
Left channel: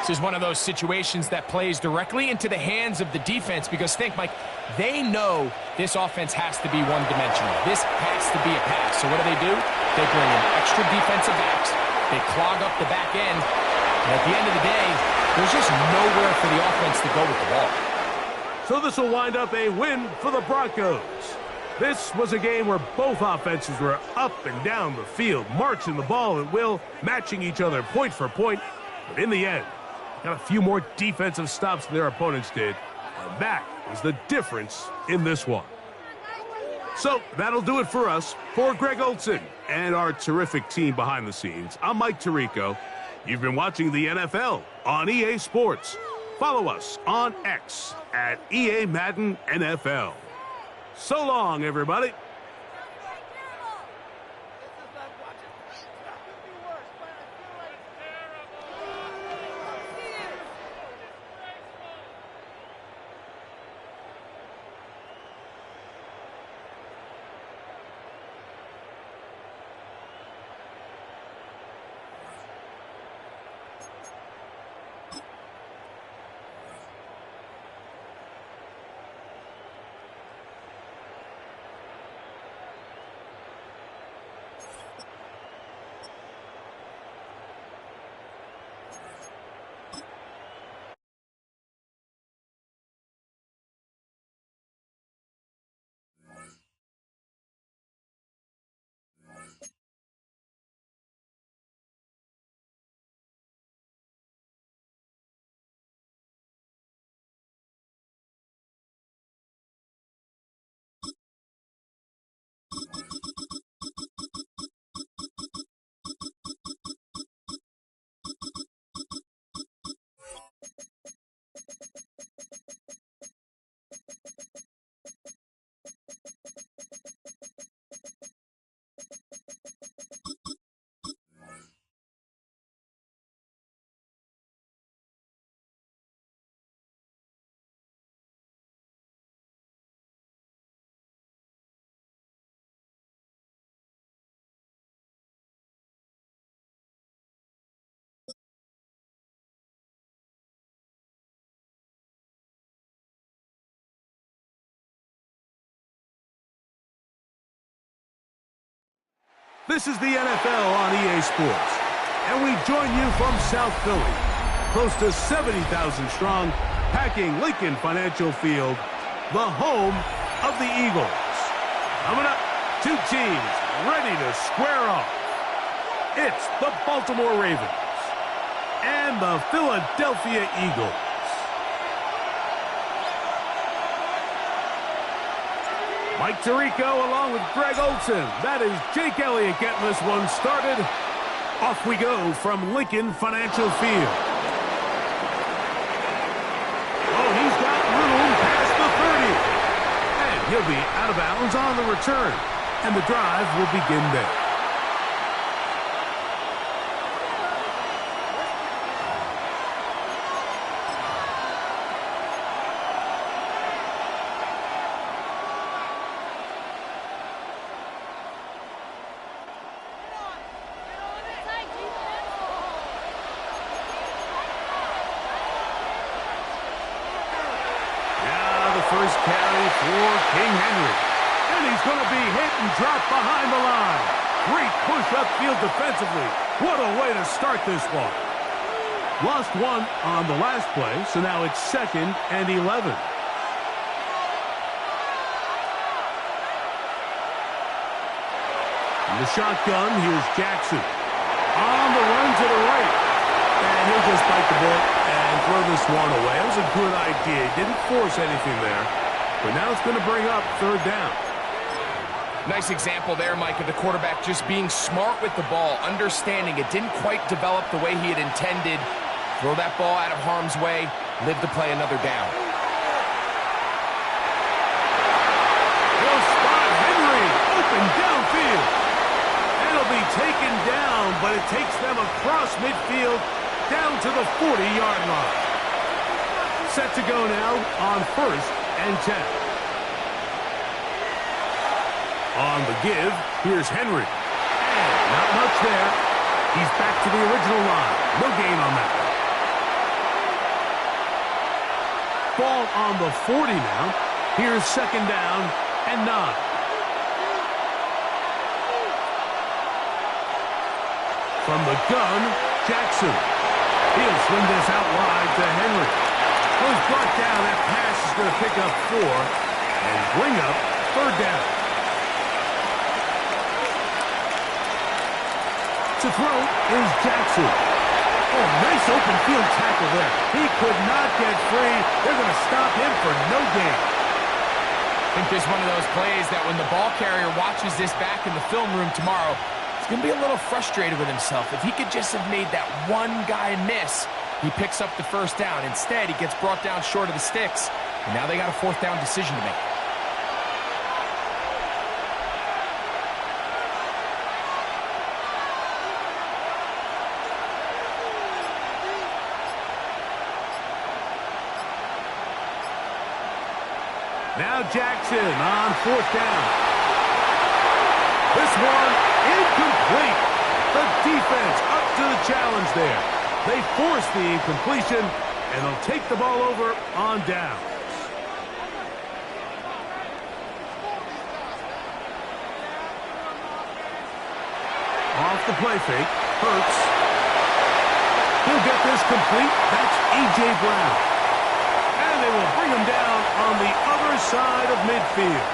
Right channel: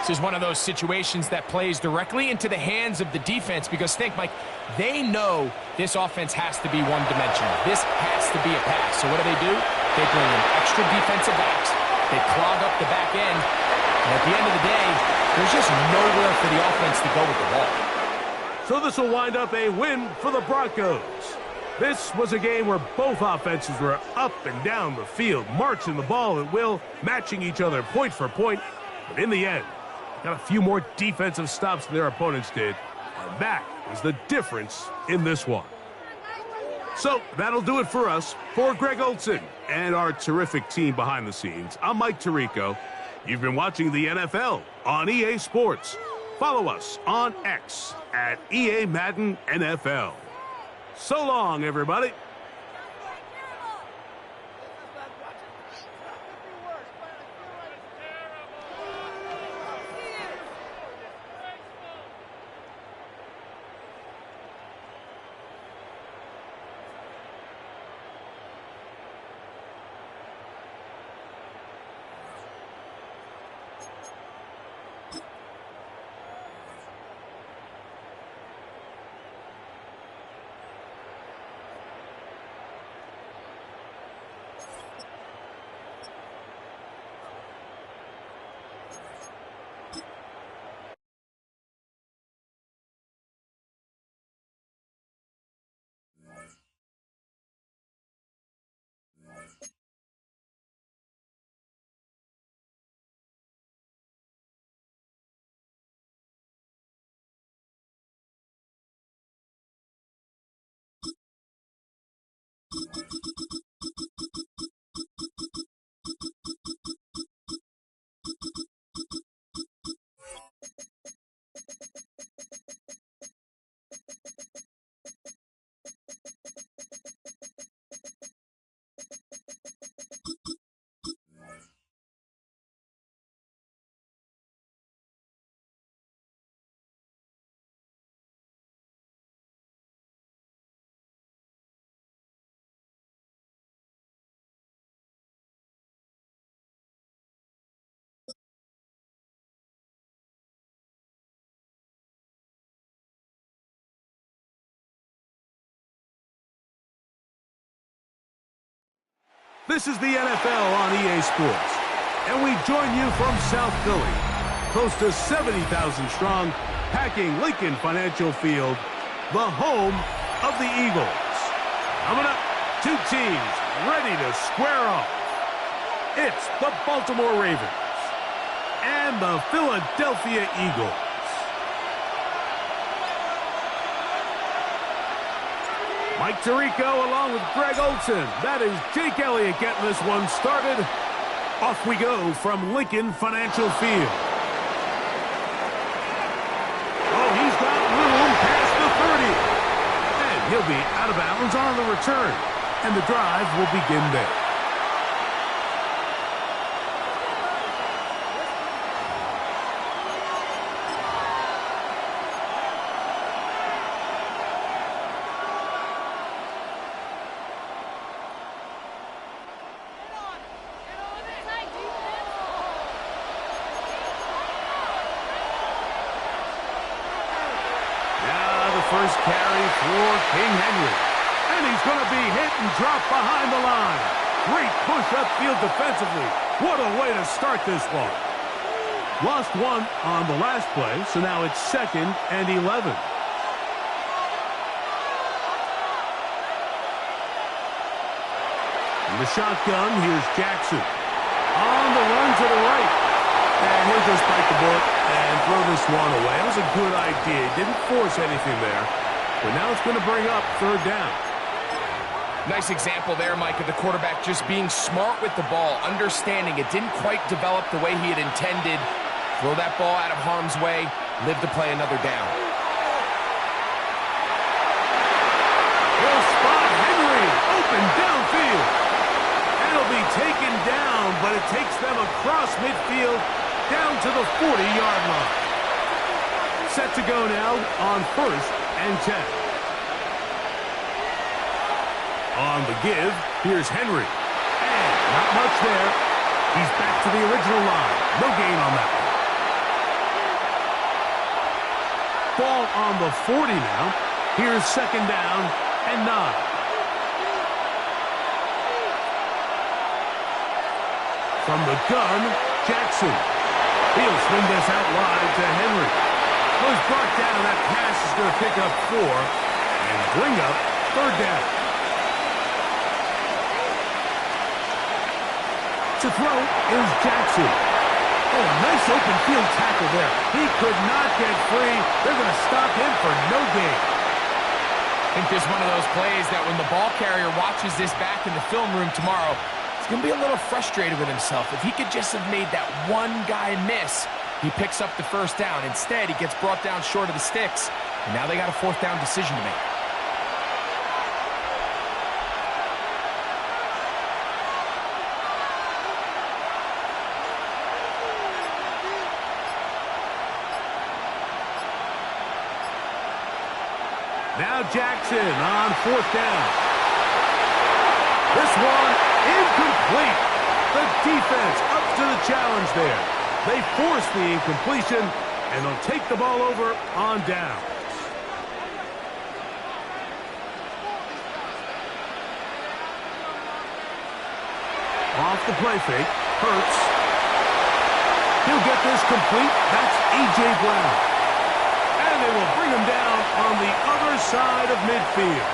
This is one of those situations that plays directly into the hands of the defense because think, Mike, they know this offense has to be one-dimensional. This has to be a pass. So what do? They bring in extra defensive backs. They clog up the back end. And at the end of the day, there's just nowhere for the offense to go with the ball. So this will wind up a win for the Broncos. This was a game where both offenses were up and down the field, marching the ball at will, matching each other point for point. But in the end, got a few more defensive stops than their opponents did. And that was the difference in this one. So that'll do it for us. For Greg Olson and our terrific team behind the scenes, I'm Mike Tirico. You've been watching the NFL on EA Sports. Follow us on X at EA Madden NFL. So long, everybody. This is the NFL on EA Sports, and we join you from South Philly, close to 70,000 strong, packing Lincoln Financial Field, the home of the Eagles. Coming up, 2 teams ready to square off. It's the Baltimore Ravens and the Philadelphia Eagles. Mike Tirico along with Greg Olson. That is Jake Elliott getting this one started. Off we go from Lincoln Financial Field. Oh, he's got room past the 30. And he'll be out of bounds on the return. And the drive will begin there. First carry for King Henry. And he's going to be hit and dropped behind the line. Great push upfield defensively. What a way to start this one. Lost one on the last play, so now it's 2nd and 11. In the shotgun, here's Jackson. on the run to the right. And he'll just bite the bullet and throw this one away. That was a good idea. He didn't force anything there. But now it's going to bring up third down. Nice example there, Mike, of the quarterback just being smart with the ball, understanding it didn't quite develop the way he had intended. Throw that ball out of harm's way, live to play another down. He'll spot Henry, open downfield. And he'll be taken down, but it takes them across midfield down to the 40-yard line. Set to go now on 1st and 10. On the give, here's Henry. And not much there. He's back to the original line. No gain on that one. Ball on the 40 now. Here's 2nd down and 9. From the gun, Jackson. He'll swing this out wide to Henry. Well, he's brought down. That pass is going to pick up 4 and bring up 3rd down. To throw is Jackson. Oh, nice open field tackle there. He could not get free. They're going to stop him for no gain. I think this is one of those plays that when the ball carrier watches this back in the film room tomorrow, he's going to be a little frustrated with himself. If he could just have made that one guy miss, he picks up the 1st down. Instead, he gets brought down short of the sticks, and now they got a 4th down decision to make. Now Jackson on 4th down. This one incomplete. The defense up to the challenge there. They force the incompletion, and they'll take the ball over on downs. Off the play fake, Hurts. He'll get this complete. That's A.J. Brown. And they will bring him down on the other side of midfield.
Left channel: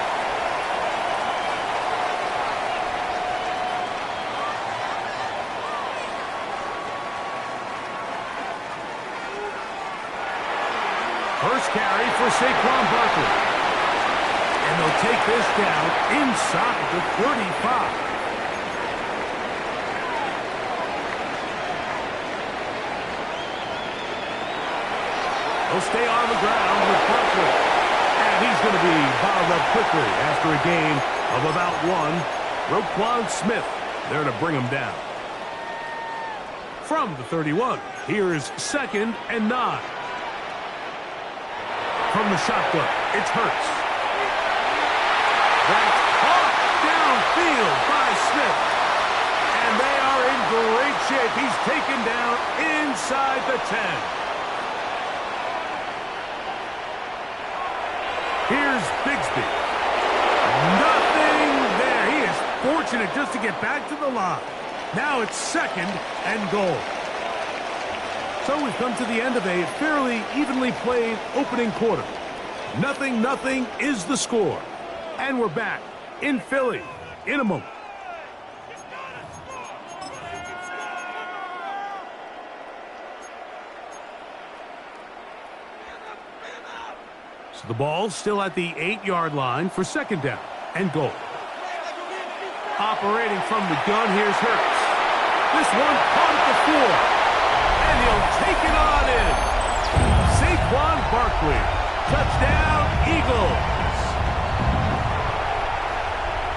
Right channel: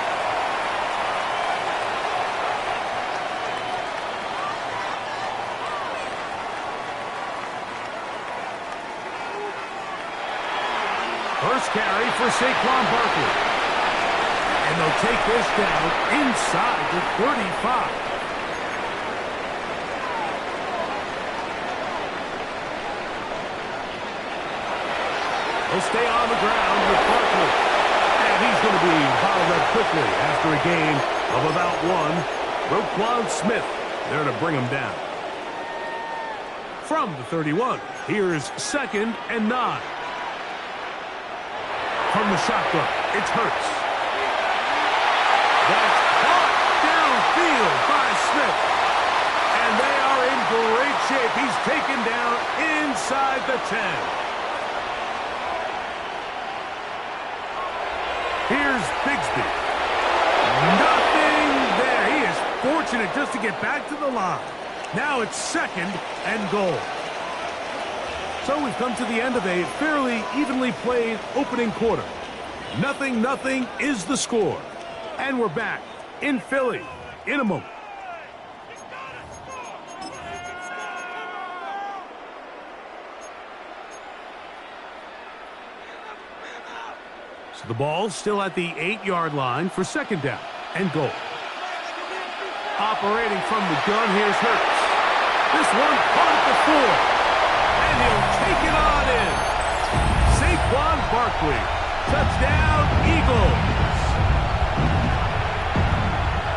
First carry for Saquon Barkley. And they'll take this down inside the 35. He'll stay on the ground with Barkley. And he's going to be bottled up quickly after a gain of about 1. Roquan Smith there to bring him down. From the 31, here's 2nd and 9. From the shotgun, it's Hurts. That's caught downfield by Smith. And they are in great shape. He's taken down inside the 10. Here's Bigsby. Nothing there. He is fortunate just to get back to the line. Now it's 2nd and goal. So we've come to the end of a fairly evenly played opening quarter. 0-0 is the score. And we're back in Philly in a moment. So the ball still at the 8-yard line for 2nd down and goal. Operating from the gun, here's Hurts. This one caught at the 4. And he'll take it on in. Saquon Barkley. Touchdown, Eagles.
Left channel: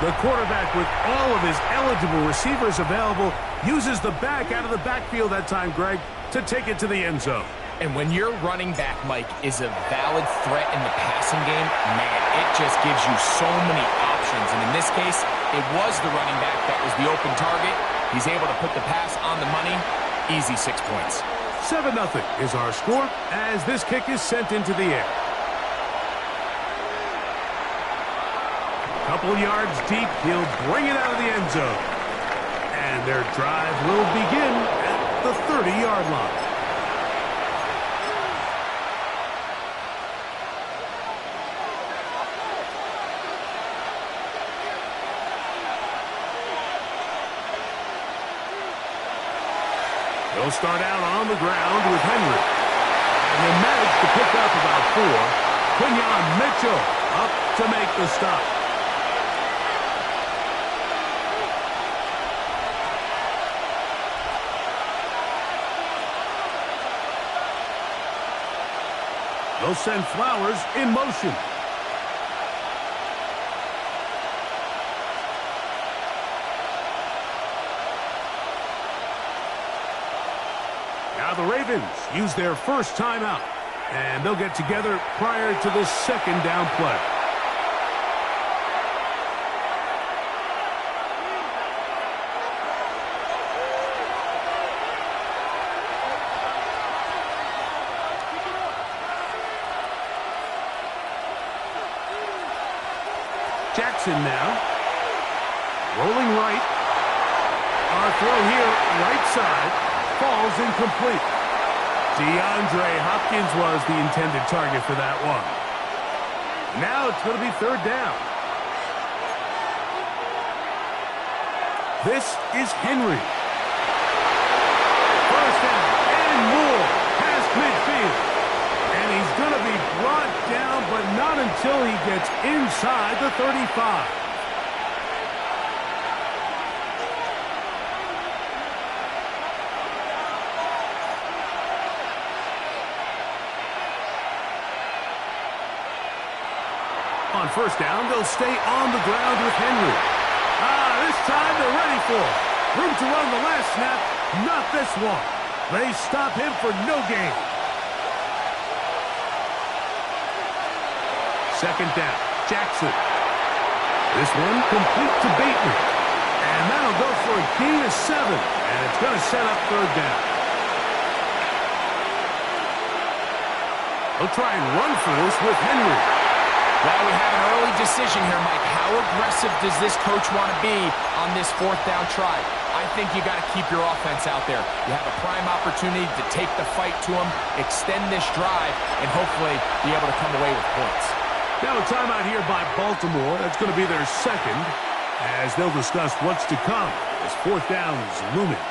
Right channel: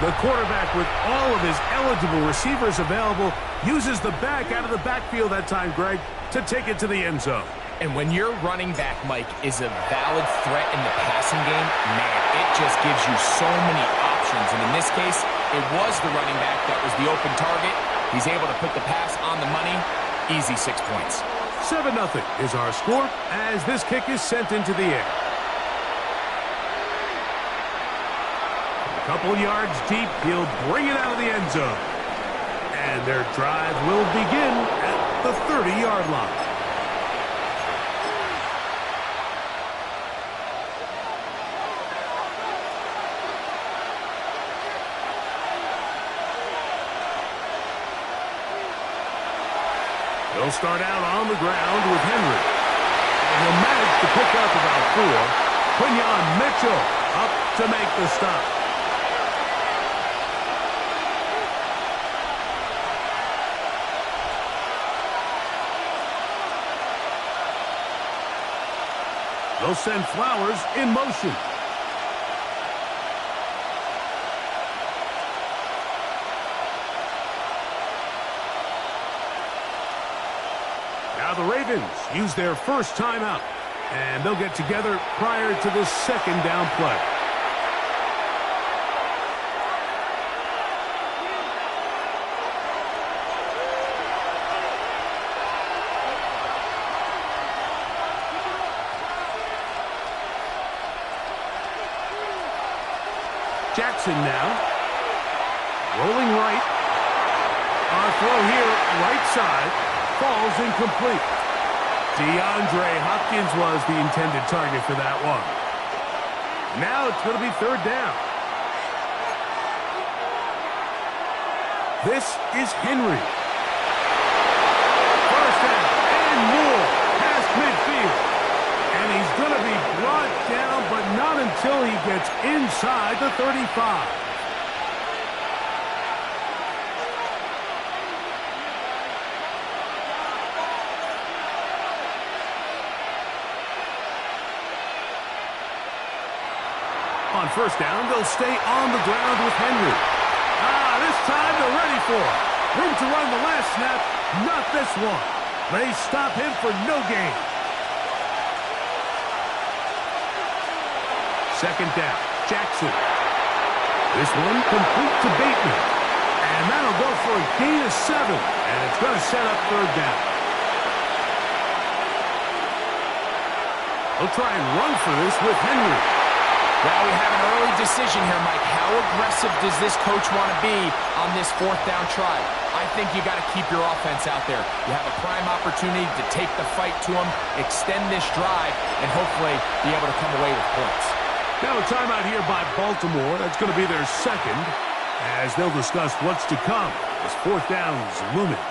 The quarterback, with all of his eligible receivers available, uses the back out of the backfield that time, Greg, to take it to the end zone. And when your running back, Mike, is a valid threat in the passing game, man, it just gives you so many options. And in this case, it was the running back that was the open target. He's able to put the pass on the money. Easy 6 points. 7-0 is our score as this kick is sent into the air. A couple yards deep, he'll bring it out of the end zone. And their drive will begin at the 30-yard line. He'll start out on the ground with Henry. And he'll manage to pick up about 4. Quinyon Mitchell up to make the stop. They'll send Flowers in motion. Now the Ravens use their first timeout, and they'll get together prior to this second down play. Jackson now. Rolling right. Our throw here, right side, falls incomplete. DeAndre Hopkins was the intended target for that one. Now it's going to be third down. This is Henry. First down and more past midfield. And he's going to be brought down, but not until he gets inside the 35. On first down, they'll stay on the ground with Henry. This time they're ready for it. Room to run the last snap, not this one. They stop him for no gain. Second down, Jackson. This one complete to Bateman. And that'll go for a gain of 7. And it's going to set up third down. They'll try and run for this with Henry. Well, we have an early decision here, Mike. How aggressive does this coach want to be on this fourth down try? I think you got to keep your offense out there. You have a prime opportunity to take the fight to them, extend this drive, and hopefully be able to come away with points. Now a timeout here by Baltimore. That's going to be their second, as they'll discuss what's to come as fourth down's looming.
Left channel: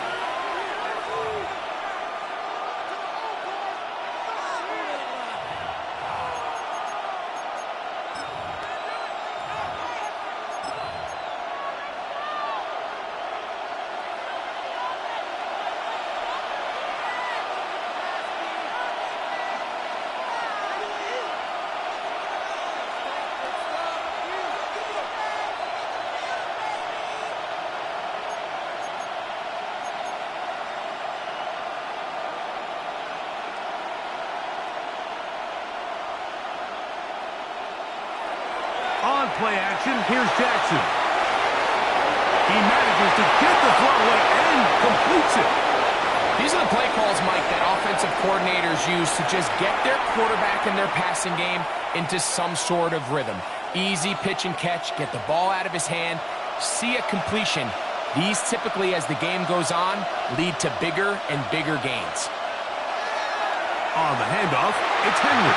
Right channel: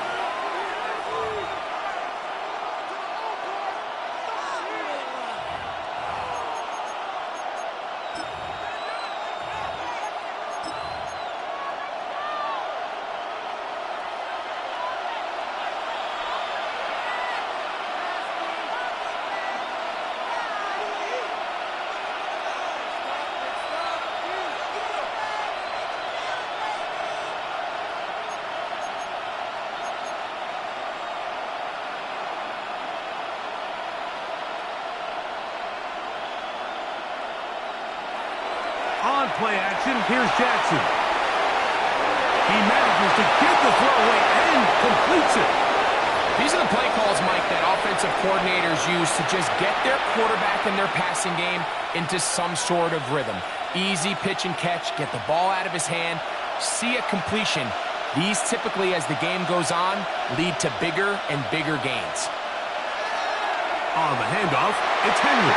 On play action, here's Jackson. He manages to get the throwaway and completes it. These are the play calls, Mike, that offensive coordinators use to just get their quarterback and their passing game into some sort of rhythm. Easy pitch and catch, get the ball out of his hand, see a completion. These typically, as the game goes on, lead to bigger and bigger gains. On the handoff, it's Henry.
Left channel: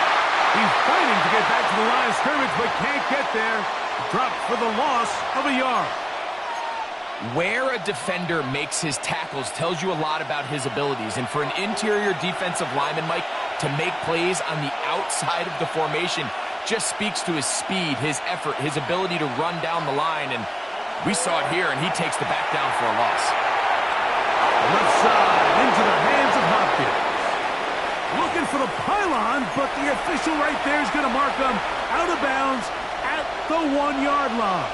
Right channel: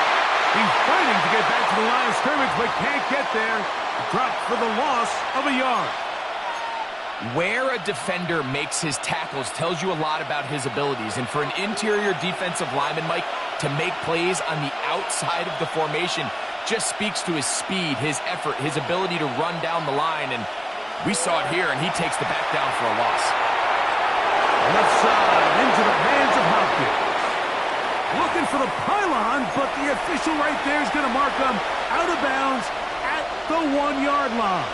He's fighting to get back to the line of scrimmage, but can't get there. Dropped for the loss of a yard. Where a defender makes his tackles tells you a lot about his abilities. And for an interior defensive lineman, Mike, to make plays on the outside of the formation just speaks to his speed, his effort, his ability to run down the line. And we saw it here, and he takes the back down for a loss. Left side into the hands of Hopkins. Looking for the pylon, but the official right there is going to mark him out of bounds at the 1-yard line.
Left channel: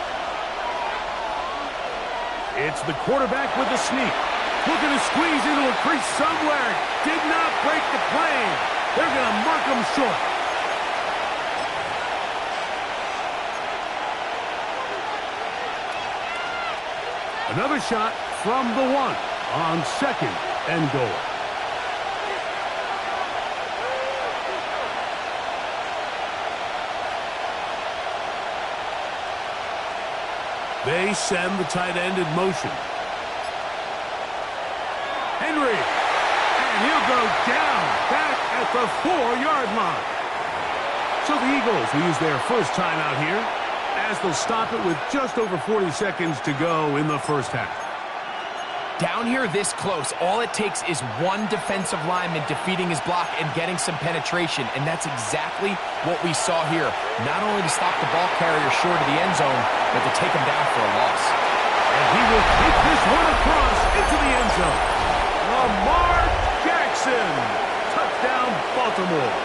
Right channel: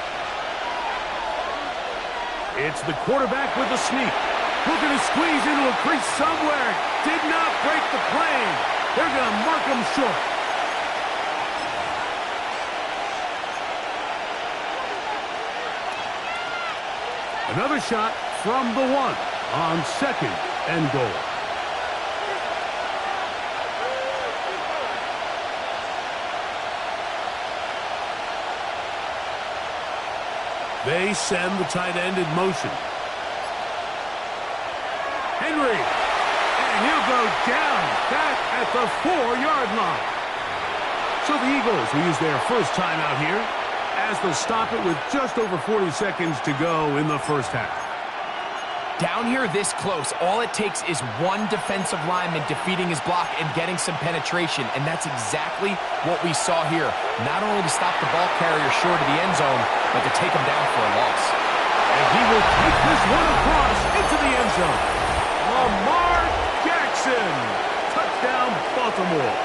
It's the quarterback with the sneak. Looking to squeeze into a crease somewhere. Did not break the plane. They're going to mark him short. Another shot from the 1 on second and goal. They send the tight end in motion. Henry, and he'll go down back at the 4-yard line. So the Eagles will use their first timeout here, as they'll stop it with just over 40 seconds to go in the first half. Down here this close, all it takes is one defensive lineman defeating his block and getting some penetration, and that's exactly what we saw here. Not only to stop the ball carrier short of the end zone, but to take him down for a loss. And he will take this one across into the end zone. Lamar Jackson. Touchdown, Baltimore.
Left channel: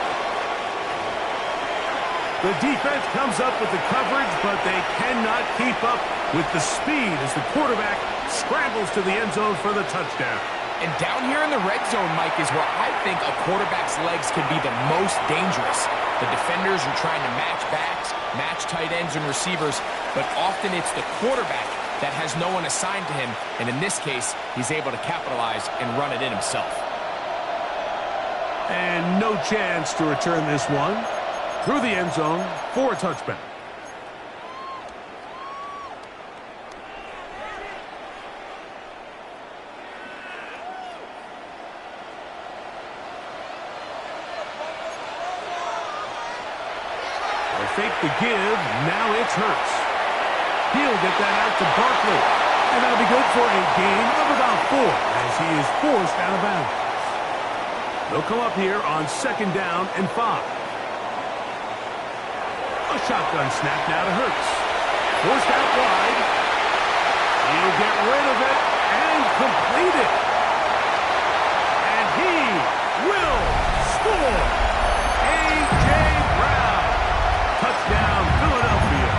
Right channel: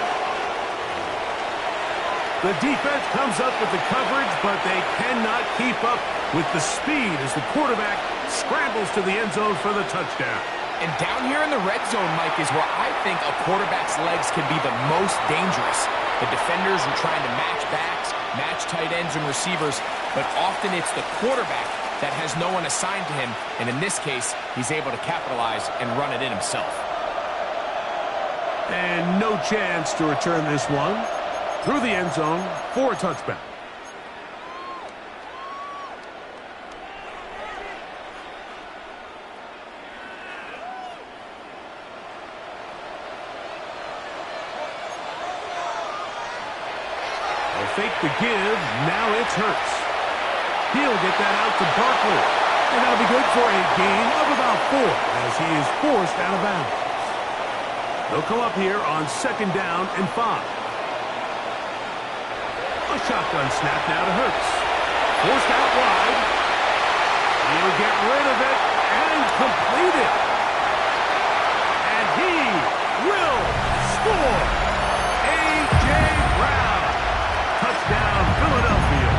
The defense comes up with the coverage, but they cannot keep up with the speed as the quarterback scrambles to the end zone for the touchdown. And down here in the red zone, Mike, is where I think a quarterback's legs can be the most dangerous. The defenders are trying to match backs, match tight ends and receivers, but often it's the quarterback that has no one assigned to him, and in this case, he's able to capitalize and run it in himself. And no chance to return this one through the end zone for a touchback. They'll fake the give. Now it's Hurts. He'll get that out to Barkley. And that'll be good for a gain of about 4 as he is forced out of bounds. They'll come up here on 2nd down and 5. A shotgun snap now to Hurts. Forced out wide. He'll get rid of it and complete it. And he will score. A.J. Brown. Touchdown, Philadelphia.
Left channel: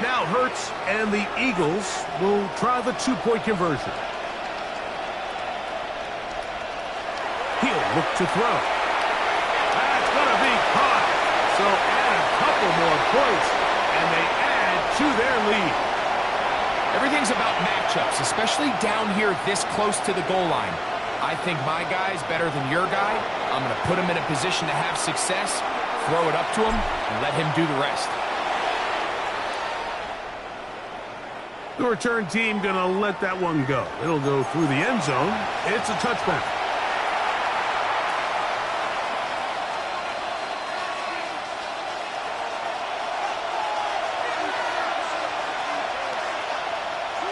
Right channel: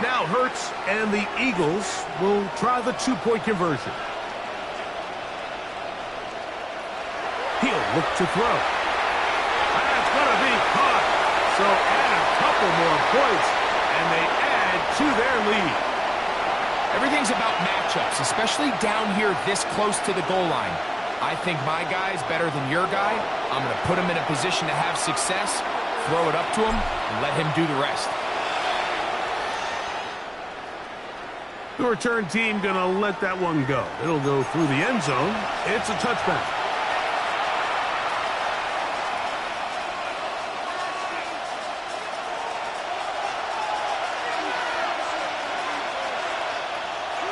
Now Hurts and the Eagles will try the 2-point conversion. He'll look to throw. That's going to be caught. So add a couple more points, and they add to their lead. Everything's about matchups, especially down here this close to the goal line. I think my guy's better than your guy. I'm going to put him in a position to have success, throw it up to him, and let him do the rest. The return team going to let that one go. It'll go through the end zone. It's a touchback.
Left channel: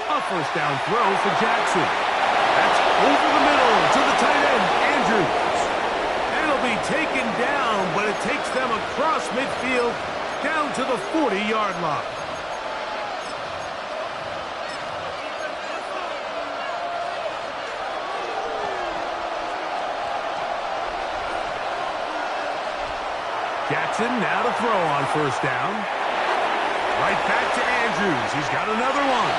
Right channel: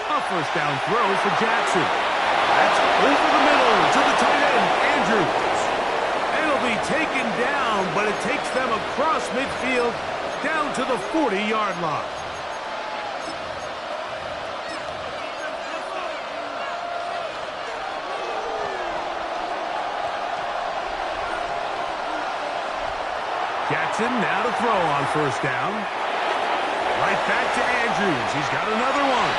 A first down throw for Jackson. That's over the middle to the tight end, Andrews. And it'll be taken down, but it takes them across midfield down to the 40-yard line. Jackson now to throw on first down. Right back to Andrews. He's got another one.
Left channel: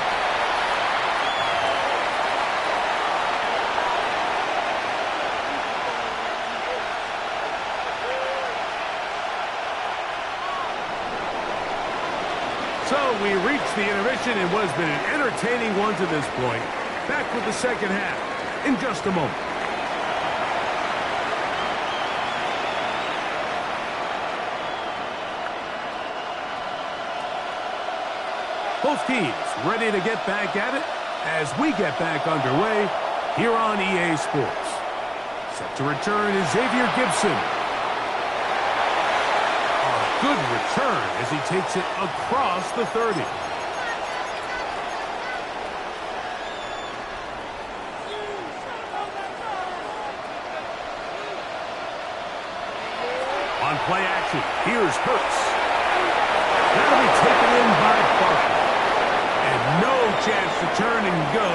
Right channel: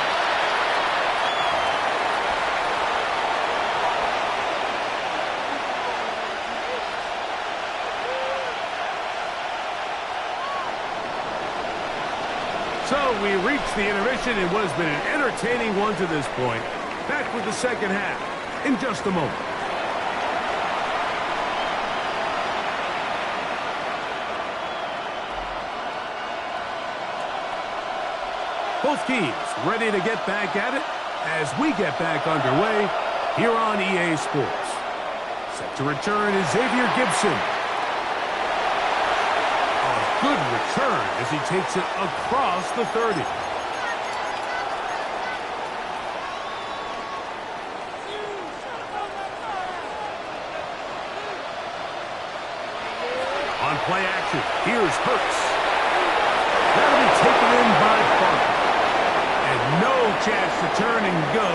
So we reach the intermission in what has been an entertaining one to this point. Back with the second half in just a moment. Both teams ready to get back at it as we get back underway here on EA Sports. Set to return is Xavier Gibson. A good return as he takes it across the 30. On play action, here's Hurts. That'll be taken in by Barkley. And no chance to turn and go.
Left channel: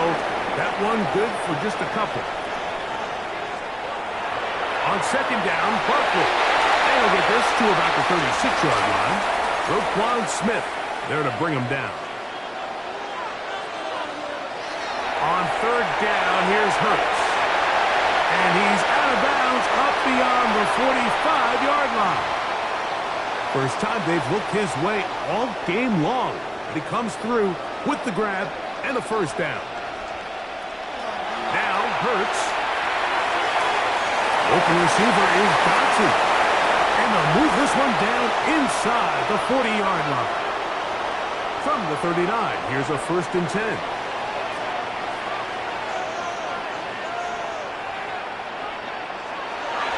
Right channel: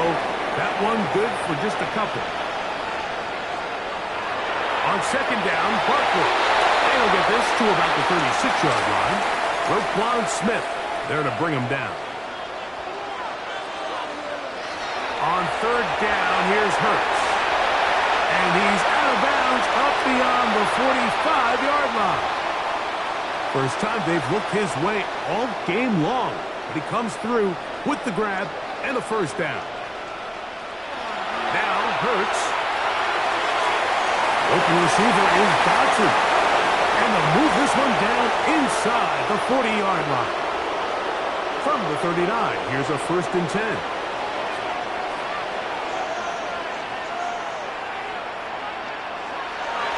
That one good for just a couple. On second down, Barkley. And he'll get this to about the 36-yard line. Roquan Smith there to bring him down. On third down, here's Hurts. And he's out of bounds up beyond the 45-yard line. First time they've looked his way all game long. But he comes through with the grab and a first down. Now Hurts. The open receiver is Dotson. And they'll move this one down inside the 40-yard line. From the 39, here's a 1st and 10.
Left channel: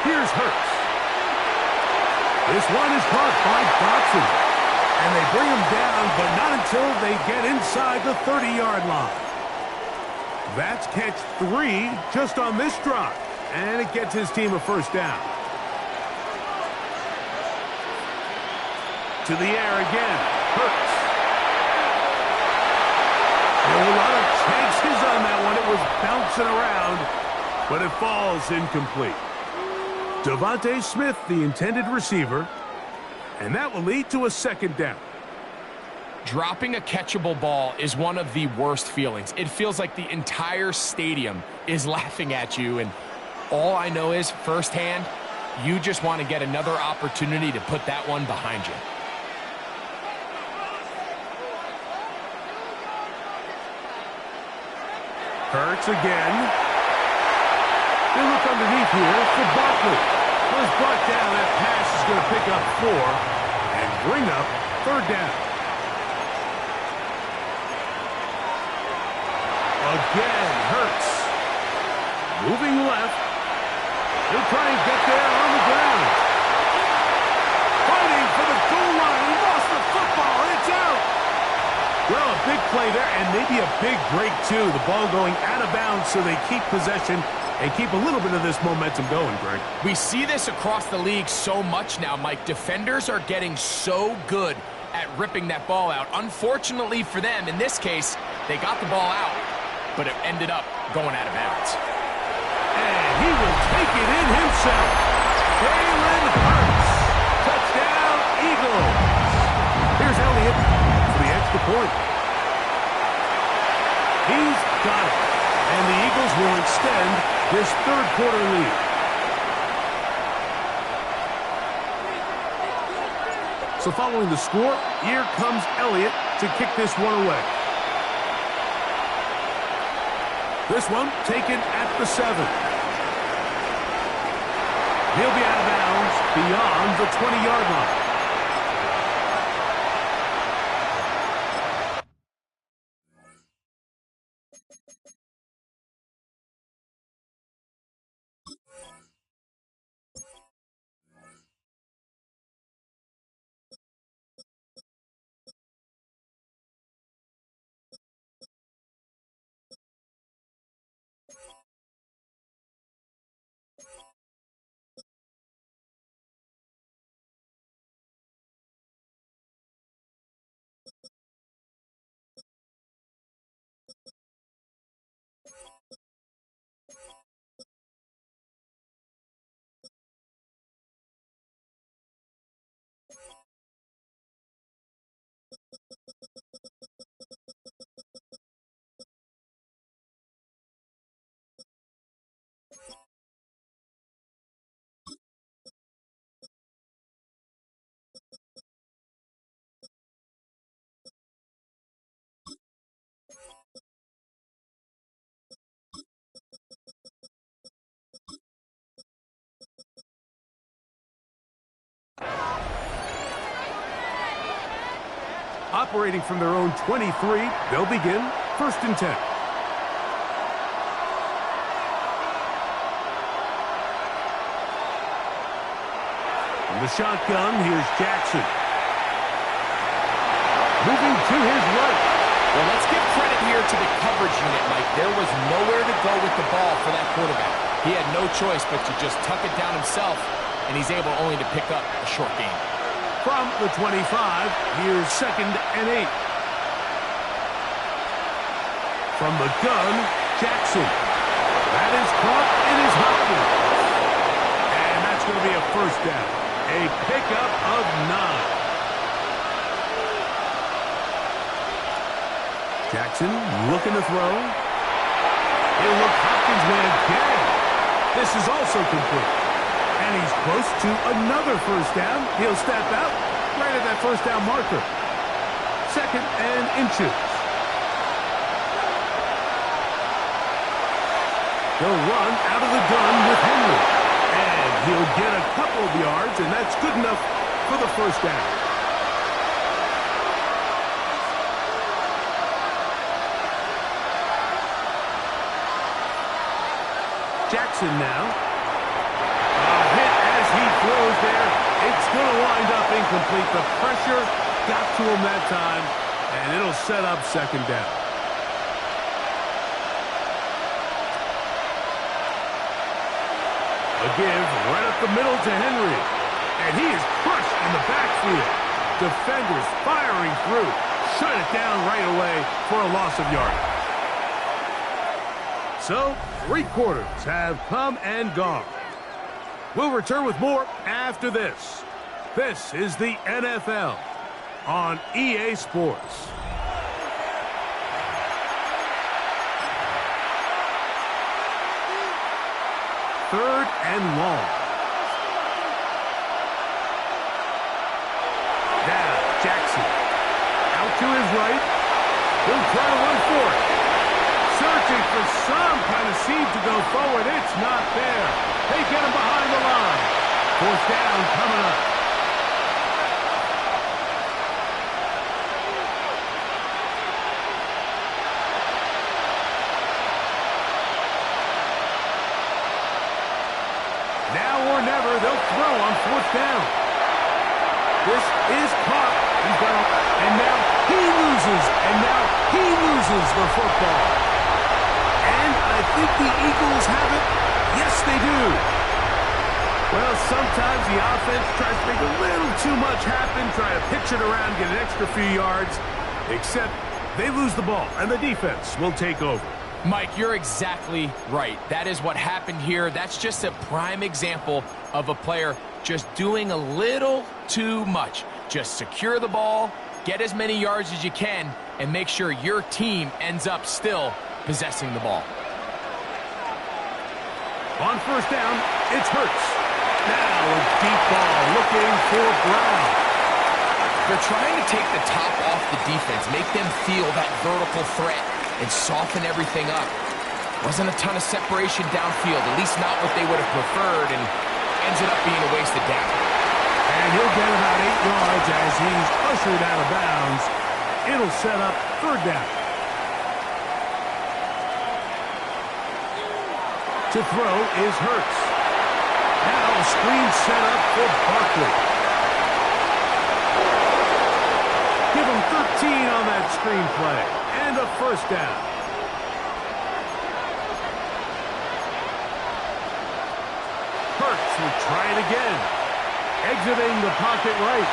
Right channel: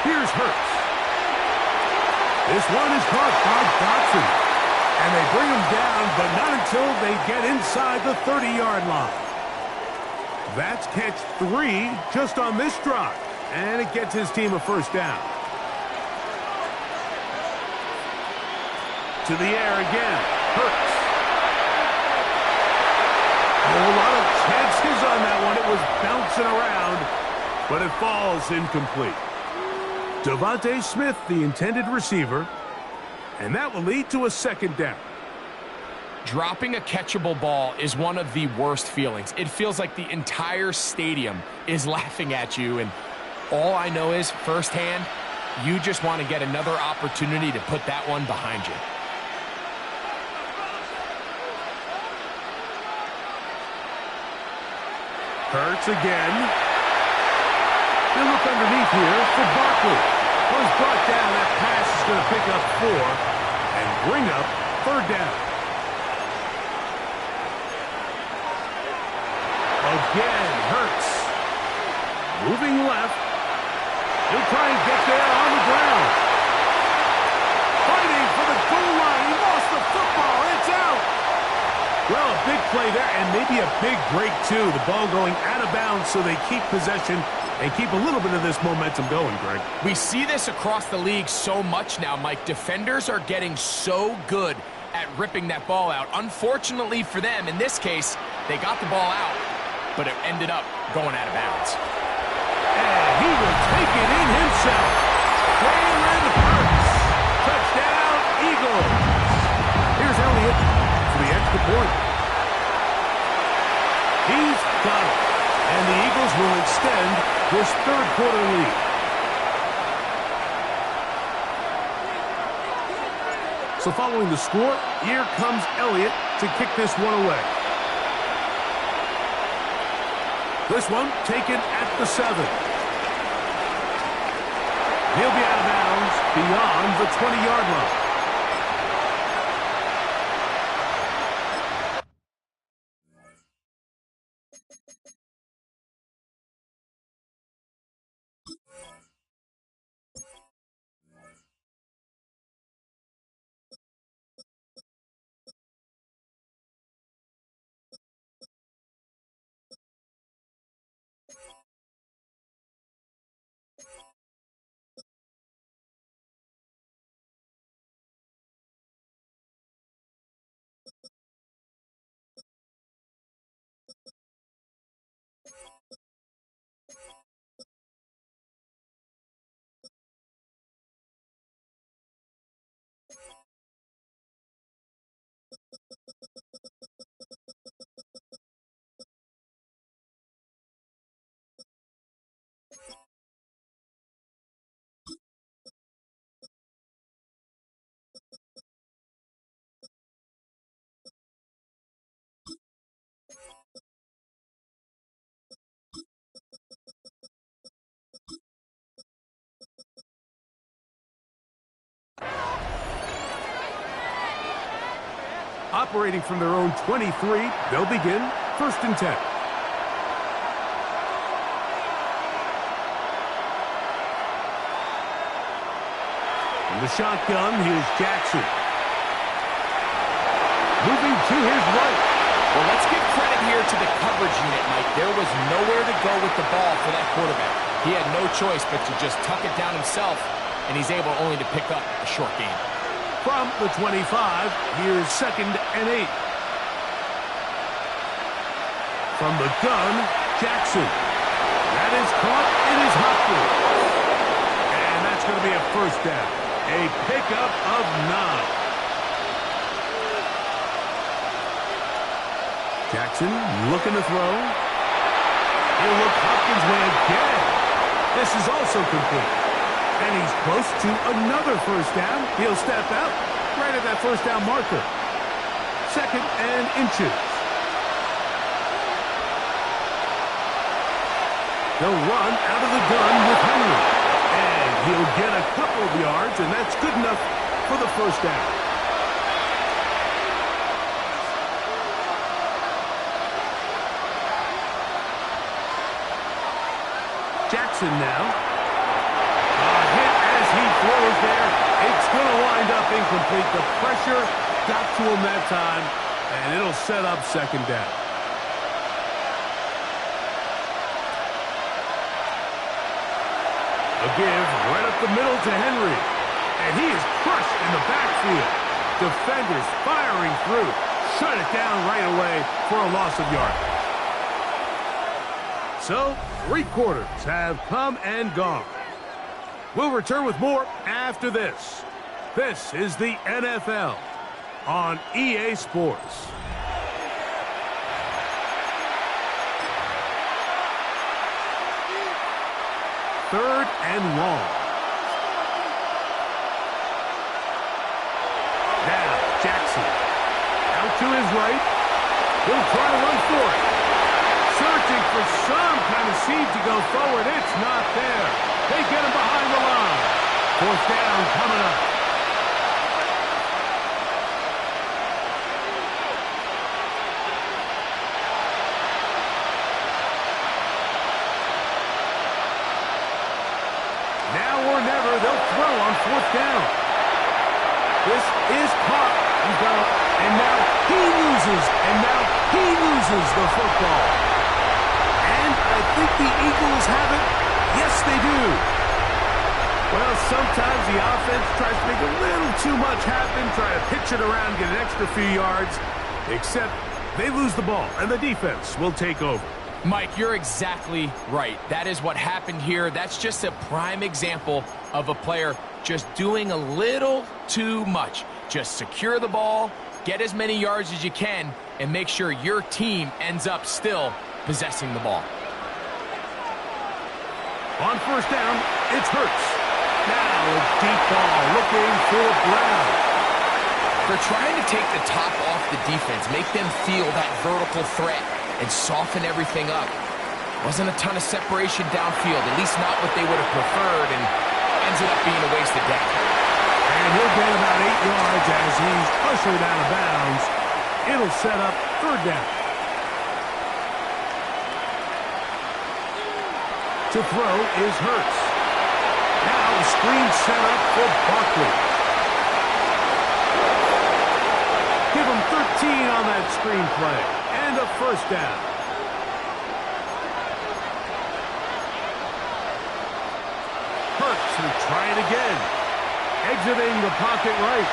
Here's Hurts. This one is caught by Dotson. And they bring him down, but not until they get inside the 30-yard line. That's catch 3 just on this drive. And it gets his team a first down. To the air again. Hurts. Oh, a lot of chances on that one. It was bouncing around, but it falls incomplete. Devontae Smith, the intended receiver, and that will lead to a second down. Dropping a catchable ball is one of the worst feelings. It feels like the entire stadium is laughing at you, and all I know is, firsthand, you just want to get another opportunity to put that one behind you. Hurts again. They look underneath here for Barkley. Was brought down. That pass is going to pick up 4 and bring up third down. Again, Hurts. Moving left. He'll try and get there on the ground. Fighting for the goal line. He lost the football. It's out. Well, a big play there, and maybe a big break, too. The ball going out of bounds so they keep possession and keep a little bit of this momentum going, Greg. We see this across the league so much now, Mike. Defenders are getting so good at ripping that ball out. Unfortunately for them, in this case, they got the ball out, but it ended up going out of bounds. And he will take it in himself. Jalen Hurts. Touchdown, Eagles. Here's Elliott for the extra point. He's got it. And the Eagles will extend this third quarter lead. So following the score, here comes Elliott to kick this one away. This one taken at the 7. He'll be out of bounds beyond the 20-yard line. Operating from their own 23, they'll begin 1st and 10. From the shotgun, here's Jackson. Moving to his right. Well, let's give credit here to the coverage unit, Mike. There was nowhere to go with the ball for that quarterback. He had no choice but to just tuck it down himself, and he's able only to pick up a short gain. From the 25, here's 2nd and 8. From the gun, Jackson. That is caught. It is Hopkins. And that's going to be a first down. A pickup of 9. Jackson looking to throw. He'll look Hopkins' way again. This is also complete. And he's close to another first down. He'll step out right at that first down marker. 2nd and inches. They'll run out of the gun with Henry. And he'll get a couple of yards, and that's good enough for the first down. Jackson now. A hit as he throws there. It's going to wind up incomplete. The pressure got to him that time, and it'll set up second down. A give right up the middle to Henry. And he is crushed in the backfield. Defenders firing through. Shut it down right away for a loss of yardage. So, 3 quarters have come and gone. We'll return with more after this. This is the NFL on EA Sports. Third and long. Now, Jackson. Out to his right. He'll try to run for it. Searching for some kind of seed to go forward. It's not there. They get him behind the line. 4th down coming up. Now or never, they'll throw on 4th down. This is caught. He's got a, and now he loses. And now he loses the football. And I think the Eagles have it. Yes, they do. Well, sometimes the offense tries to make a little too much happen, try to pitch it around, get an extra few yards, except they lose the ball, and the defense will take over. Mike, you're exactly right. That is what happened here. That's just a prime example of a player just doing a little too much. Just secure the ball, get as many yards as you can, and make sure your team ends up still possessing the ball. On 1st down, it's Hurts. Now a deep ball looking for Brown. They're trying to take the top off the defense, make them feel that vertical threat, and soften everything up. Wasn't a ton of separation downfield, at least not what they would have preferred, and ends up being a wasted down. And he'll get about 8 yards as he's ushered out of bounds. It'll set up 3rd down. To throw is Hurts. Now a screen set up for Barkley. Give him 13 on that screen play. And a 1st down. Hurts will try it again. Exiting the pocket right.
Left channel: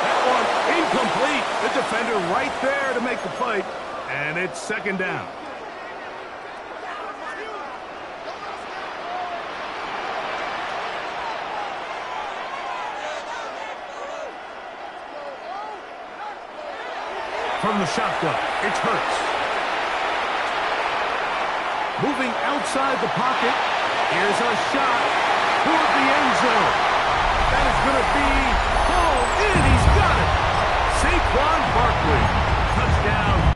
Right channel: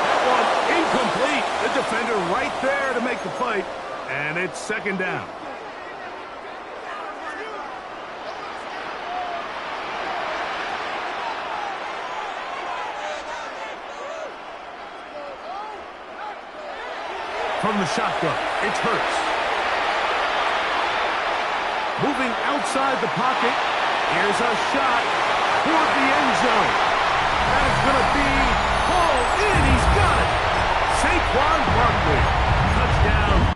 That one incomplete. The defender right there to make the play. And it's 2nd down. From the shotgun, it's Hurts. Moving outside the pocket. Here's a shot toward the end zone. That is going to be hauled in. He's got it. Saquon Barkley. Touchdown.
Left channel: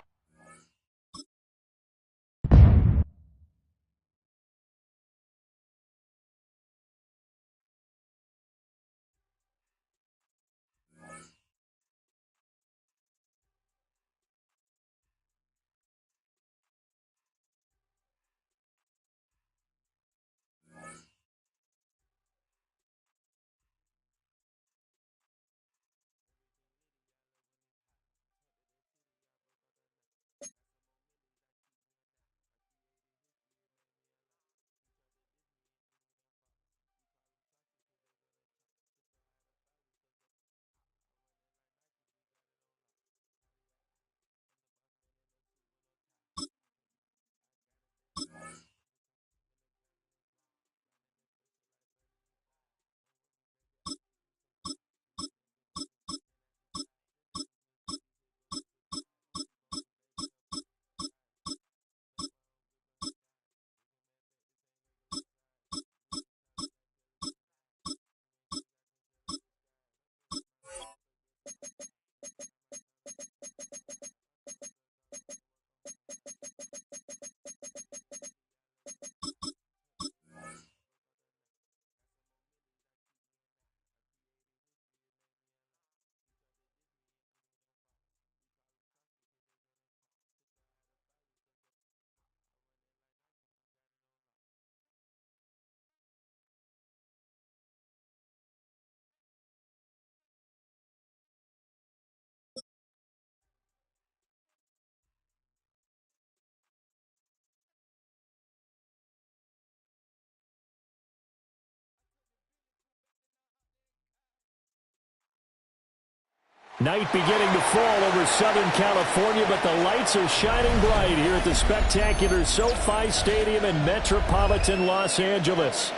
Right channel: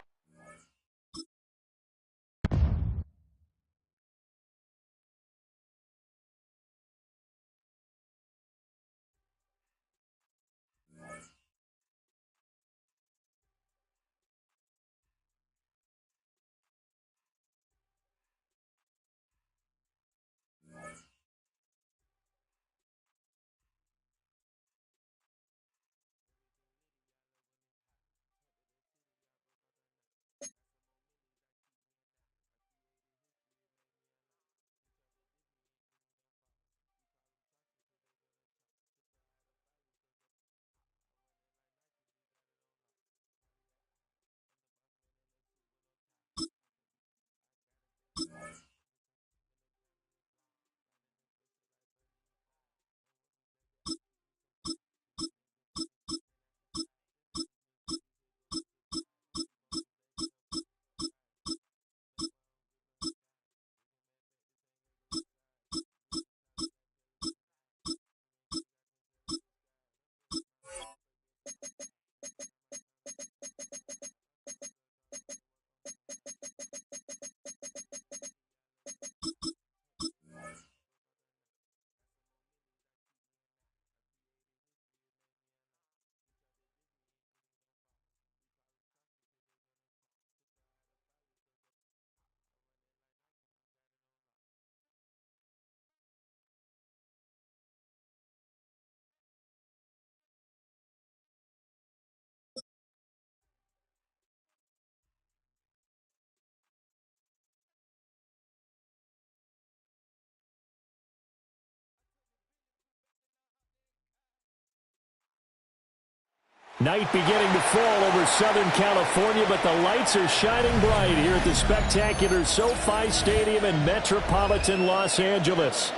Night beginning to fall over Southern California, but the lights are shining bright here at the spectacular SoFi Stadium in metropolitan Los Angeles.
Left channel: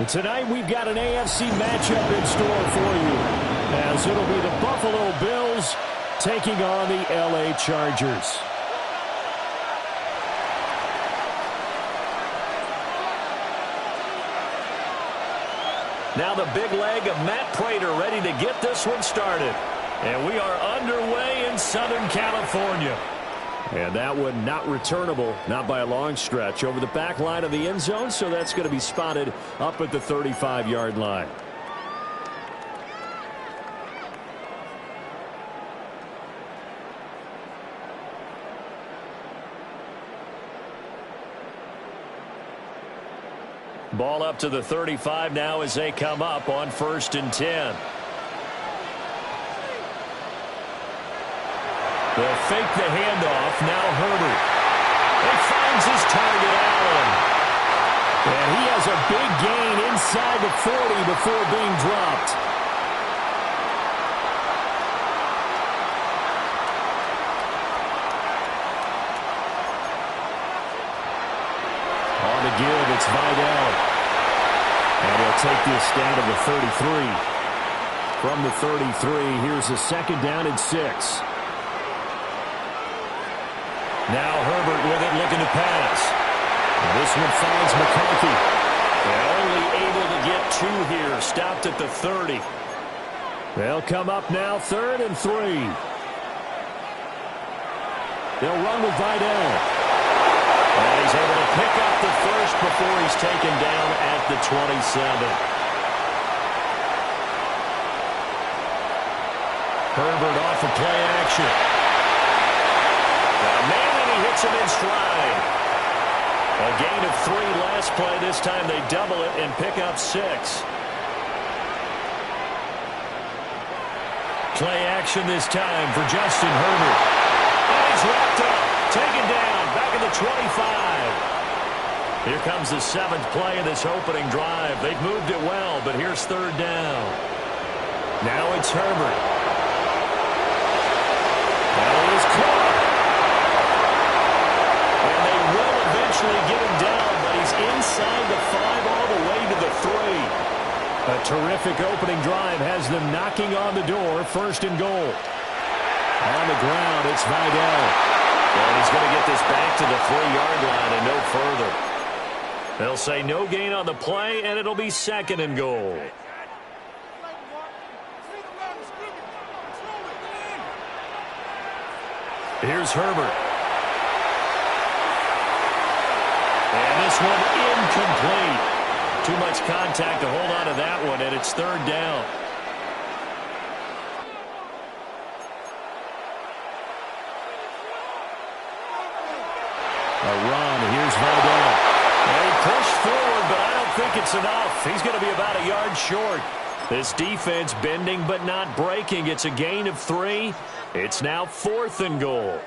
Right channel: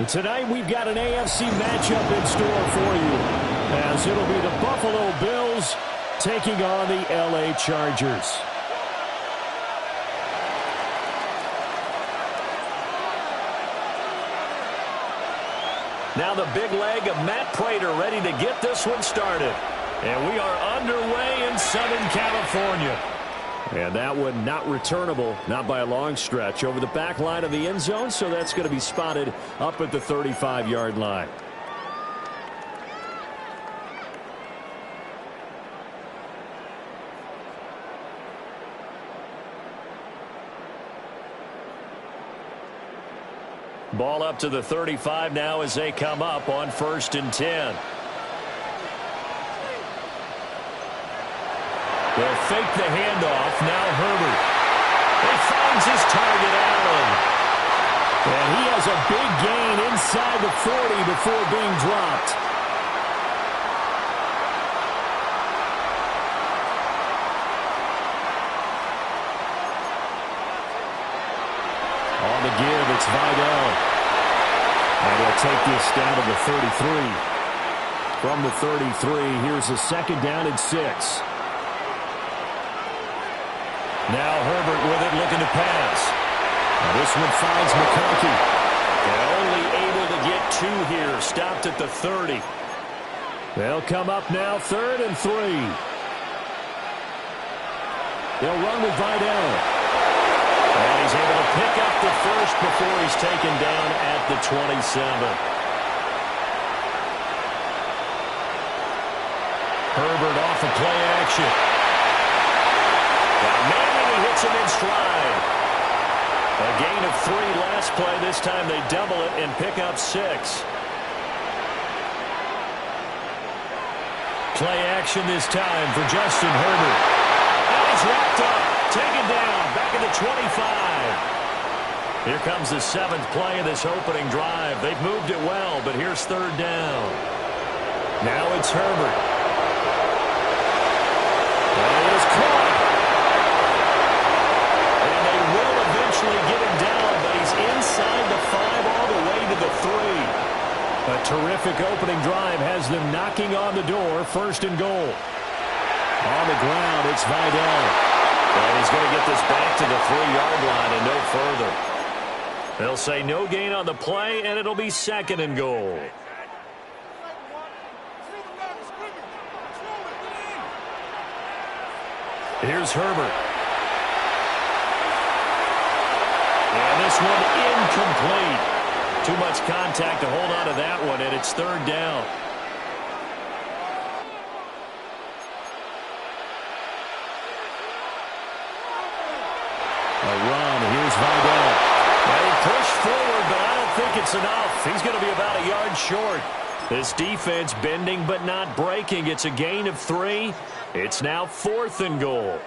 And tonight we've got an AFC matchup in store for you, as it'll be the Buffalo Bills taking on the LA Chargers. Now the big leg of Matt Prater ready to get this one started. And we are underway in Southern California. And that one not returnable, not by a long stretch, over the back line of the end zone, so that's going to be spotted up at the 35-yard line. Ball up to the 35 now as they come up on 1st and 10. They'll fake the handoff. Now Herbert. He finds his target, Allen. And he has a big gain inside the 40 before being dropped. On the give, it's Vidal. And he'll take this down to the 33. From the 33, here's a 2nd down and 6. Now Herbert with it, looking to pass. Now this one finds McConkey. And only able to get 2 here. Stopped at the 30. They'll come up now 3rd and 3. They'll run with Vidal. And he's able to pick up the first before he's taken down at the 27. Herbert off of play action. Got a man and he hits him in stride. A gain of 3 last play. This time they double it and pick up 6. Play action this time for Justin Herbert. And he's wrapped up. Taken down. Back at the 25. Here comes the 7th play of this opening drive. They've moved it well, but here's 3rd down. Now it's Herbert. That is caught. And they will eventually get him down, but he's inside the 5 all the way to the 3. A terrific opening drive has them knocking on the door. 1st and goal. On the ground, it's Vidal. And he's going to get this back to the 3-yard line and no further. They'll say no gain on the play, and it'll be 2nd and goal. Here's Herbert. And this one incomplete. Too much contact to hold on to that one, and it's 3rd down. A run. Here's Vidal. And he pushed forward, but I don't think it's enough. He's going to be about a yard short. This defense bending but not breaking. It's a gain of 3. It's now 4th and goal.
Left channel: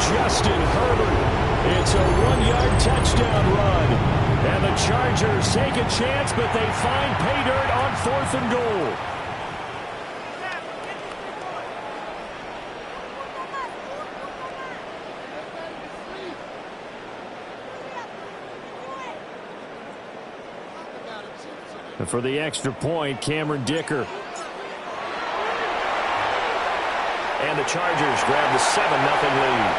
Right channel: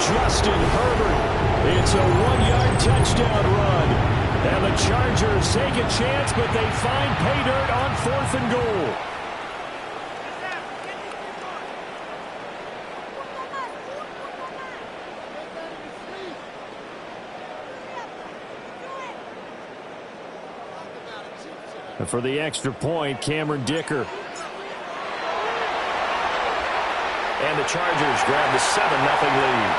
Justin Herbert. It's a 1-yard touchdown run. And the Chargers take a chance, but they find pay dirt on 4th and goal. And for the extra point, Cameron Dicker. And the Chargers grab the 7-0 lead.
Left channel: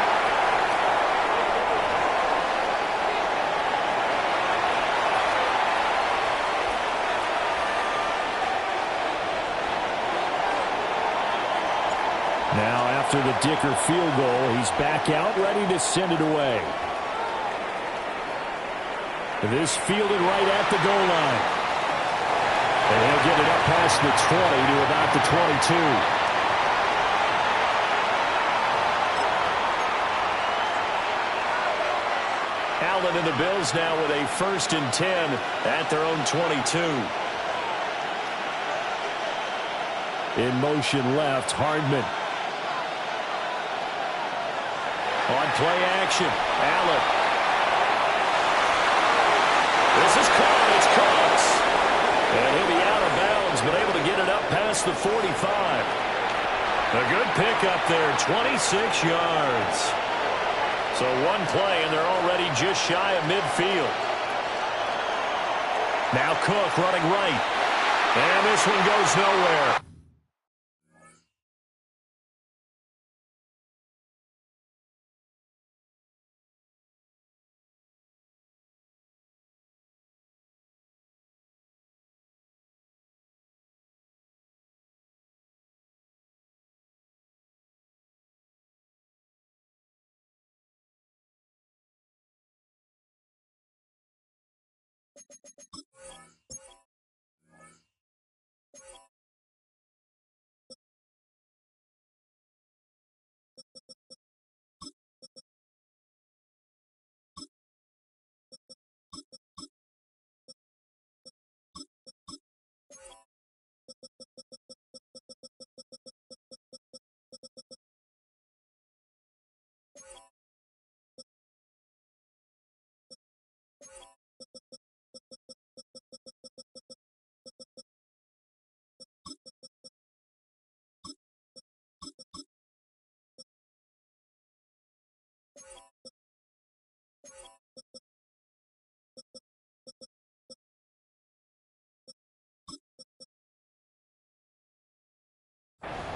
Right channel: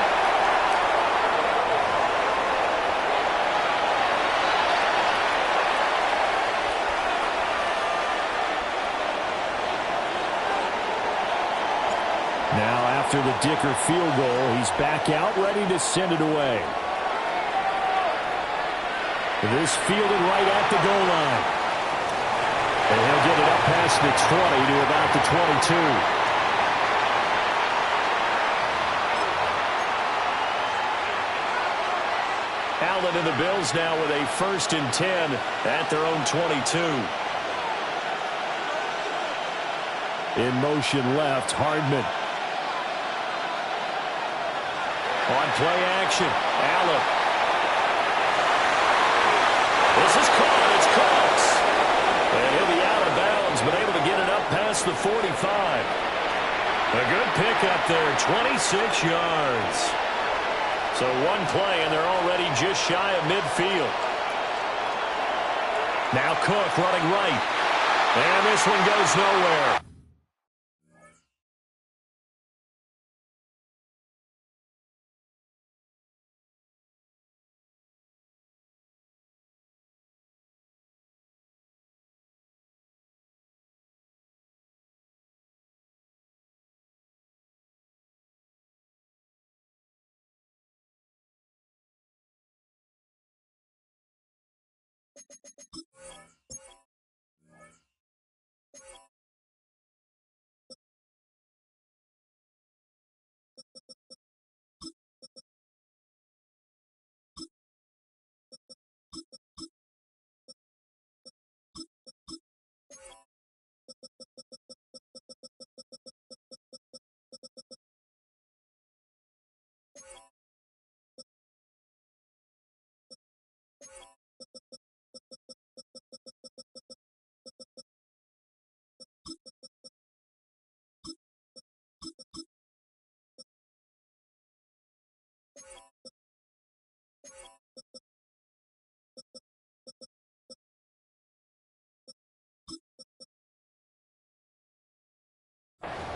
Now after the Dicker field goal, he's back out, ready to send it away. This fielded right at the goal line. And he'll get it up past the 20 to about the 22. Allen and the Bills now with a 1st and 10 at their own 22. In motion left, Hardman. On play action, Allen. This is caught. It's Cooks. And he'll be out of bounds, but able to get it up past the 45. A good pickup there, 26 yards. So one play, and they're already just shy of midfield. Now Cook running right. And this one goes nowhere.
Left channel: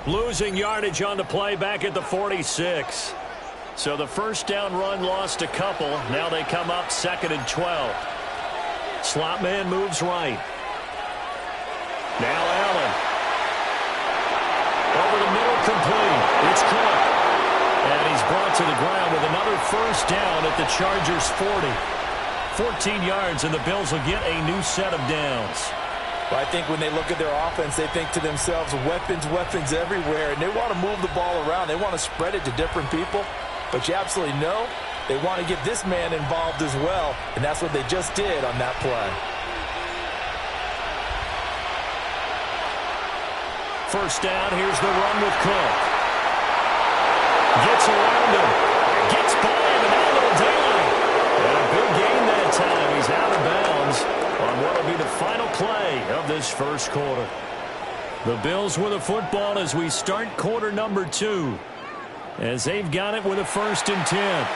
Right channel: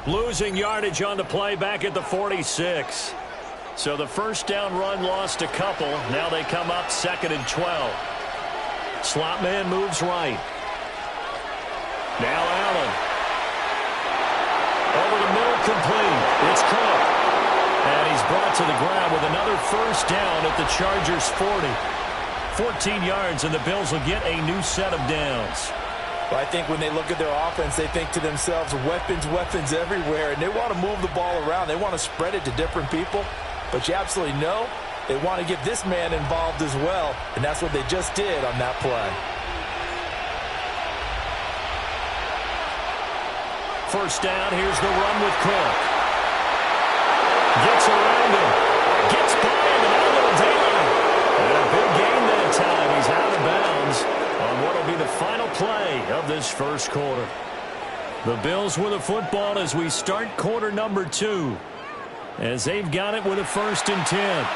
Losing yardage on the play back at the 46. So the first down run lost a couple. Now they come up 2nd and 12. Slot man moves right. Now Allen. Over the middle, complete. It's Cook. And he's brought to the ground with another first down at the Chargers' 40. 14 yards, and the Bills will get a new set of downs. Well, I think when they look at their offense, they think to themselves, weapons, weapons everywhere, and they want to move the ball around. They want to spread it to different people, but you absolutely know they want to get this man involved as well, and that's what they just did on that play. First down, here's the run with Cook. Gets around him, gets by him, and now a little daylight. And a big gain that time. He's out of bounds on what will be the final play of this first quarter. The Bills with the football as we start quarter number 2, as they've got it with a 1st and 10.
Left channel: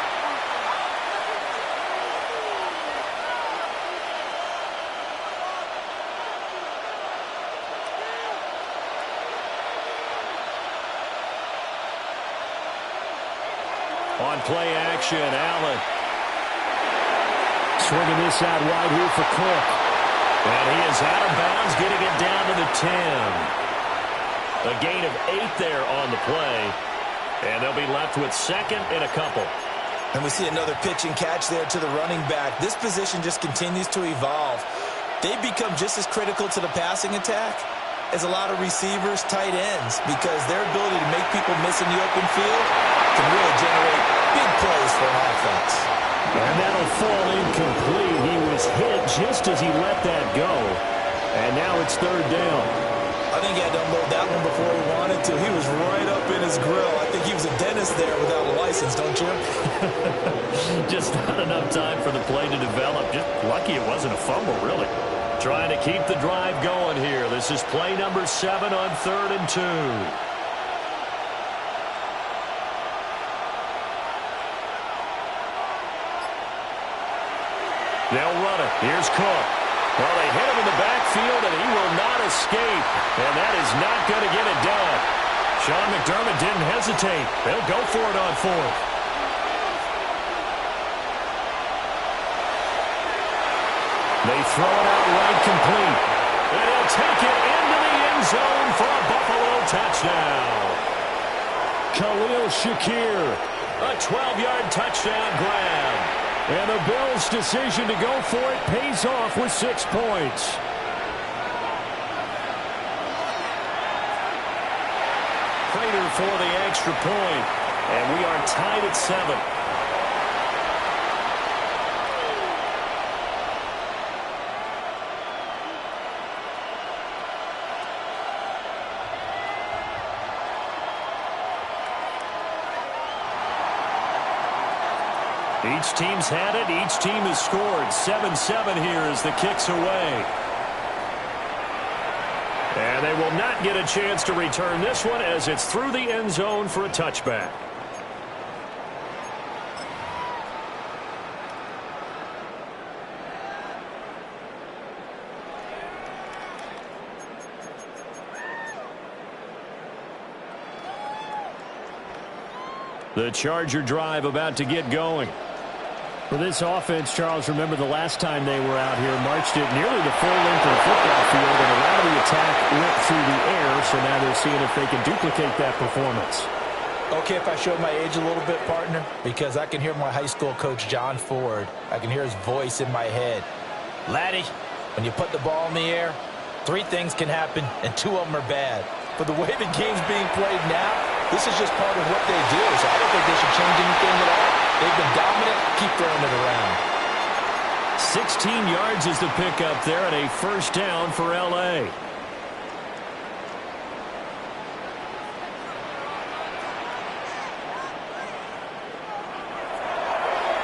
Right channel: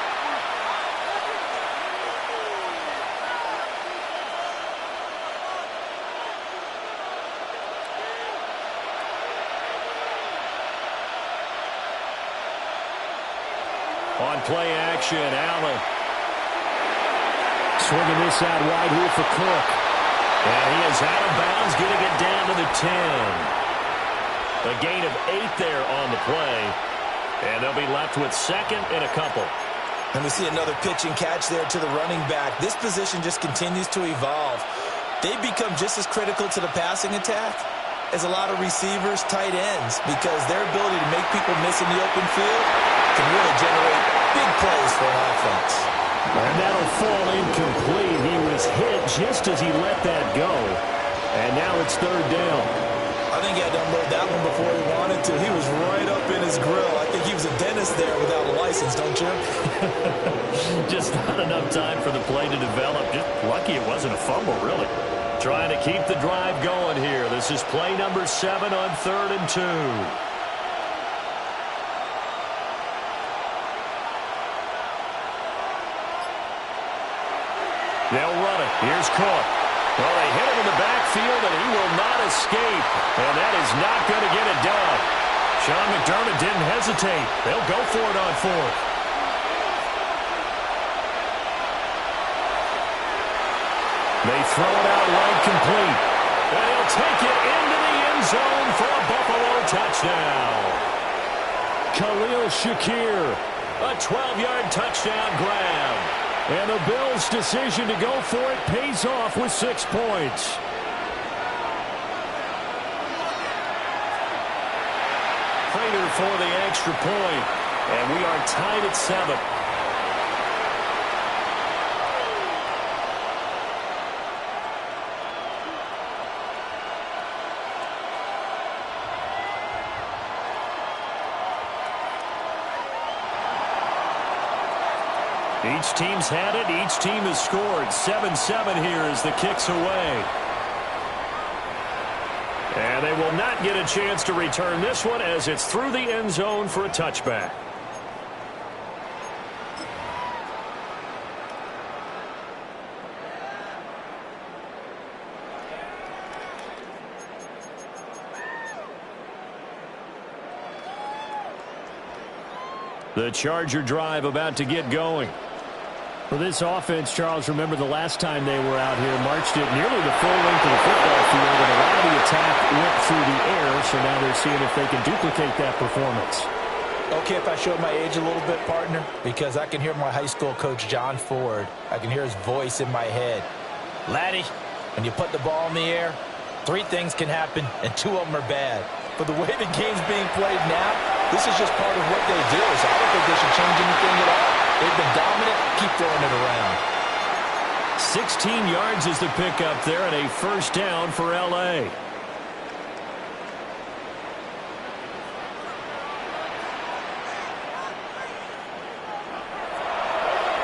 On play action, Allen. Swinging this out wide here for Cook. And he is out of bounds, getting it down to the 10. A gain of 8 there on the play. And they'll be left with 2nd and a couple. And we see another pitch and catch there to the running back. This position just continues to evolve. They become just as critical to the passing attack as a lot of receivers, tight ends, because their ability to make people miss in the open field can really generate big plays for an offense. And that'll fall incomplete. He was hit just as he let that go. And now it's 3rd down. I think he had to unload that one before he wanted to. He was right up in his grill. I think he was a dentist there without a license, don't you? Just not enough time for the play to develop. Just lucky it wasn't a fumble, really. Trying to keep the drive going here. This is play number 7 on 3rd and 2. They'll run it. Here's Cook. Well, they hit him in the backfield, and he will not escape. And that is not going to get it done. Sean McDermott didn't hesitate. They'll go for it on 4th. They throw it out right complete. And he'll take it into the end zone for a Buffalo touchdown. Khalil Shakir, a 12-yard touchdown grab. And the Bills' decision to go for it pays off with 6 points. Prater for the extra point. And we are tied at 7. Each team's had it. Each team has scored. 7-7 here as the kick's away. And they will not get a chance to return this one as it's through the end zone for a touchback. The Charger drive about to get going. For this offense, Charles, remember the last time they were out here, marched it nearly the full length of the football field, and a lot of the attack went through the air, so now they're seeing if they can duplicate that performance. Okay, if I show my age a little bit, partner, because I can hear my high school coach, John Ford. I can hear his voice in my head. Laddie, when you put the ball in the air, 3 things can happen, and 2 of them are bad. For the way the game's being played now, this is just part of what they do, so I don't think they should change anything at all. They've been dominant. Keep throwing it around. 16 yards is the pickup there, and a first down for L.A.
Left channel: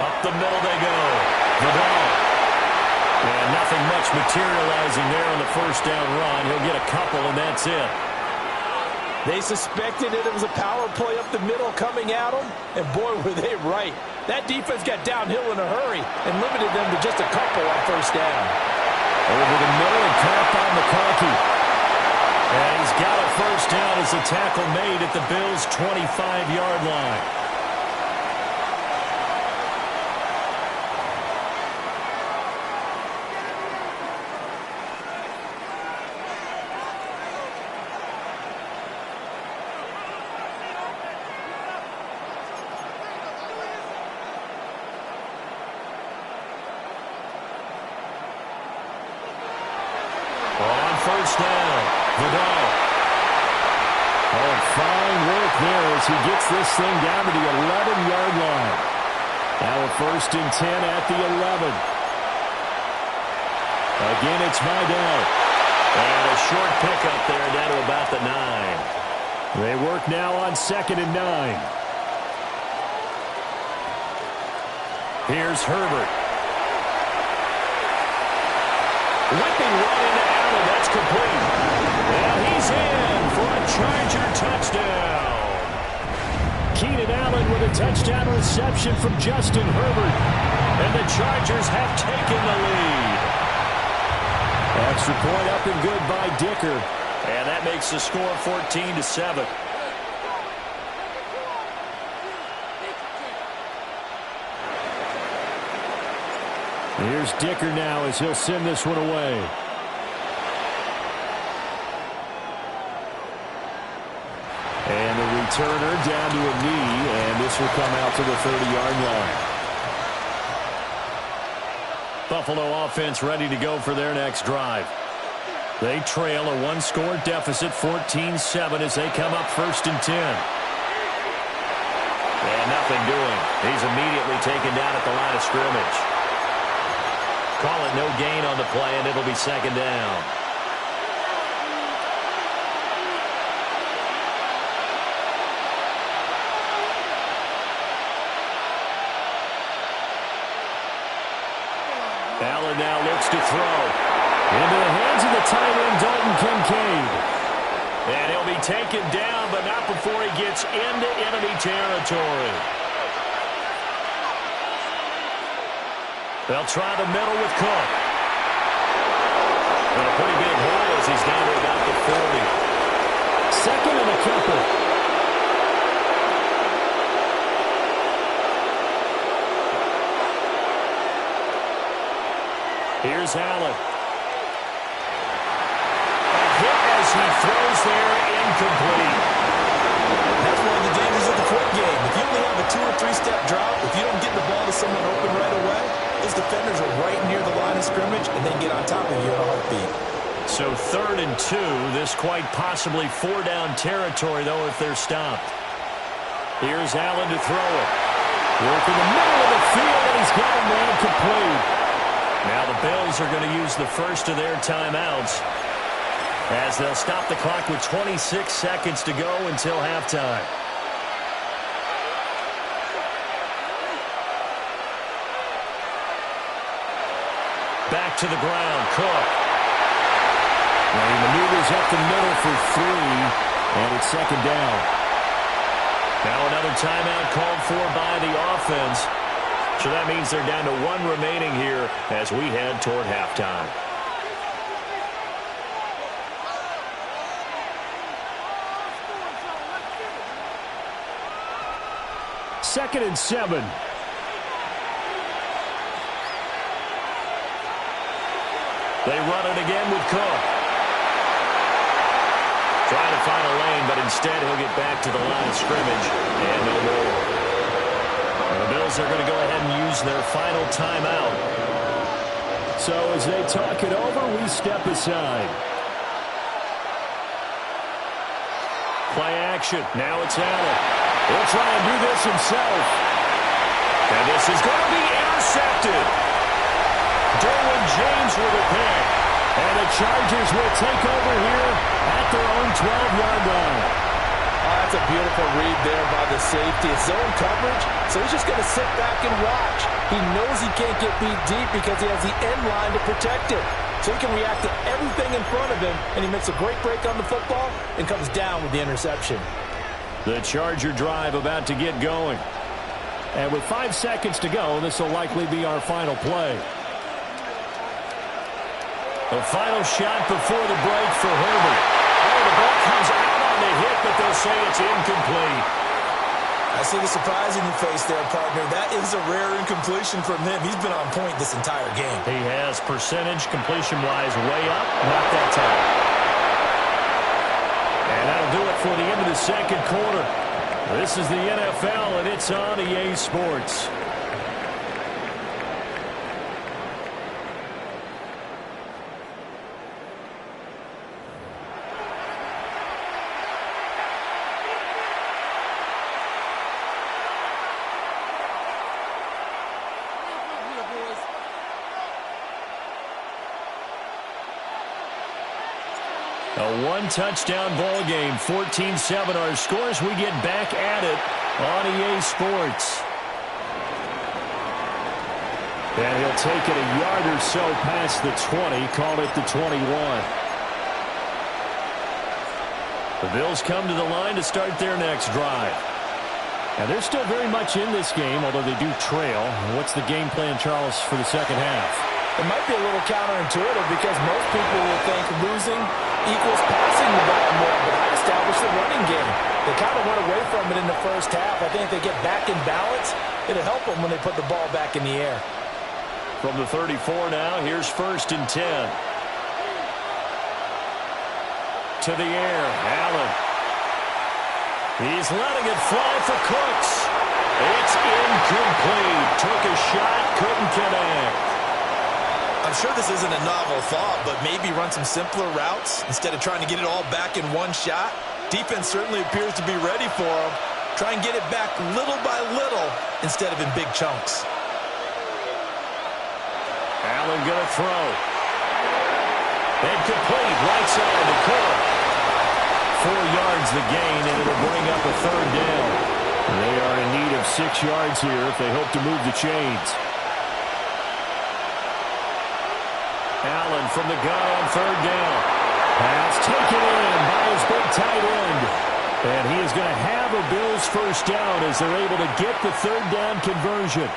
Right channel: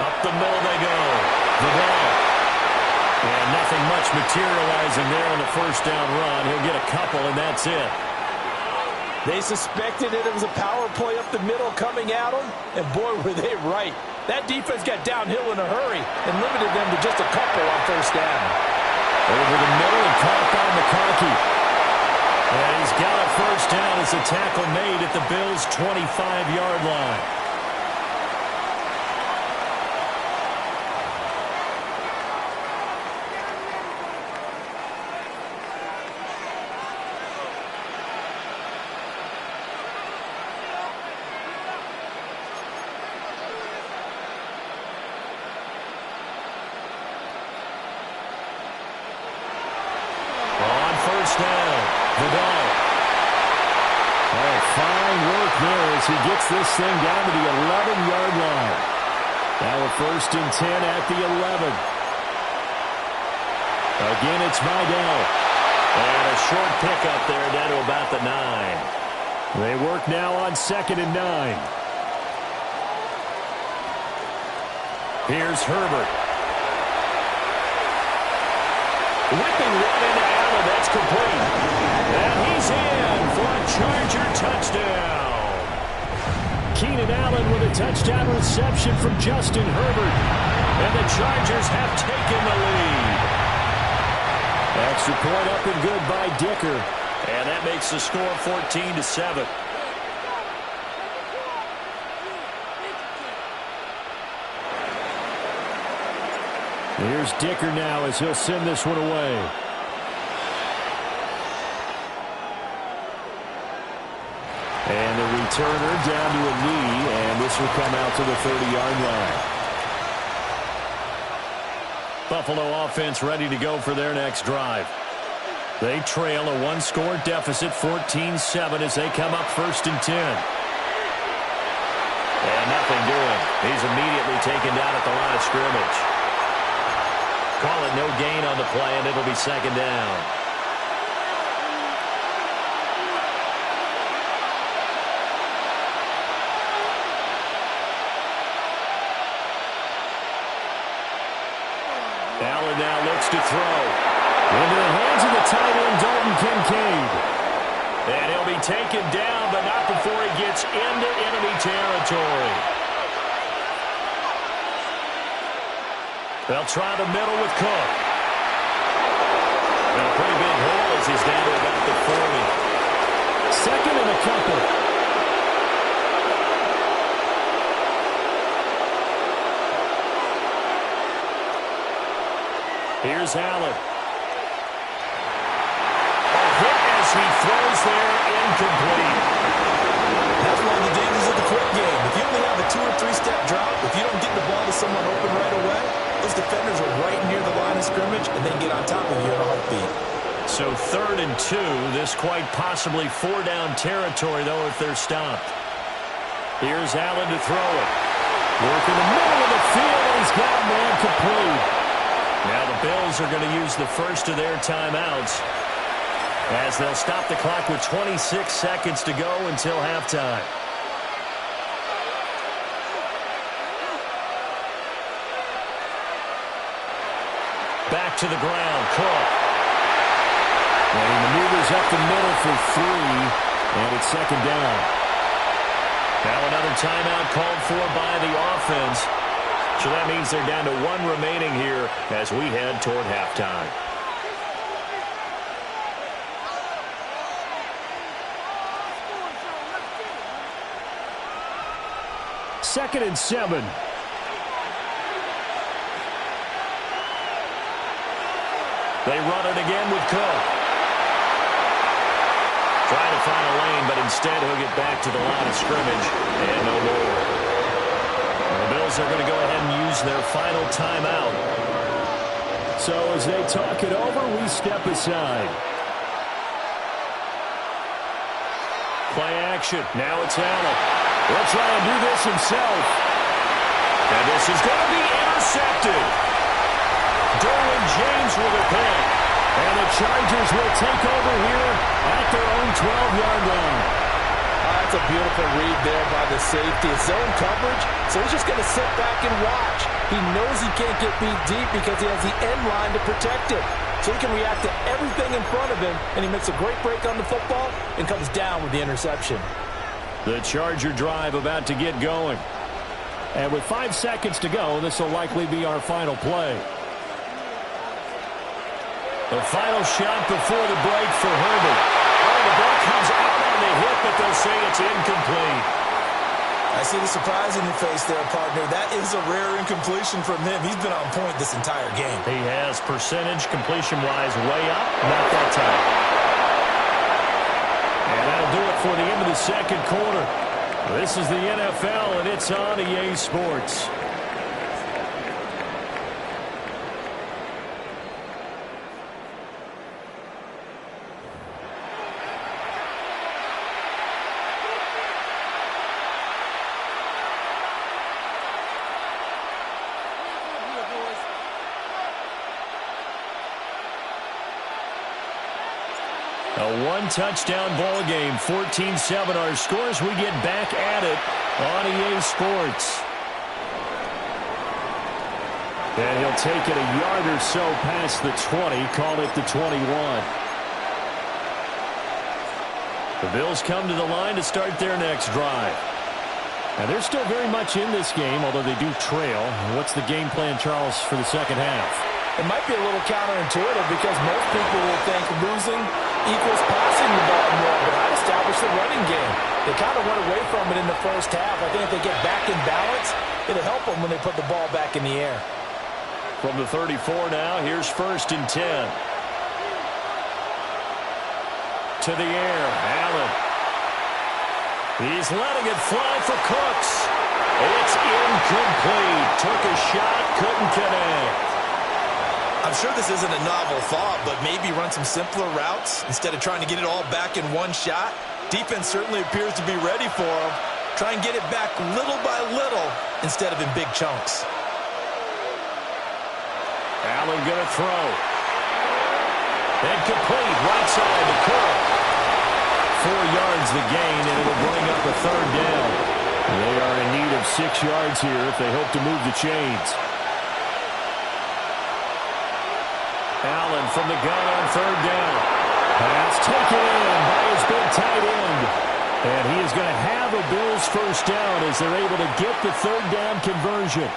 Up the middle they go. Vidal. And nothing much materializing there on the first down run. He'll get a couple, and that's it. They suspected it was a power play up the middle coming at them, and boy, were they right. That defense got downhill in a hurry and limited them to just a couple on first down. Over the middle and caught by McConkey. And he's got a first down as the tackle made at the Bills' 25-yard line. First down, Vidal. Oh, fine work there as he gets this thing down to the 11-yard line. Now a 1st and 10 at the 11. Again, it's Vidal. And a short pickup there down to about the 9. They work now on 2nd and 9. Here's Herbert. Whipping one into Allen. That's complete. And he's in for a Charger touchdown. Keenan Allen with a touchdown reception from Justin Herbert. And the Chargers have taken the lead. Extra point up and good by Dicker. And that makes the score 14-7. Here's Dicker now as he'll send this one away. And the returner down to a knee, and this will come out to the 30-yard line. Buffalo offense ready to go for their next drive. They trail a 1-score deficit, 14-7, as they come up 1st and 10. And nothing doing. He's immediately taken down at the line of scrimmage. Call it no gain on the play, and it'll be 2nd down. Allen now looks to throw. Into the hands of the tight end, Dalton Kincaid. And he'll be taken down, but not before he gets into enemy territory. They'll try the middle with Cook. And a pretty big hole as he's down to about the 40. 2nd and a couple. Here's Allen. A hit as he throws there, incomplete. That's one of the dangers of the quick game. If you only have a 2- or 3-step drop, if you don't get the ball to someone open right away, those defenders are right near the line of scrimmage, and they can get on top of you in a heartbeat. So 3rd and 2. This quite possibly 4-down territory, though, if they're stopped. Here's Allen to throw it. Work in the middle of the field, and he's got a man complete. Now the Bills are going to use the first of their timeouts as they'll stop the clock with 26 seconds to go until halftime. back to the ground. Cook. And he maneuvers up the middle for 3, and it's second down. Now another timeout called for by the offense. So that means they're down to 1 remaining here as we head toward halftime. Second and 7. They run it again with Cook. Trying to find a lane, but instead he'll get back to the line of scrimmage and no more. And the Bills are going to go ahead and use their final timeout. So as they talk it over, we step aside. Play action. Now it's Allen. He'll try and do this himself. And this is going to be intercepted. Derwin James with a pick. And the Chargers will take over here at their own 12-yard line. That's a beautiful read there by the safety. It's zone coverage, so he's just going to sit back and watch. He knows he can't get beat deep because he has the end line to protect him. So he can react to everything in front of him, and he makes a great break on the football and comes down with the interception. The Charger drive about to get going. And with 5 seconds to go, this will likely be our final play. The final shot before the break for Herbert. Oh, the ball comes out on the hit, but they'll say it's incomplete. I see the surprise in your face there, partner. That is a rare incompletion from him. He's been on point this entire game. He has percentage completion-wise way up, not that time. And that'll do it for the end of the second quarter. This is the NFL, and it's on EA Sports. A one-touchdown ball game, 14-7 our scores. We get back at it on EA Sports. And he'll take it a yard or so past the 20, call it the 21. The Bills come to the line to start their next drive. Now they're still very much in this game, although they do trail. What's the game plan, Charles, for the second half? It might be a little counterintuitive because most people will think losing equals passing the ball more, but I'd establish the running game. They kind of went away from it in the first half. I think if they get back in balance, it'll help them when they put the ball back in the air. From the 34 now, here's 1st and 10. To the air, Allen. He's letting it fly for Cooks. It's incomplete. Took a shot, couldn't connect. I'm sure this isn't a novel thought, but maybe run some simpler routes instead of trying to get it all back in one shot. Defense certainly appears to be ready for him. Try and get it back little by little instead of in big chunks. Allen going to throw. Incomplete, right side to Cook. 4 yards the gain, and it'll bring up a 3rd down. They are in need of 6 yards here if they hope to move the chains. Allen from the gun on 3rd down. Pass taken in by his big tight end. And he is going to have a Bills 1st down as they're able to get the 3rd down conversion.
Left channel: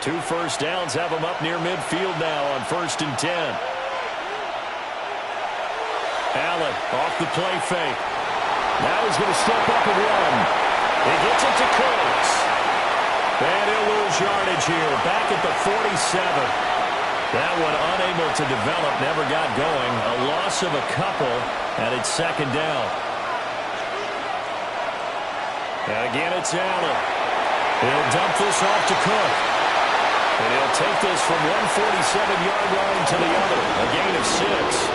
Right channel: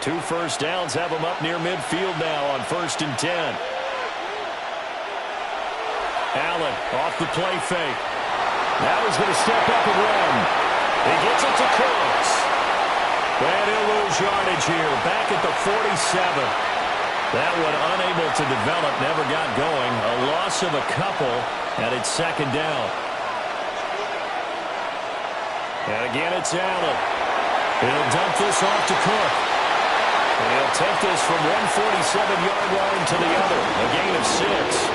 2 first downs have them up near midfield now on 1st and 10. Allen off the play fake. Now he's going to step up and run. He gets it to Cooks. And he'll lose yardage here. Back at the 47. That one unable to develop, never got going. A loss of a couple, and it's 2nd down. And again, it's Allen. He'll dump this off to Cook. And he'll take this from 147-yard line to the other. A gain of 6.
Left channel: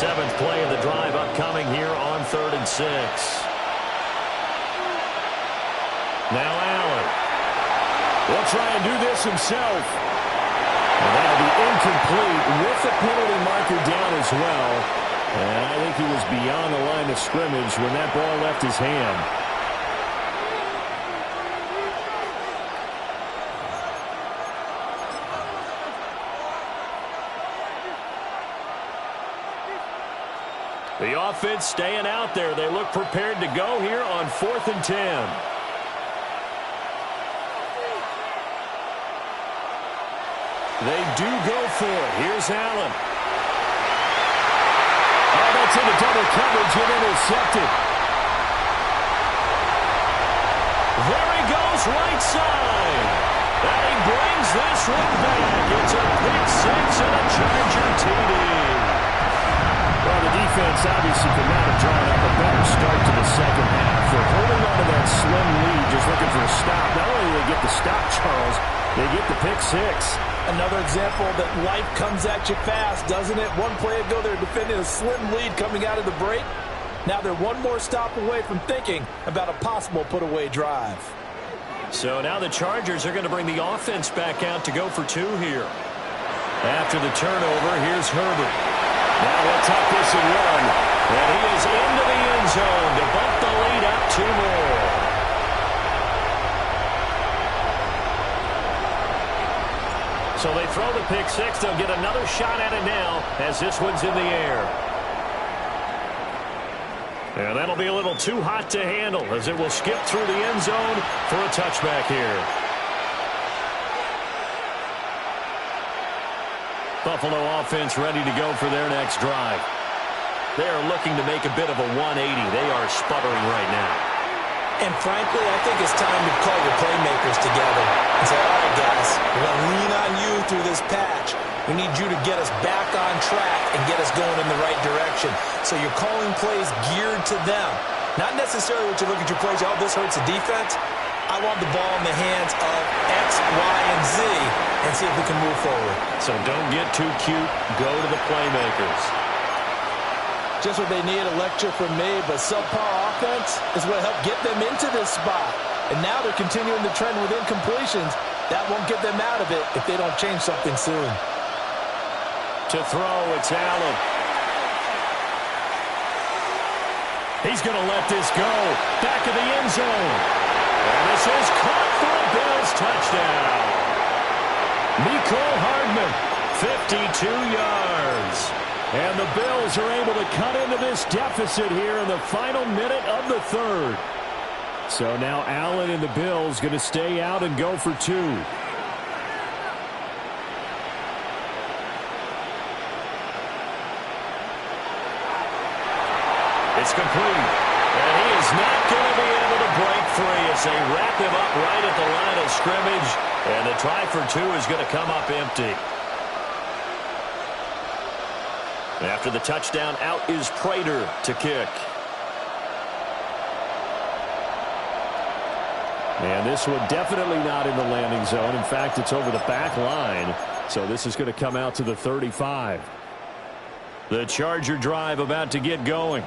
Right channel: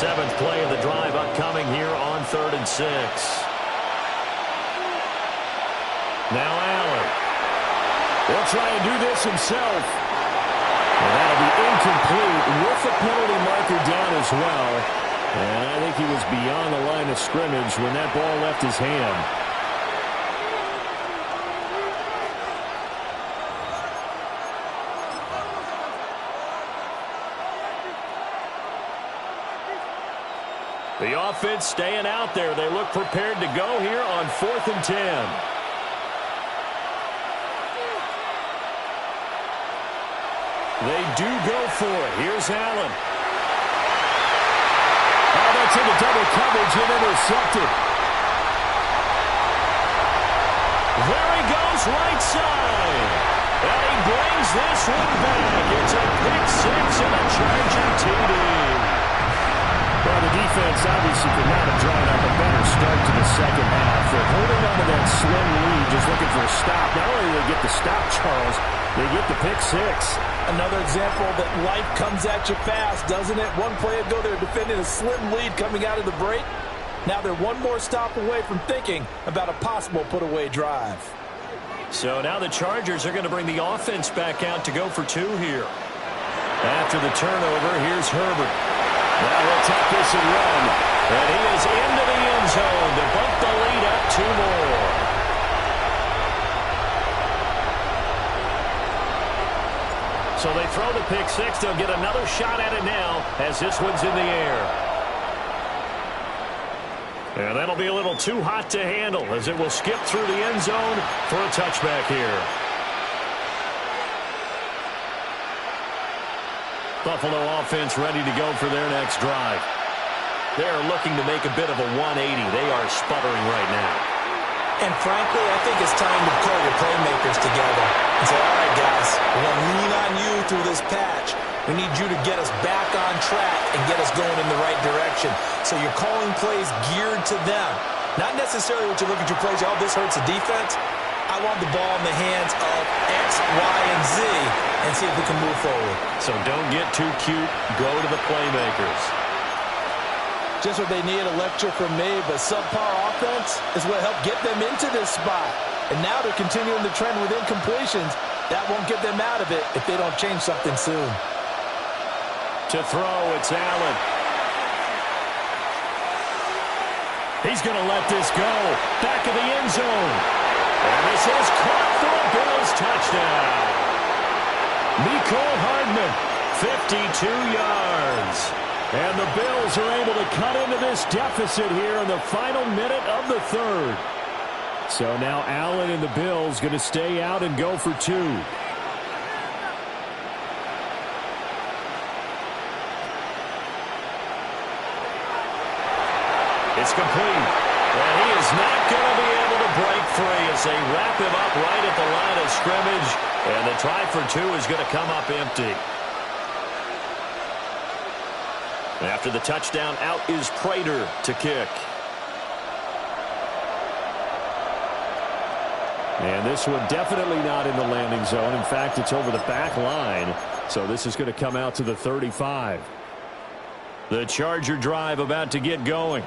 7th play of the drive upcoming here on 3rd and 6. Now Allen. He'll try and do this himself. And that'll be incomplete with the penalty marker down as well. And I think he was beyond the line of scrimmage when that ball left his hand. The offense staying out there. They look prepared to go here on 4th and 10. They do go for it. Here's Allen. Oh, that's into double coverage and intercepted. There he goes, right side. And he brings this one back. It's a pick six and a Charger TD. Well, the defense obviously could not have drawn up a better start to the second half. They're holding on to that slim lead, just looking for a stop. Not only do they get the stop, Charles, they get the pick six. Another example that life comes at you fast, doesn't it? One play ago, they were defending a slim lead coming out of the break. Now they're one more stop away from thinking about a possible put-away drive. So now the Chargers are going to bring the offense back out to go for two here. After the turnover, here's Herbert. Now he'll tuck this and run. And he is into the end zone to bump the lead up 2 more. So they throw the pick six. They'll get another shot at it now as this one's in the air. And that'll be a little too hot to handle as it will skip through the end zone for a touchback here. Buffalo offense ready to go for their next drive. They are looking to make a bit of a 180. They are sputtering right now. And frankly, I think it's time to call your playmakers together and say, all right, guys, we're going to lean on you through this patch. We need you to get us back on track and get us going in the right direction. So you're calling plays geared to them. Not necessarily what you look at your plays, oh, this hurts the defense. I want the ball in the hands of X, Y, and Z and see if we can move forward. So don't get too cute. Go to the playmakers. Just what they need, a lecture from me, but subpar offense is what helped get them into this spot. And now they're continuing the trend with incompletions. That won't get them out of it if they don't change something soon. To throw, it's Allen. He's going to let this go. Back of the end zone. And this is caught for a Bills touchdown. Mecole Hardman, 52 yards. And the Bills are able to cut into this deficit here in the final minute of the third. So now Allen and the Bills going to stay out and go for two. It's complete. And he is not going to be able to break free as they wrap him up right at the line of scrimmage. And the try for two is going to come up empty. After the touchdown, out is Prater to kick. And this one definitely not in the landing zone. In fact, it's over the back line. So this is going to come out to the 35. The Charger drive about to get going.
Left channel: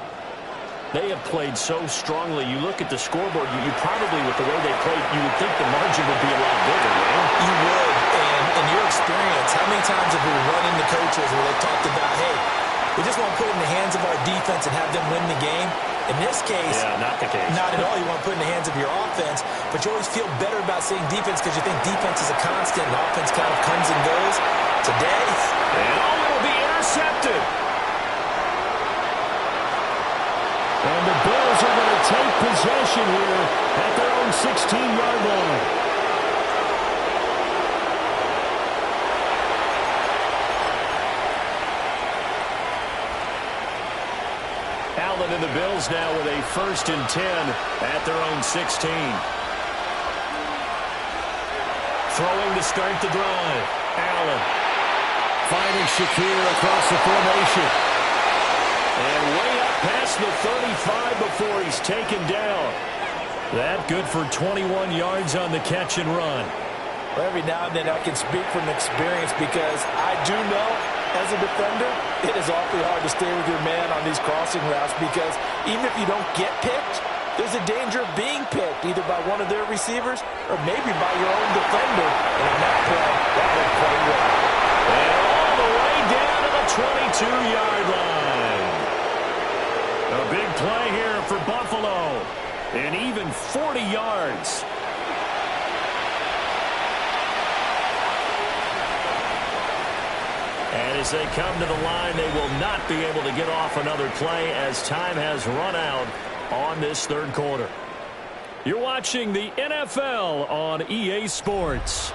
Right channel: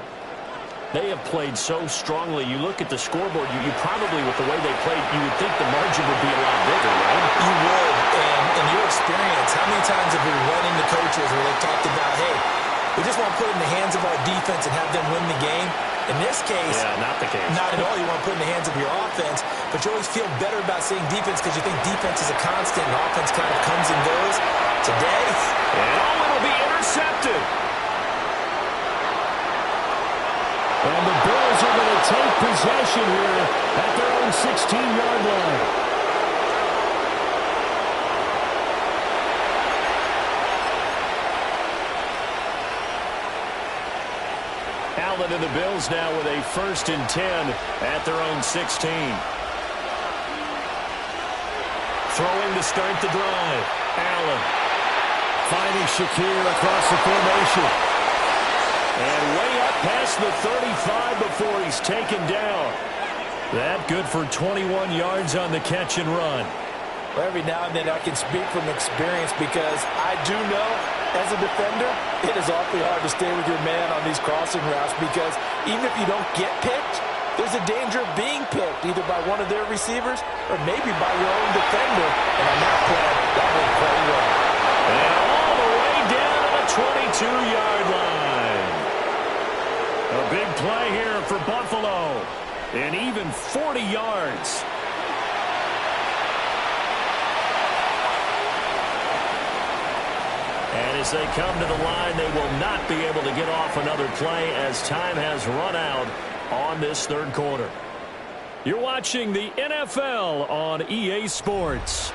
They have played so strongly. You look at the scoreboard, you probably, with the way they played, you would think the margin would be a lot bigger, right? You would. And in your experience, how many times have we run into coaches where they've talked about, hey, we just want to put it in the hands of our defense and have them win the game? In this case, yeah, not the case. Not at all. You want to put it in the hands of your offense, but you always feel better about seeing defense because you think defense is a constant and offense kind of comes and goes. Today, and it'll be intercepted. And the Bills are going to take possession here at their own 16-yard line. Allen and the Bills now with a 1st and 10 at their own 16. Throwing to start the drive. Allen finding Shakir across the formation. And way up past the 35 before he's taken down. That good for 21 yards on the catch and run. Well, every now and then I can speak from experience because I do know, as a defender, it is awfully hard to stay with your man on these crossing routes because even if you don't get picked, there's a danger of being picked either by one of their receivers or maybe by your own defender. And on that play, that worked quite well. And all the way down to the 22-yard line. A big play here for Buffalo. And even 40 yards. And as they come to the line, they will not be able to get off another play as time has run out on this third quarter. You're watching the NFL on EA Sports.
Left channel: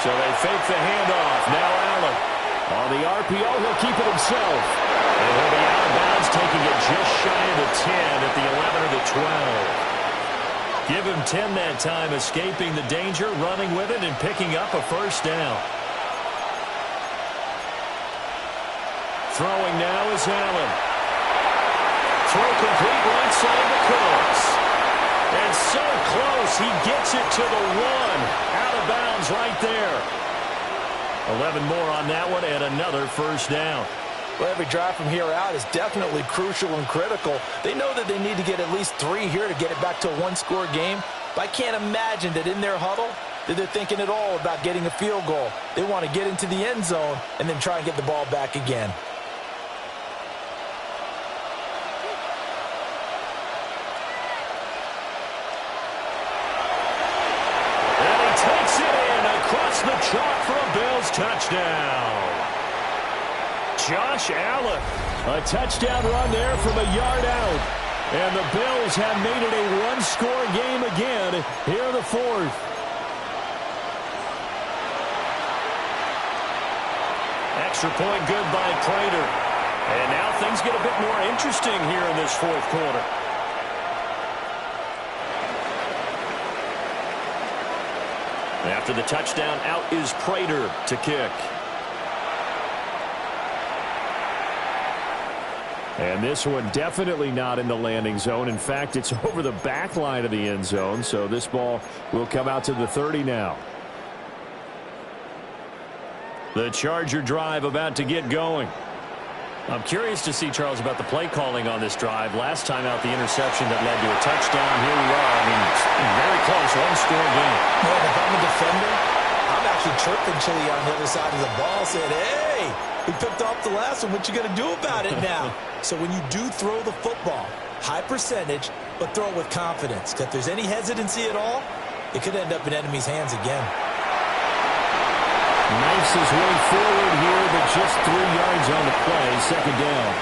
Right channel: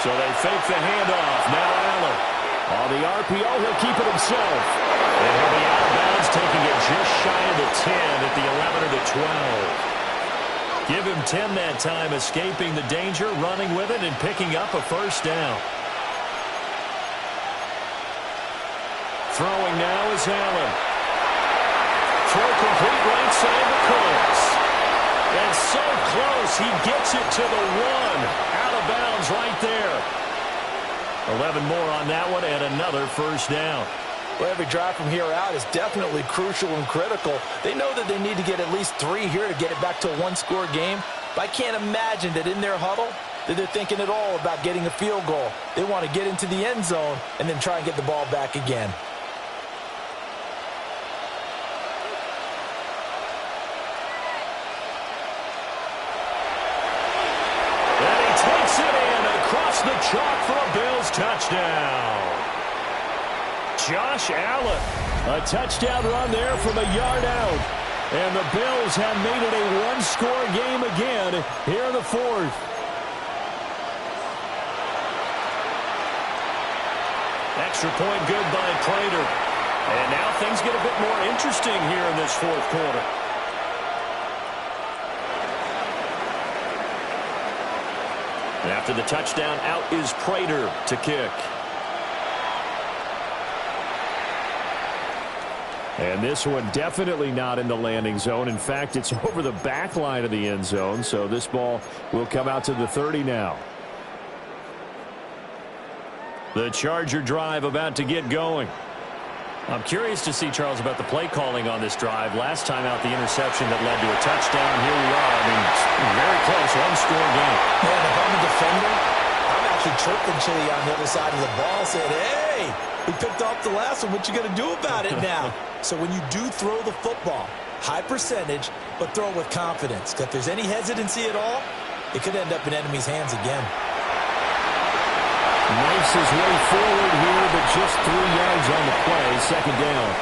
So they fake the handoff. Now Allen. On the RPO, he'll keep it himself. And he'll be out of bounds, taking it just shy of the 10 at the 11 or the 12. Give him 10 that time, escaping the danger, running with it, and picking up a first down. Throwing now is Allen. Throw complete right side to Cooks. And so close, he gets it to the 1. Out of bounds right there. 11 more on that one, and another first down. Well, every drive from here out is definitely crucial and critical. They know that they need to get at least 3 here to get it back to a one-score game. But I can't imagine that in their huddle that they're thinking at all about getting a field goal. They want to get into the end zone and then try and get the ball back again. And he takes it in across the chalk for a Bills touchdown. Josh Allen. A touchdown run there from a yard out. And the Bills have made it a one-score game again here in the fourth. Extra point good by Prater. And now things get a bit more interesting here in this fourth quarter. After the touchdown, out is Prater to kick. And this one definitely not in the landing zone. In fact, it's over the back line of the end zone. So this ball will come out to the 30 now. The Charger drive about to get going. I'm curious to see, Charles, about the play calling on this drive. Last time out, the interception that led to a touchdown. Here we are. I mean, very close, one-score game. Man, if I'm a defender, I'm actually chirping Chili on the other side of the ball, saying, hey, we picked off the last one. What you going to do about it now? So when you do throw the football, high percentage, but throw it with confidence. Because if there's any hesitancy at all, it could end up in enemy's hands again. Knifes his way forward here, but just 3 yards on the play. Second down.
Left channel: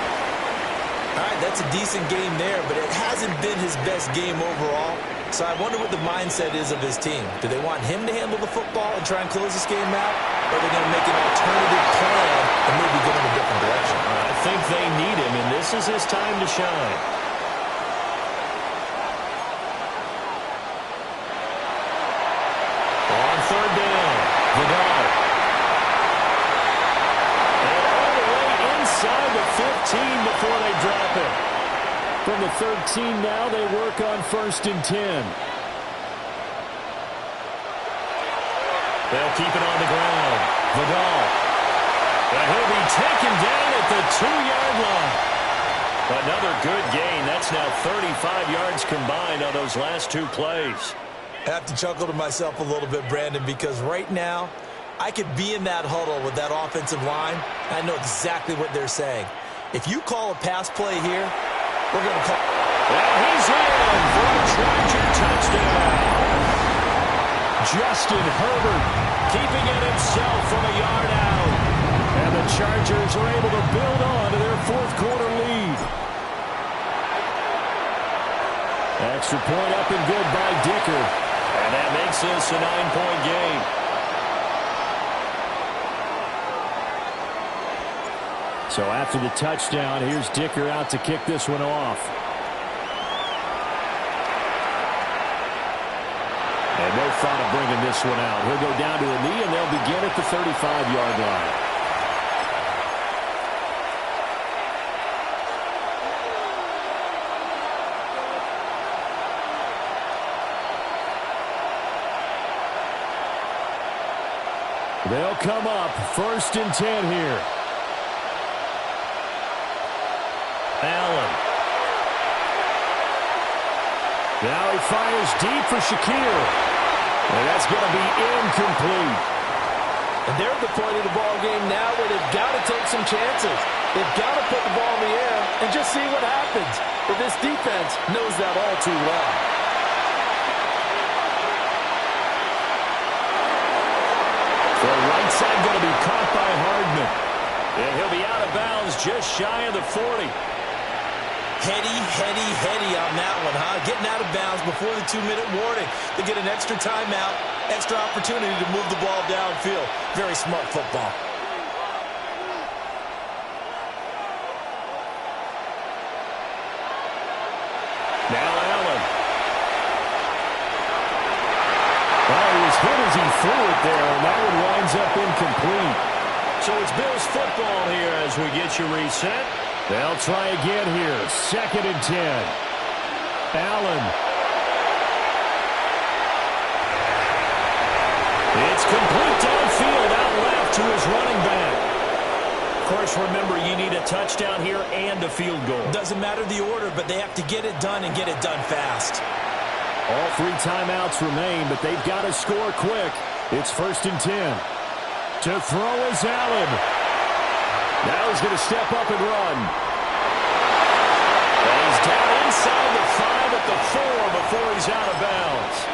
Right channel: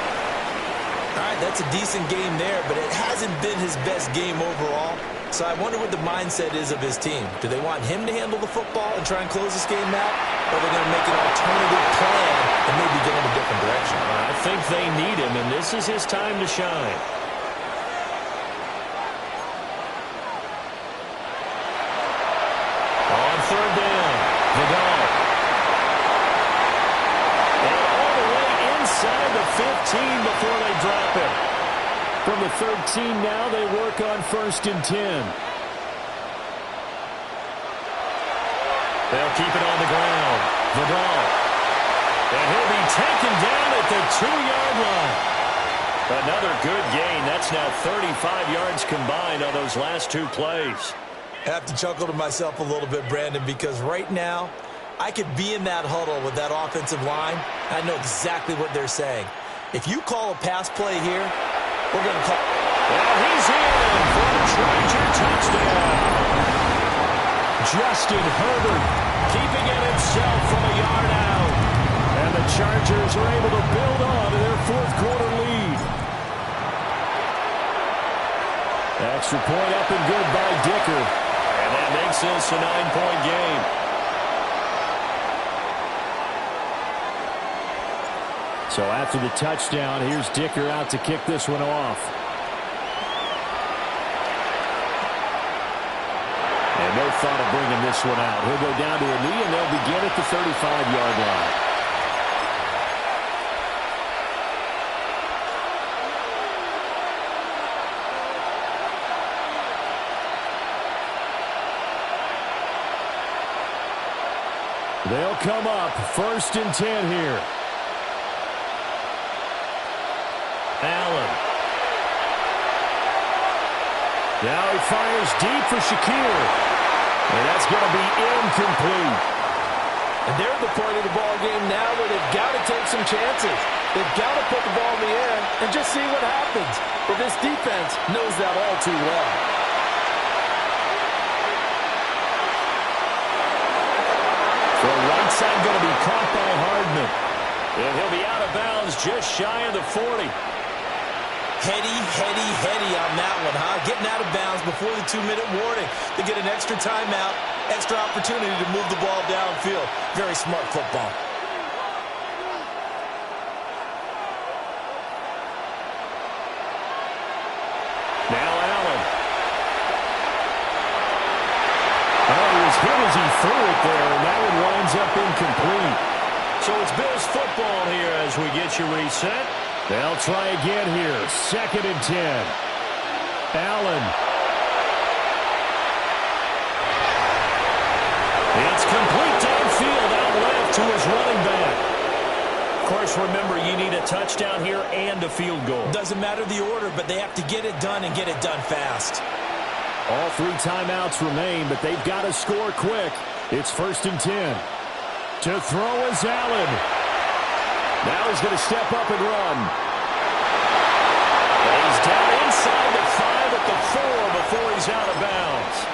All right, that's a decent game there, but it hasn't been his best game overall. So I wonder what the mindset is of his team. Do they want him to handle the football and try and close this game out? Or are they going to make an alternative plan and maybe go in a different direction? I think they need him, and this is his time to shine. On third down, Vidal. And all the way inside the 15 before they drop him. From the 13 now, they work on 1st and 10. They'll keep it on the ground. Vidal. And he'll be taken down at the 2-yard line. Another good gain. That's now 35 yards combined on those last 2 plays. I have to chuckle to myself a little bit, Brandon, because right now, I could be in that huddle with that offensive line. I know exactly what they're saying. If you call a pass play here, we're going to call. And he's in for a Charger touchdown. Justin Herbert keeping it himself from a yard out. And the Chargers are able to build on to their fourth quarter lead. Extra point up and good by Dicker. And that makes this a 9-point game. So after the touchdown, here's Dicker out to kick this one off. And no thought of bringing this one out. He'll go down to a knee, and they'll begin at the 35-yard line. They'll come up 1st and 10 here. Allen. Now he fires deep for Shakir. And that's going to be incomplete. And they're at the point of the ball game now where they've got to take some chances. They've got to put the ball in the air and just see what happens. But this defense knows that all too well. The right side going to be caught by Hardman. And he'll be out of bounds just shy of the 40. Heady on that one, huh? Getting out of bounds before the 2-minute warning. They get an extra timeout, extra opportunity to move the ball downfield. Very smart football. Now Allen. Oh, he was hit as he threw it there, and that one winds up incomplete. So it's Bills football here as we get you reset. They'll try again here. 2nd and 10. Allen. It's complete downfield, out left to his running back. Of course, remember, you need a touchdown here and a field goal. Doesn't matter the order, but they have to get it done and get it done fast. All 3 timeouts remain, but they've got to score quick. It's 1st and 10. To throw is Allen. Now he's going to step up and run. And he's down inside the 5 at the 4 before he's out of bounds.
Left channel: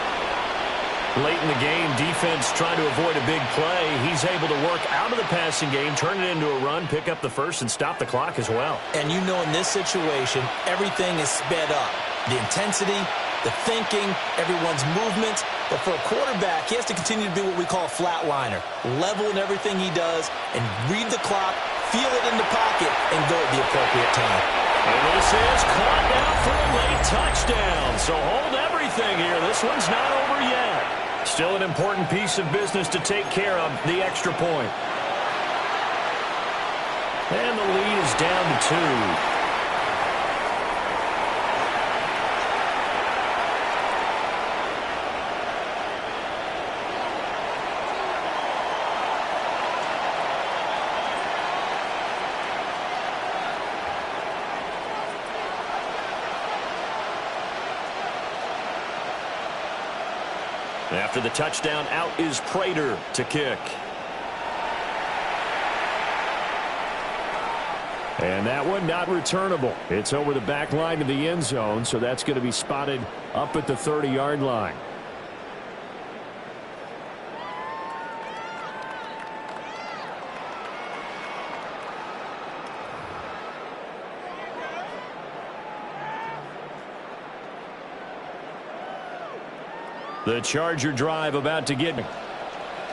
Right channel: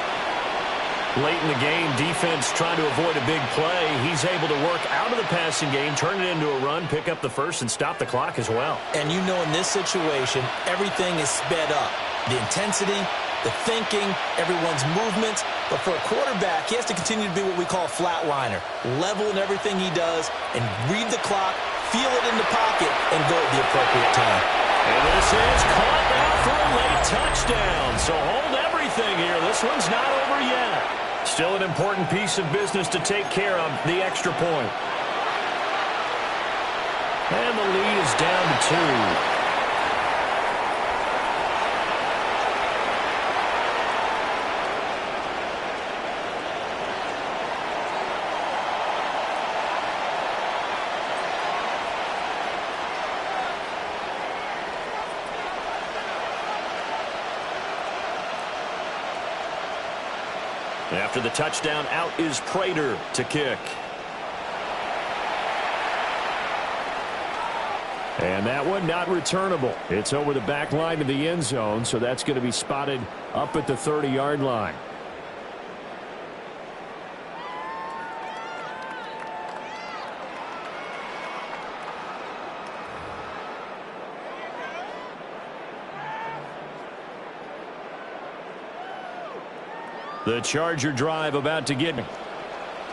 Late in the game, defense trying to avoid a big play. He's able to work out of the passing game, turn it into a run, pick up the first, and stop the clock as well. And you know in this situation, everything is sped up. The intensity, the thinking, everyone's movement. But for a quarterback, he has to continue to be what we call a flatliner. Level in everything he does and read the clock, feel it in the pocket, and go at the appropriate time. And this is caught now for a late touchdown. So hold everything here. This one's not over yet. Still an important piece of business to take care of, the extra point. And the lead is down to 2. After the touchdown, out is Prater to kick. And that one not returnable. It's over the back line of the end zone, so that's going to be spotted up at the 30-yard line. The Charger drive about to get me.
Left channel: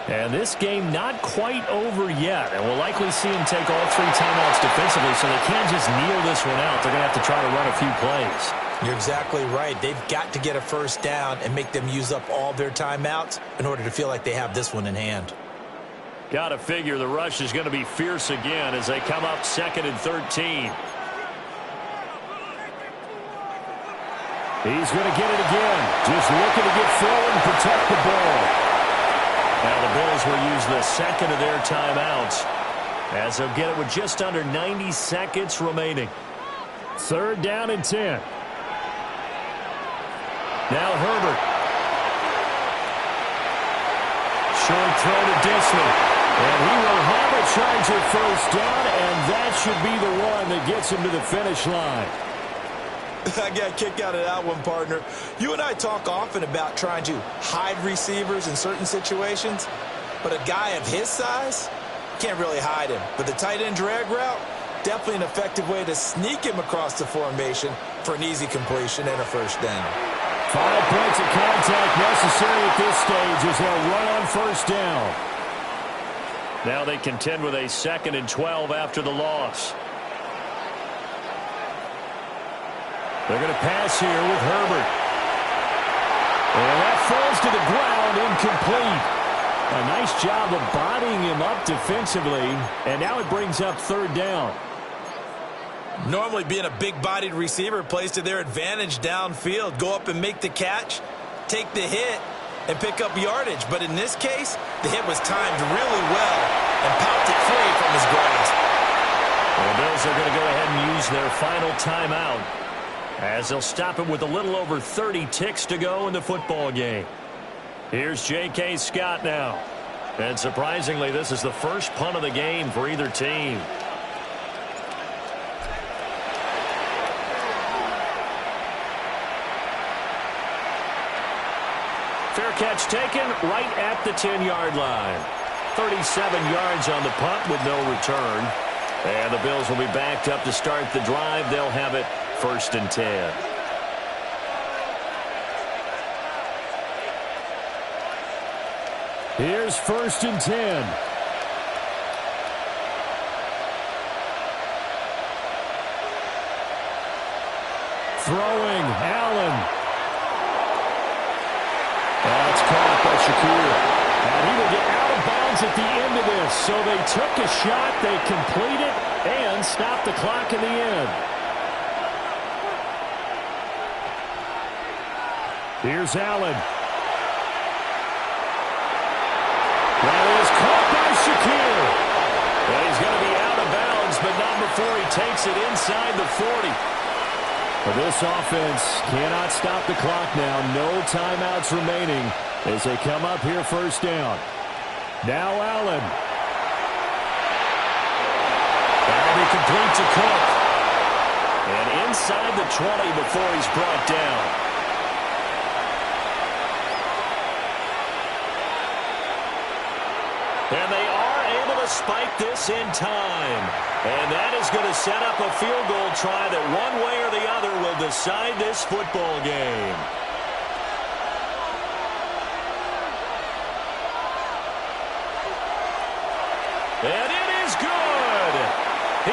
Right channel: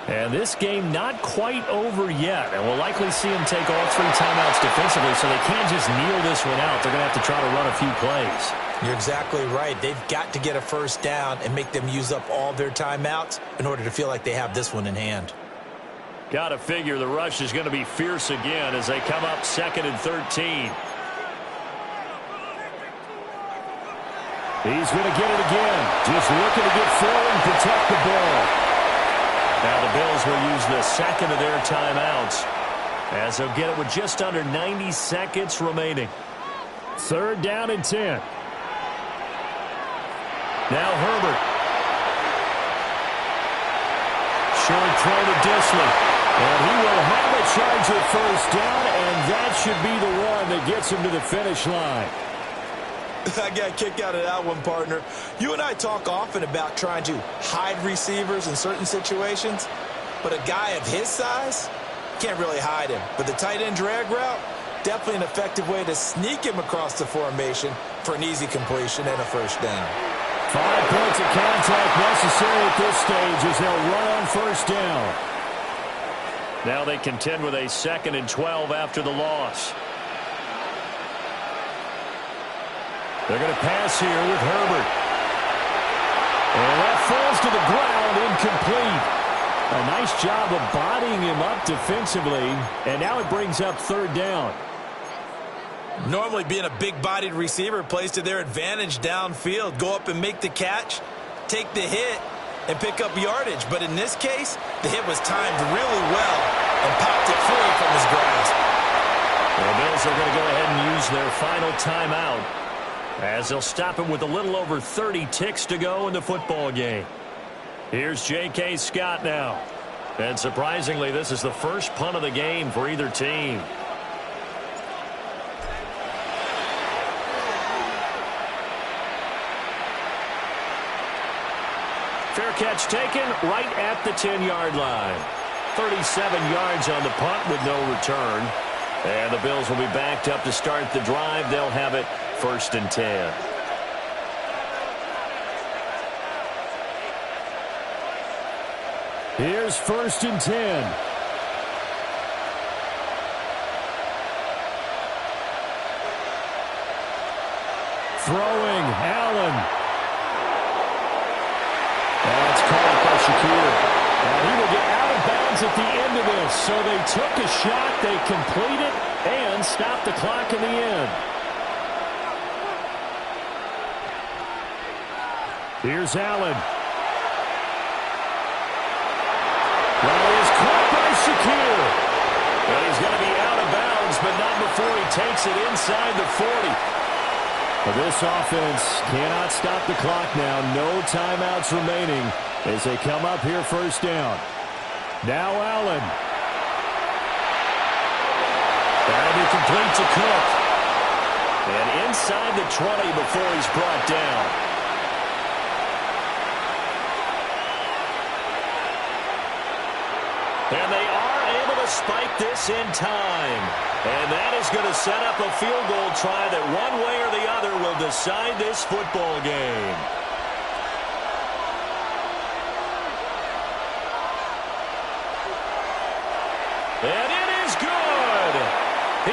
And this game not quite over yet. And we'll likely see them take all 3 timeouts defensively, so they can't just kneel this one out. They're going to have to try to run a few plays. You're exactly right. They've got to get a first down and make them use up all their timeouts in order to feel like they have this one in hand. Got to figure the rush is going to be fierce again as they come up 2nd and 13. He's going to get it again. Just looking to get forward and protect the ball. Now the Bills will use the 2nd of their timeouts as they'll get it with just under 90 seconds remaining. 3rd down and 10. Now Herbert. Short throw to Disley. And he will have a Charger first down, and that should be the one that gets him to the finish line. I got a kick out of that one, partner. You and I talk often about trying to hide receivers in certain situations, but a guy of his size can't really hide him. But the tight end drag route, definitely an effective way to sneak him across the formation for an easy completion and a first down. 5 points of contact necessary at this stage as they'll run on first down. Now they contend with a 2nd and 12 after the loss. They're going to pass here with Herbert. And that falls to the ground, incomplete. A nice job of bodying him up defensively, and now it brings up 3rd down. Normally being a big-bodied receiver plays to their advantage downfield. Go up and make the catch, take the hit, and pick up yardage. But in this case, the hit was timed really well and popped it free from his grasp. Well, the Bills are going to go ahead and use their final timeout as they'll stop it with a little over 30 ticks to go in the football game. Here's J.K. Scott now. And surprisingly, this is the first punt of the game for either team. catch taken right at the 10-yard line. 37 yards on the punt with no return. And the Bills will be backed up to start the drive. They'll have it 1st and 10. Here's 1st and 10. Throwing, Allen. That's caught by Shakir. And he will get out of bounds at the end of this. So they took a shot, they complete it, and stopped the clock in the end. Here's Allen. That is caught by Shakir. And he's going to be out of bounds, but not before he takes it inside the 40. This offense cannot stop the clock now. No timeouts remaining as they come up here 1st down. Now Allen. That'll be complete to Cook. And inside the 20 before he's brought down. And they are able to spike this in time. And that is going to set up a field goal try that one way or the other will decide this football game. And it is good.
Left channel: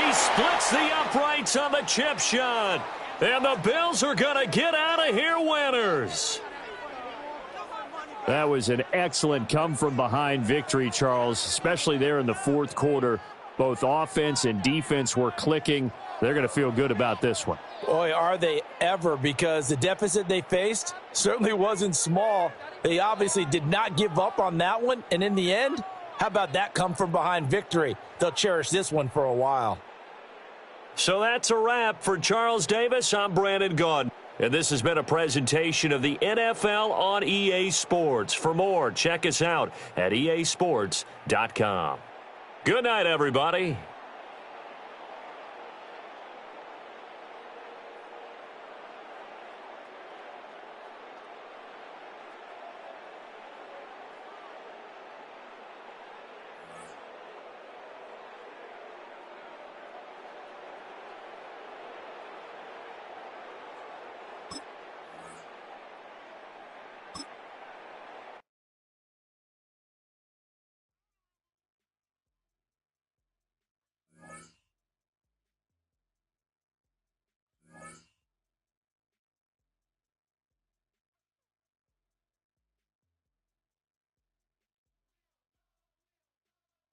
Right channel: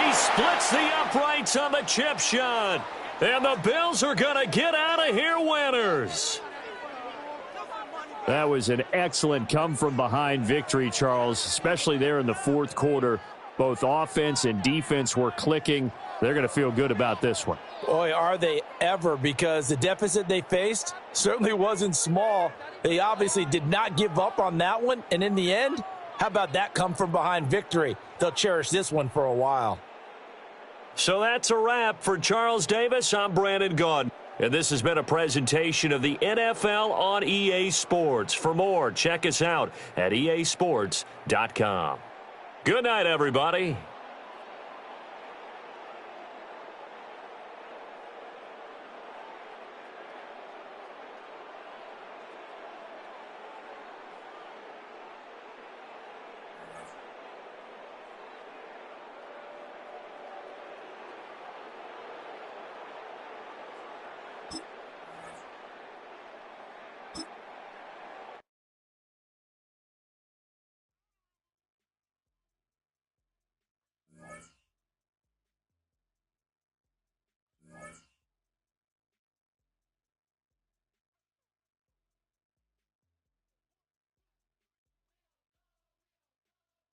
He splits the uprights on the chip shot. And the Bills are going to get out of here winners. That was an excellent come-from-behind victory, Charles, especially there in the 4th quarter. Both offense and defense were clicking. They're going to feel good about this one. Boy, are they ever, because the deficit they faced certainly wasn't small. They obviously did not give up on that one, and in the end, how about that come-from-behind victory? They'll cherish this one for a while. So that's a wrap. For Charles Davis, I'm Brandon Gaudin. And this has been a presentation of the NFL on EA Sports. For more, check us out at easports.com. Good night, everybody.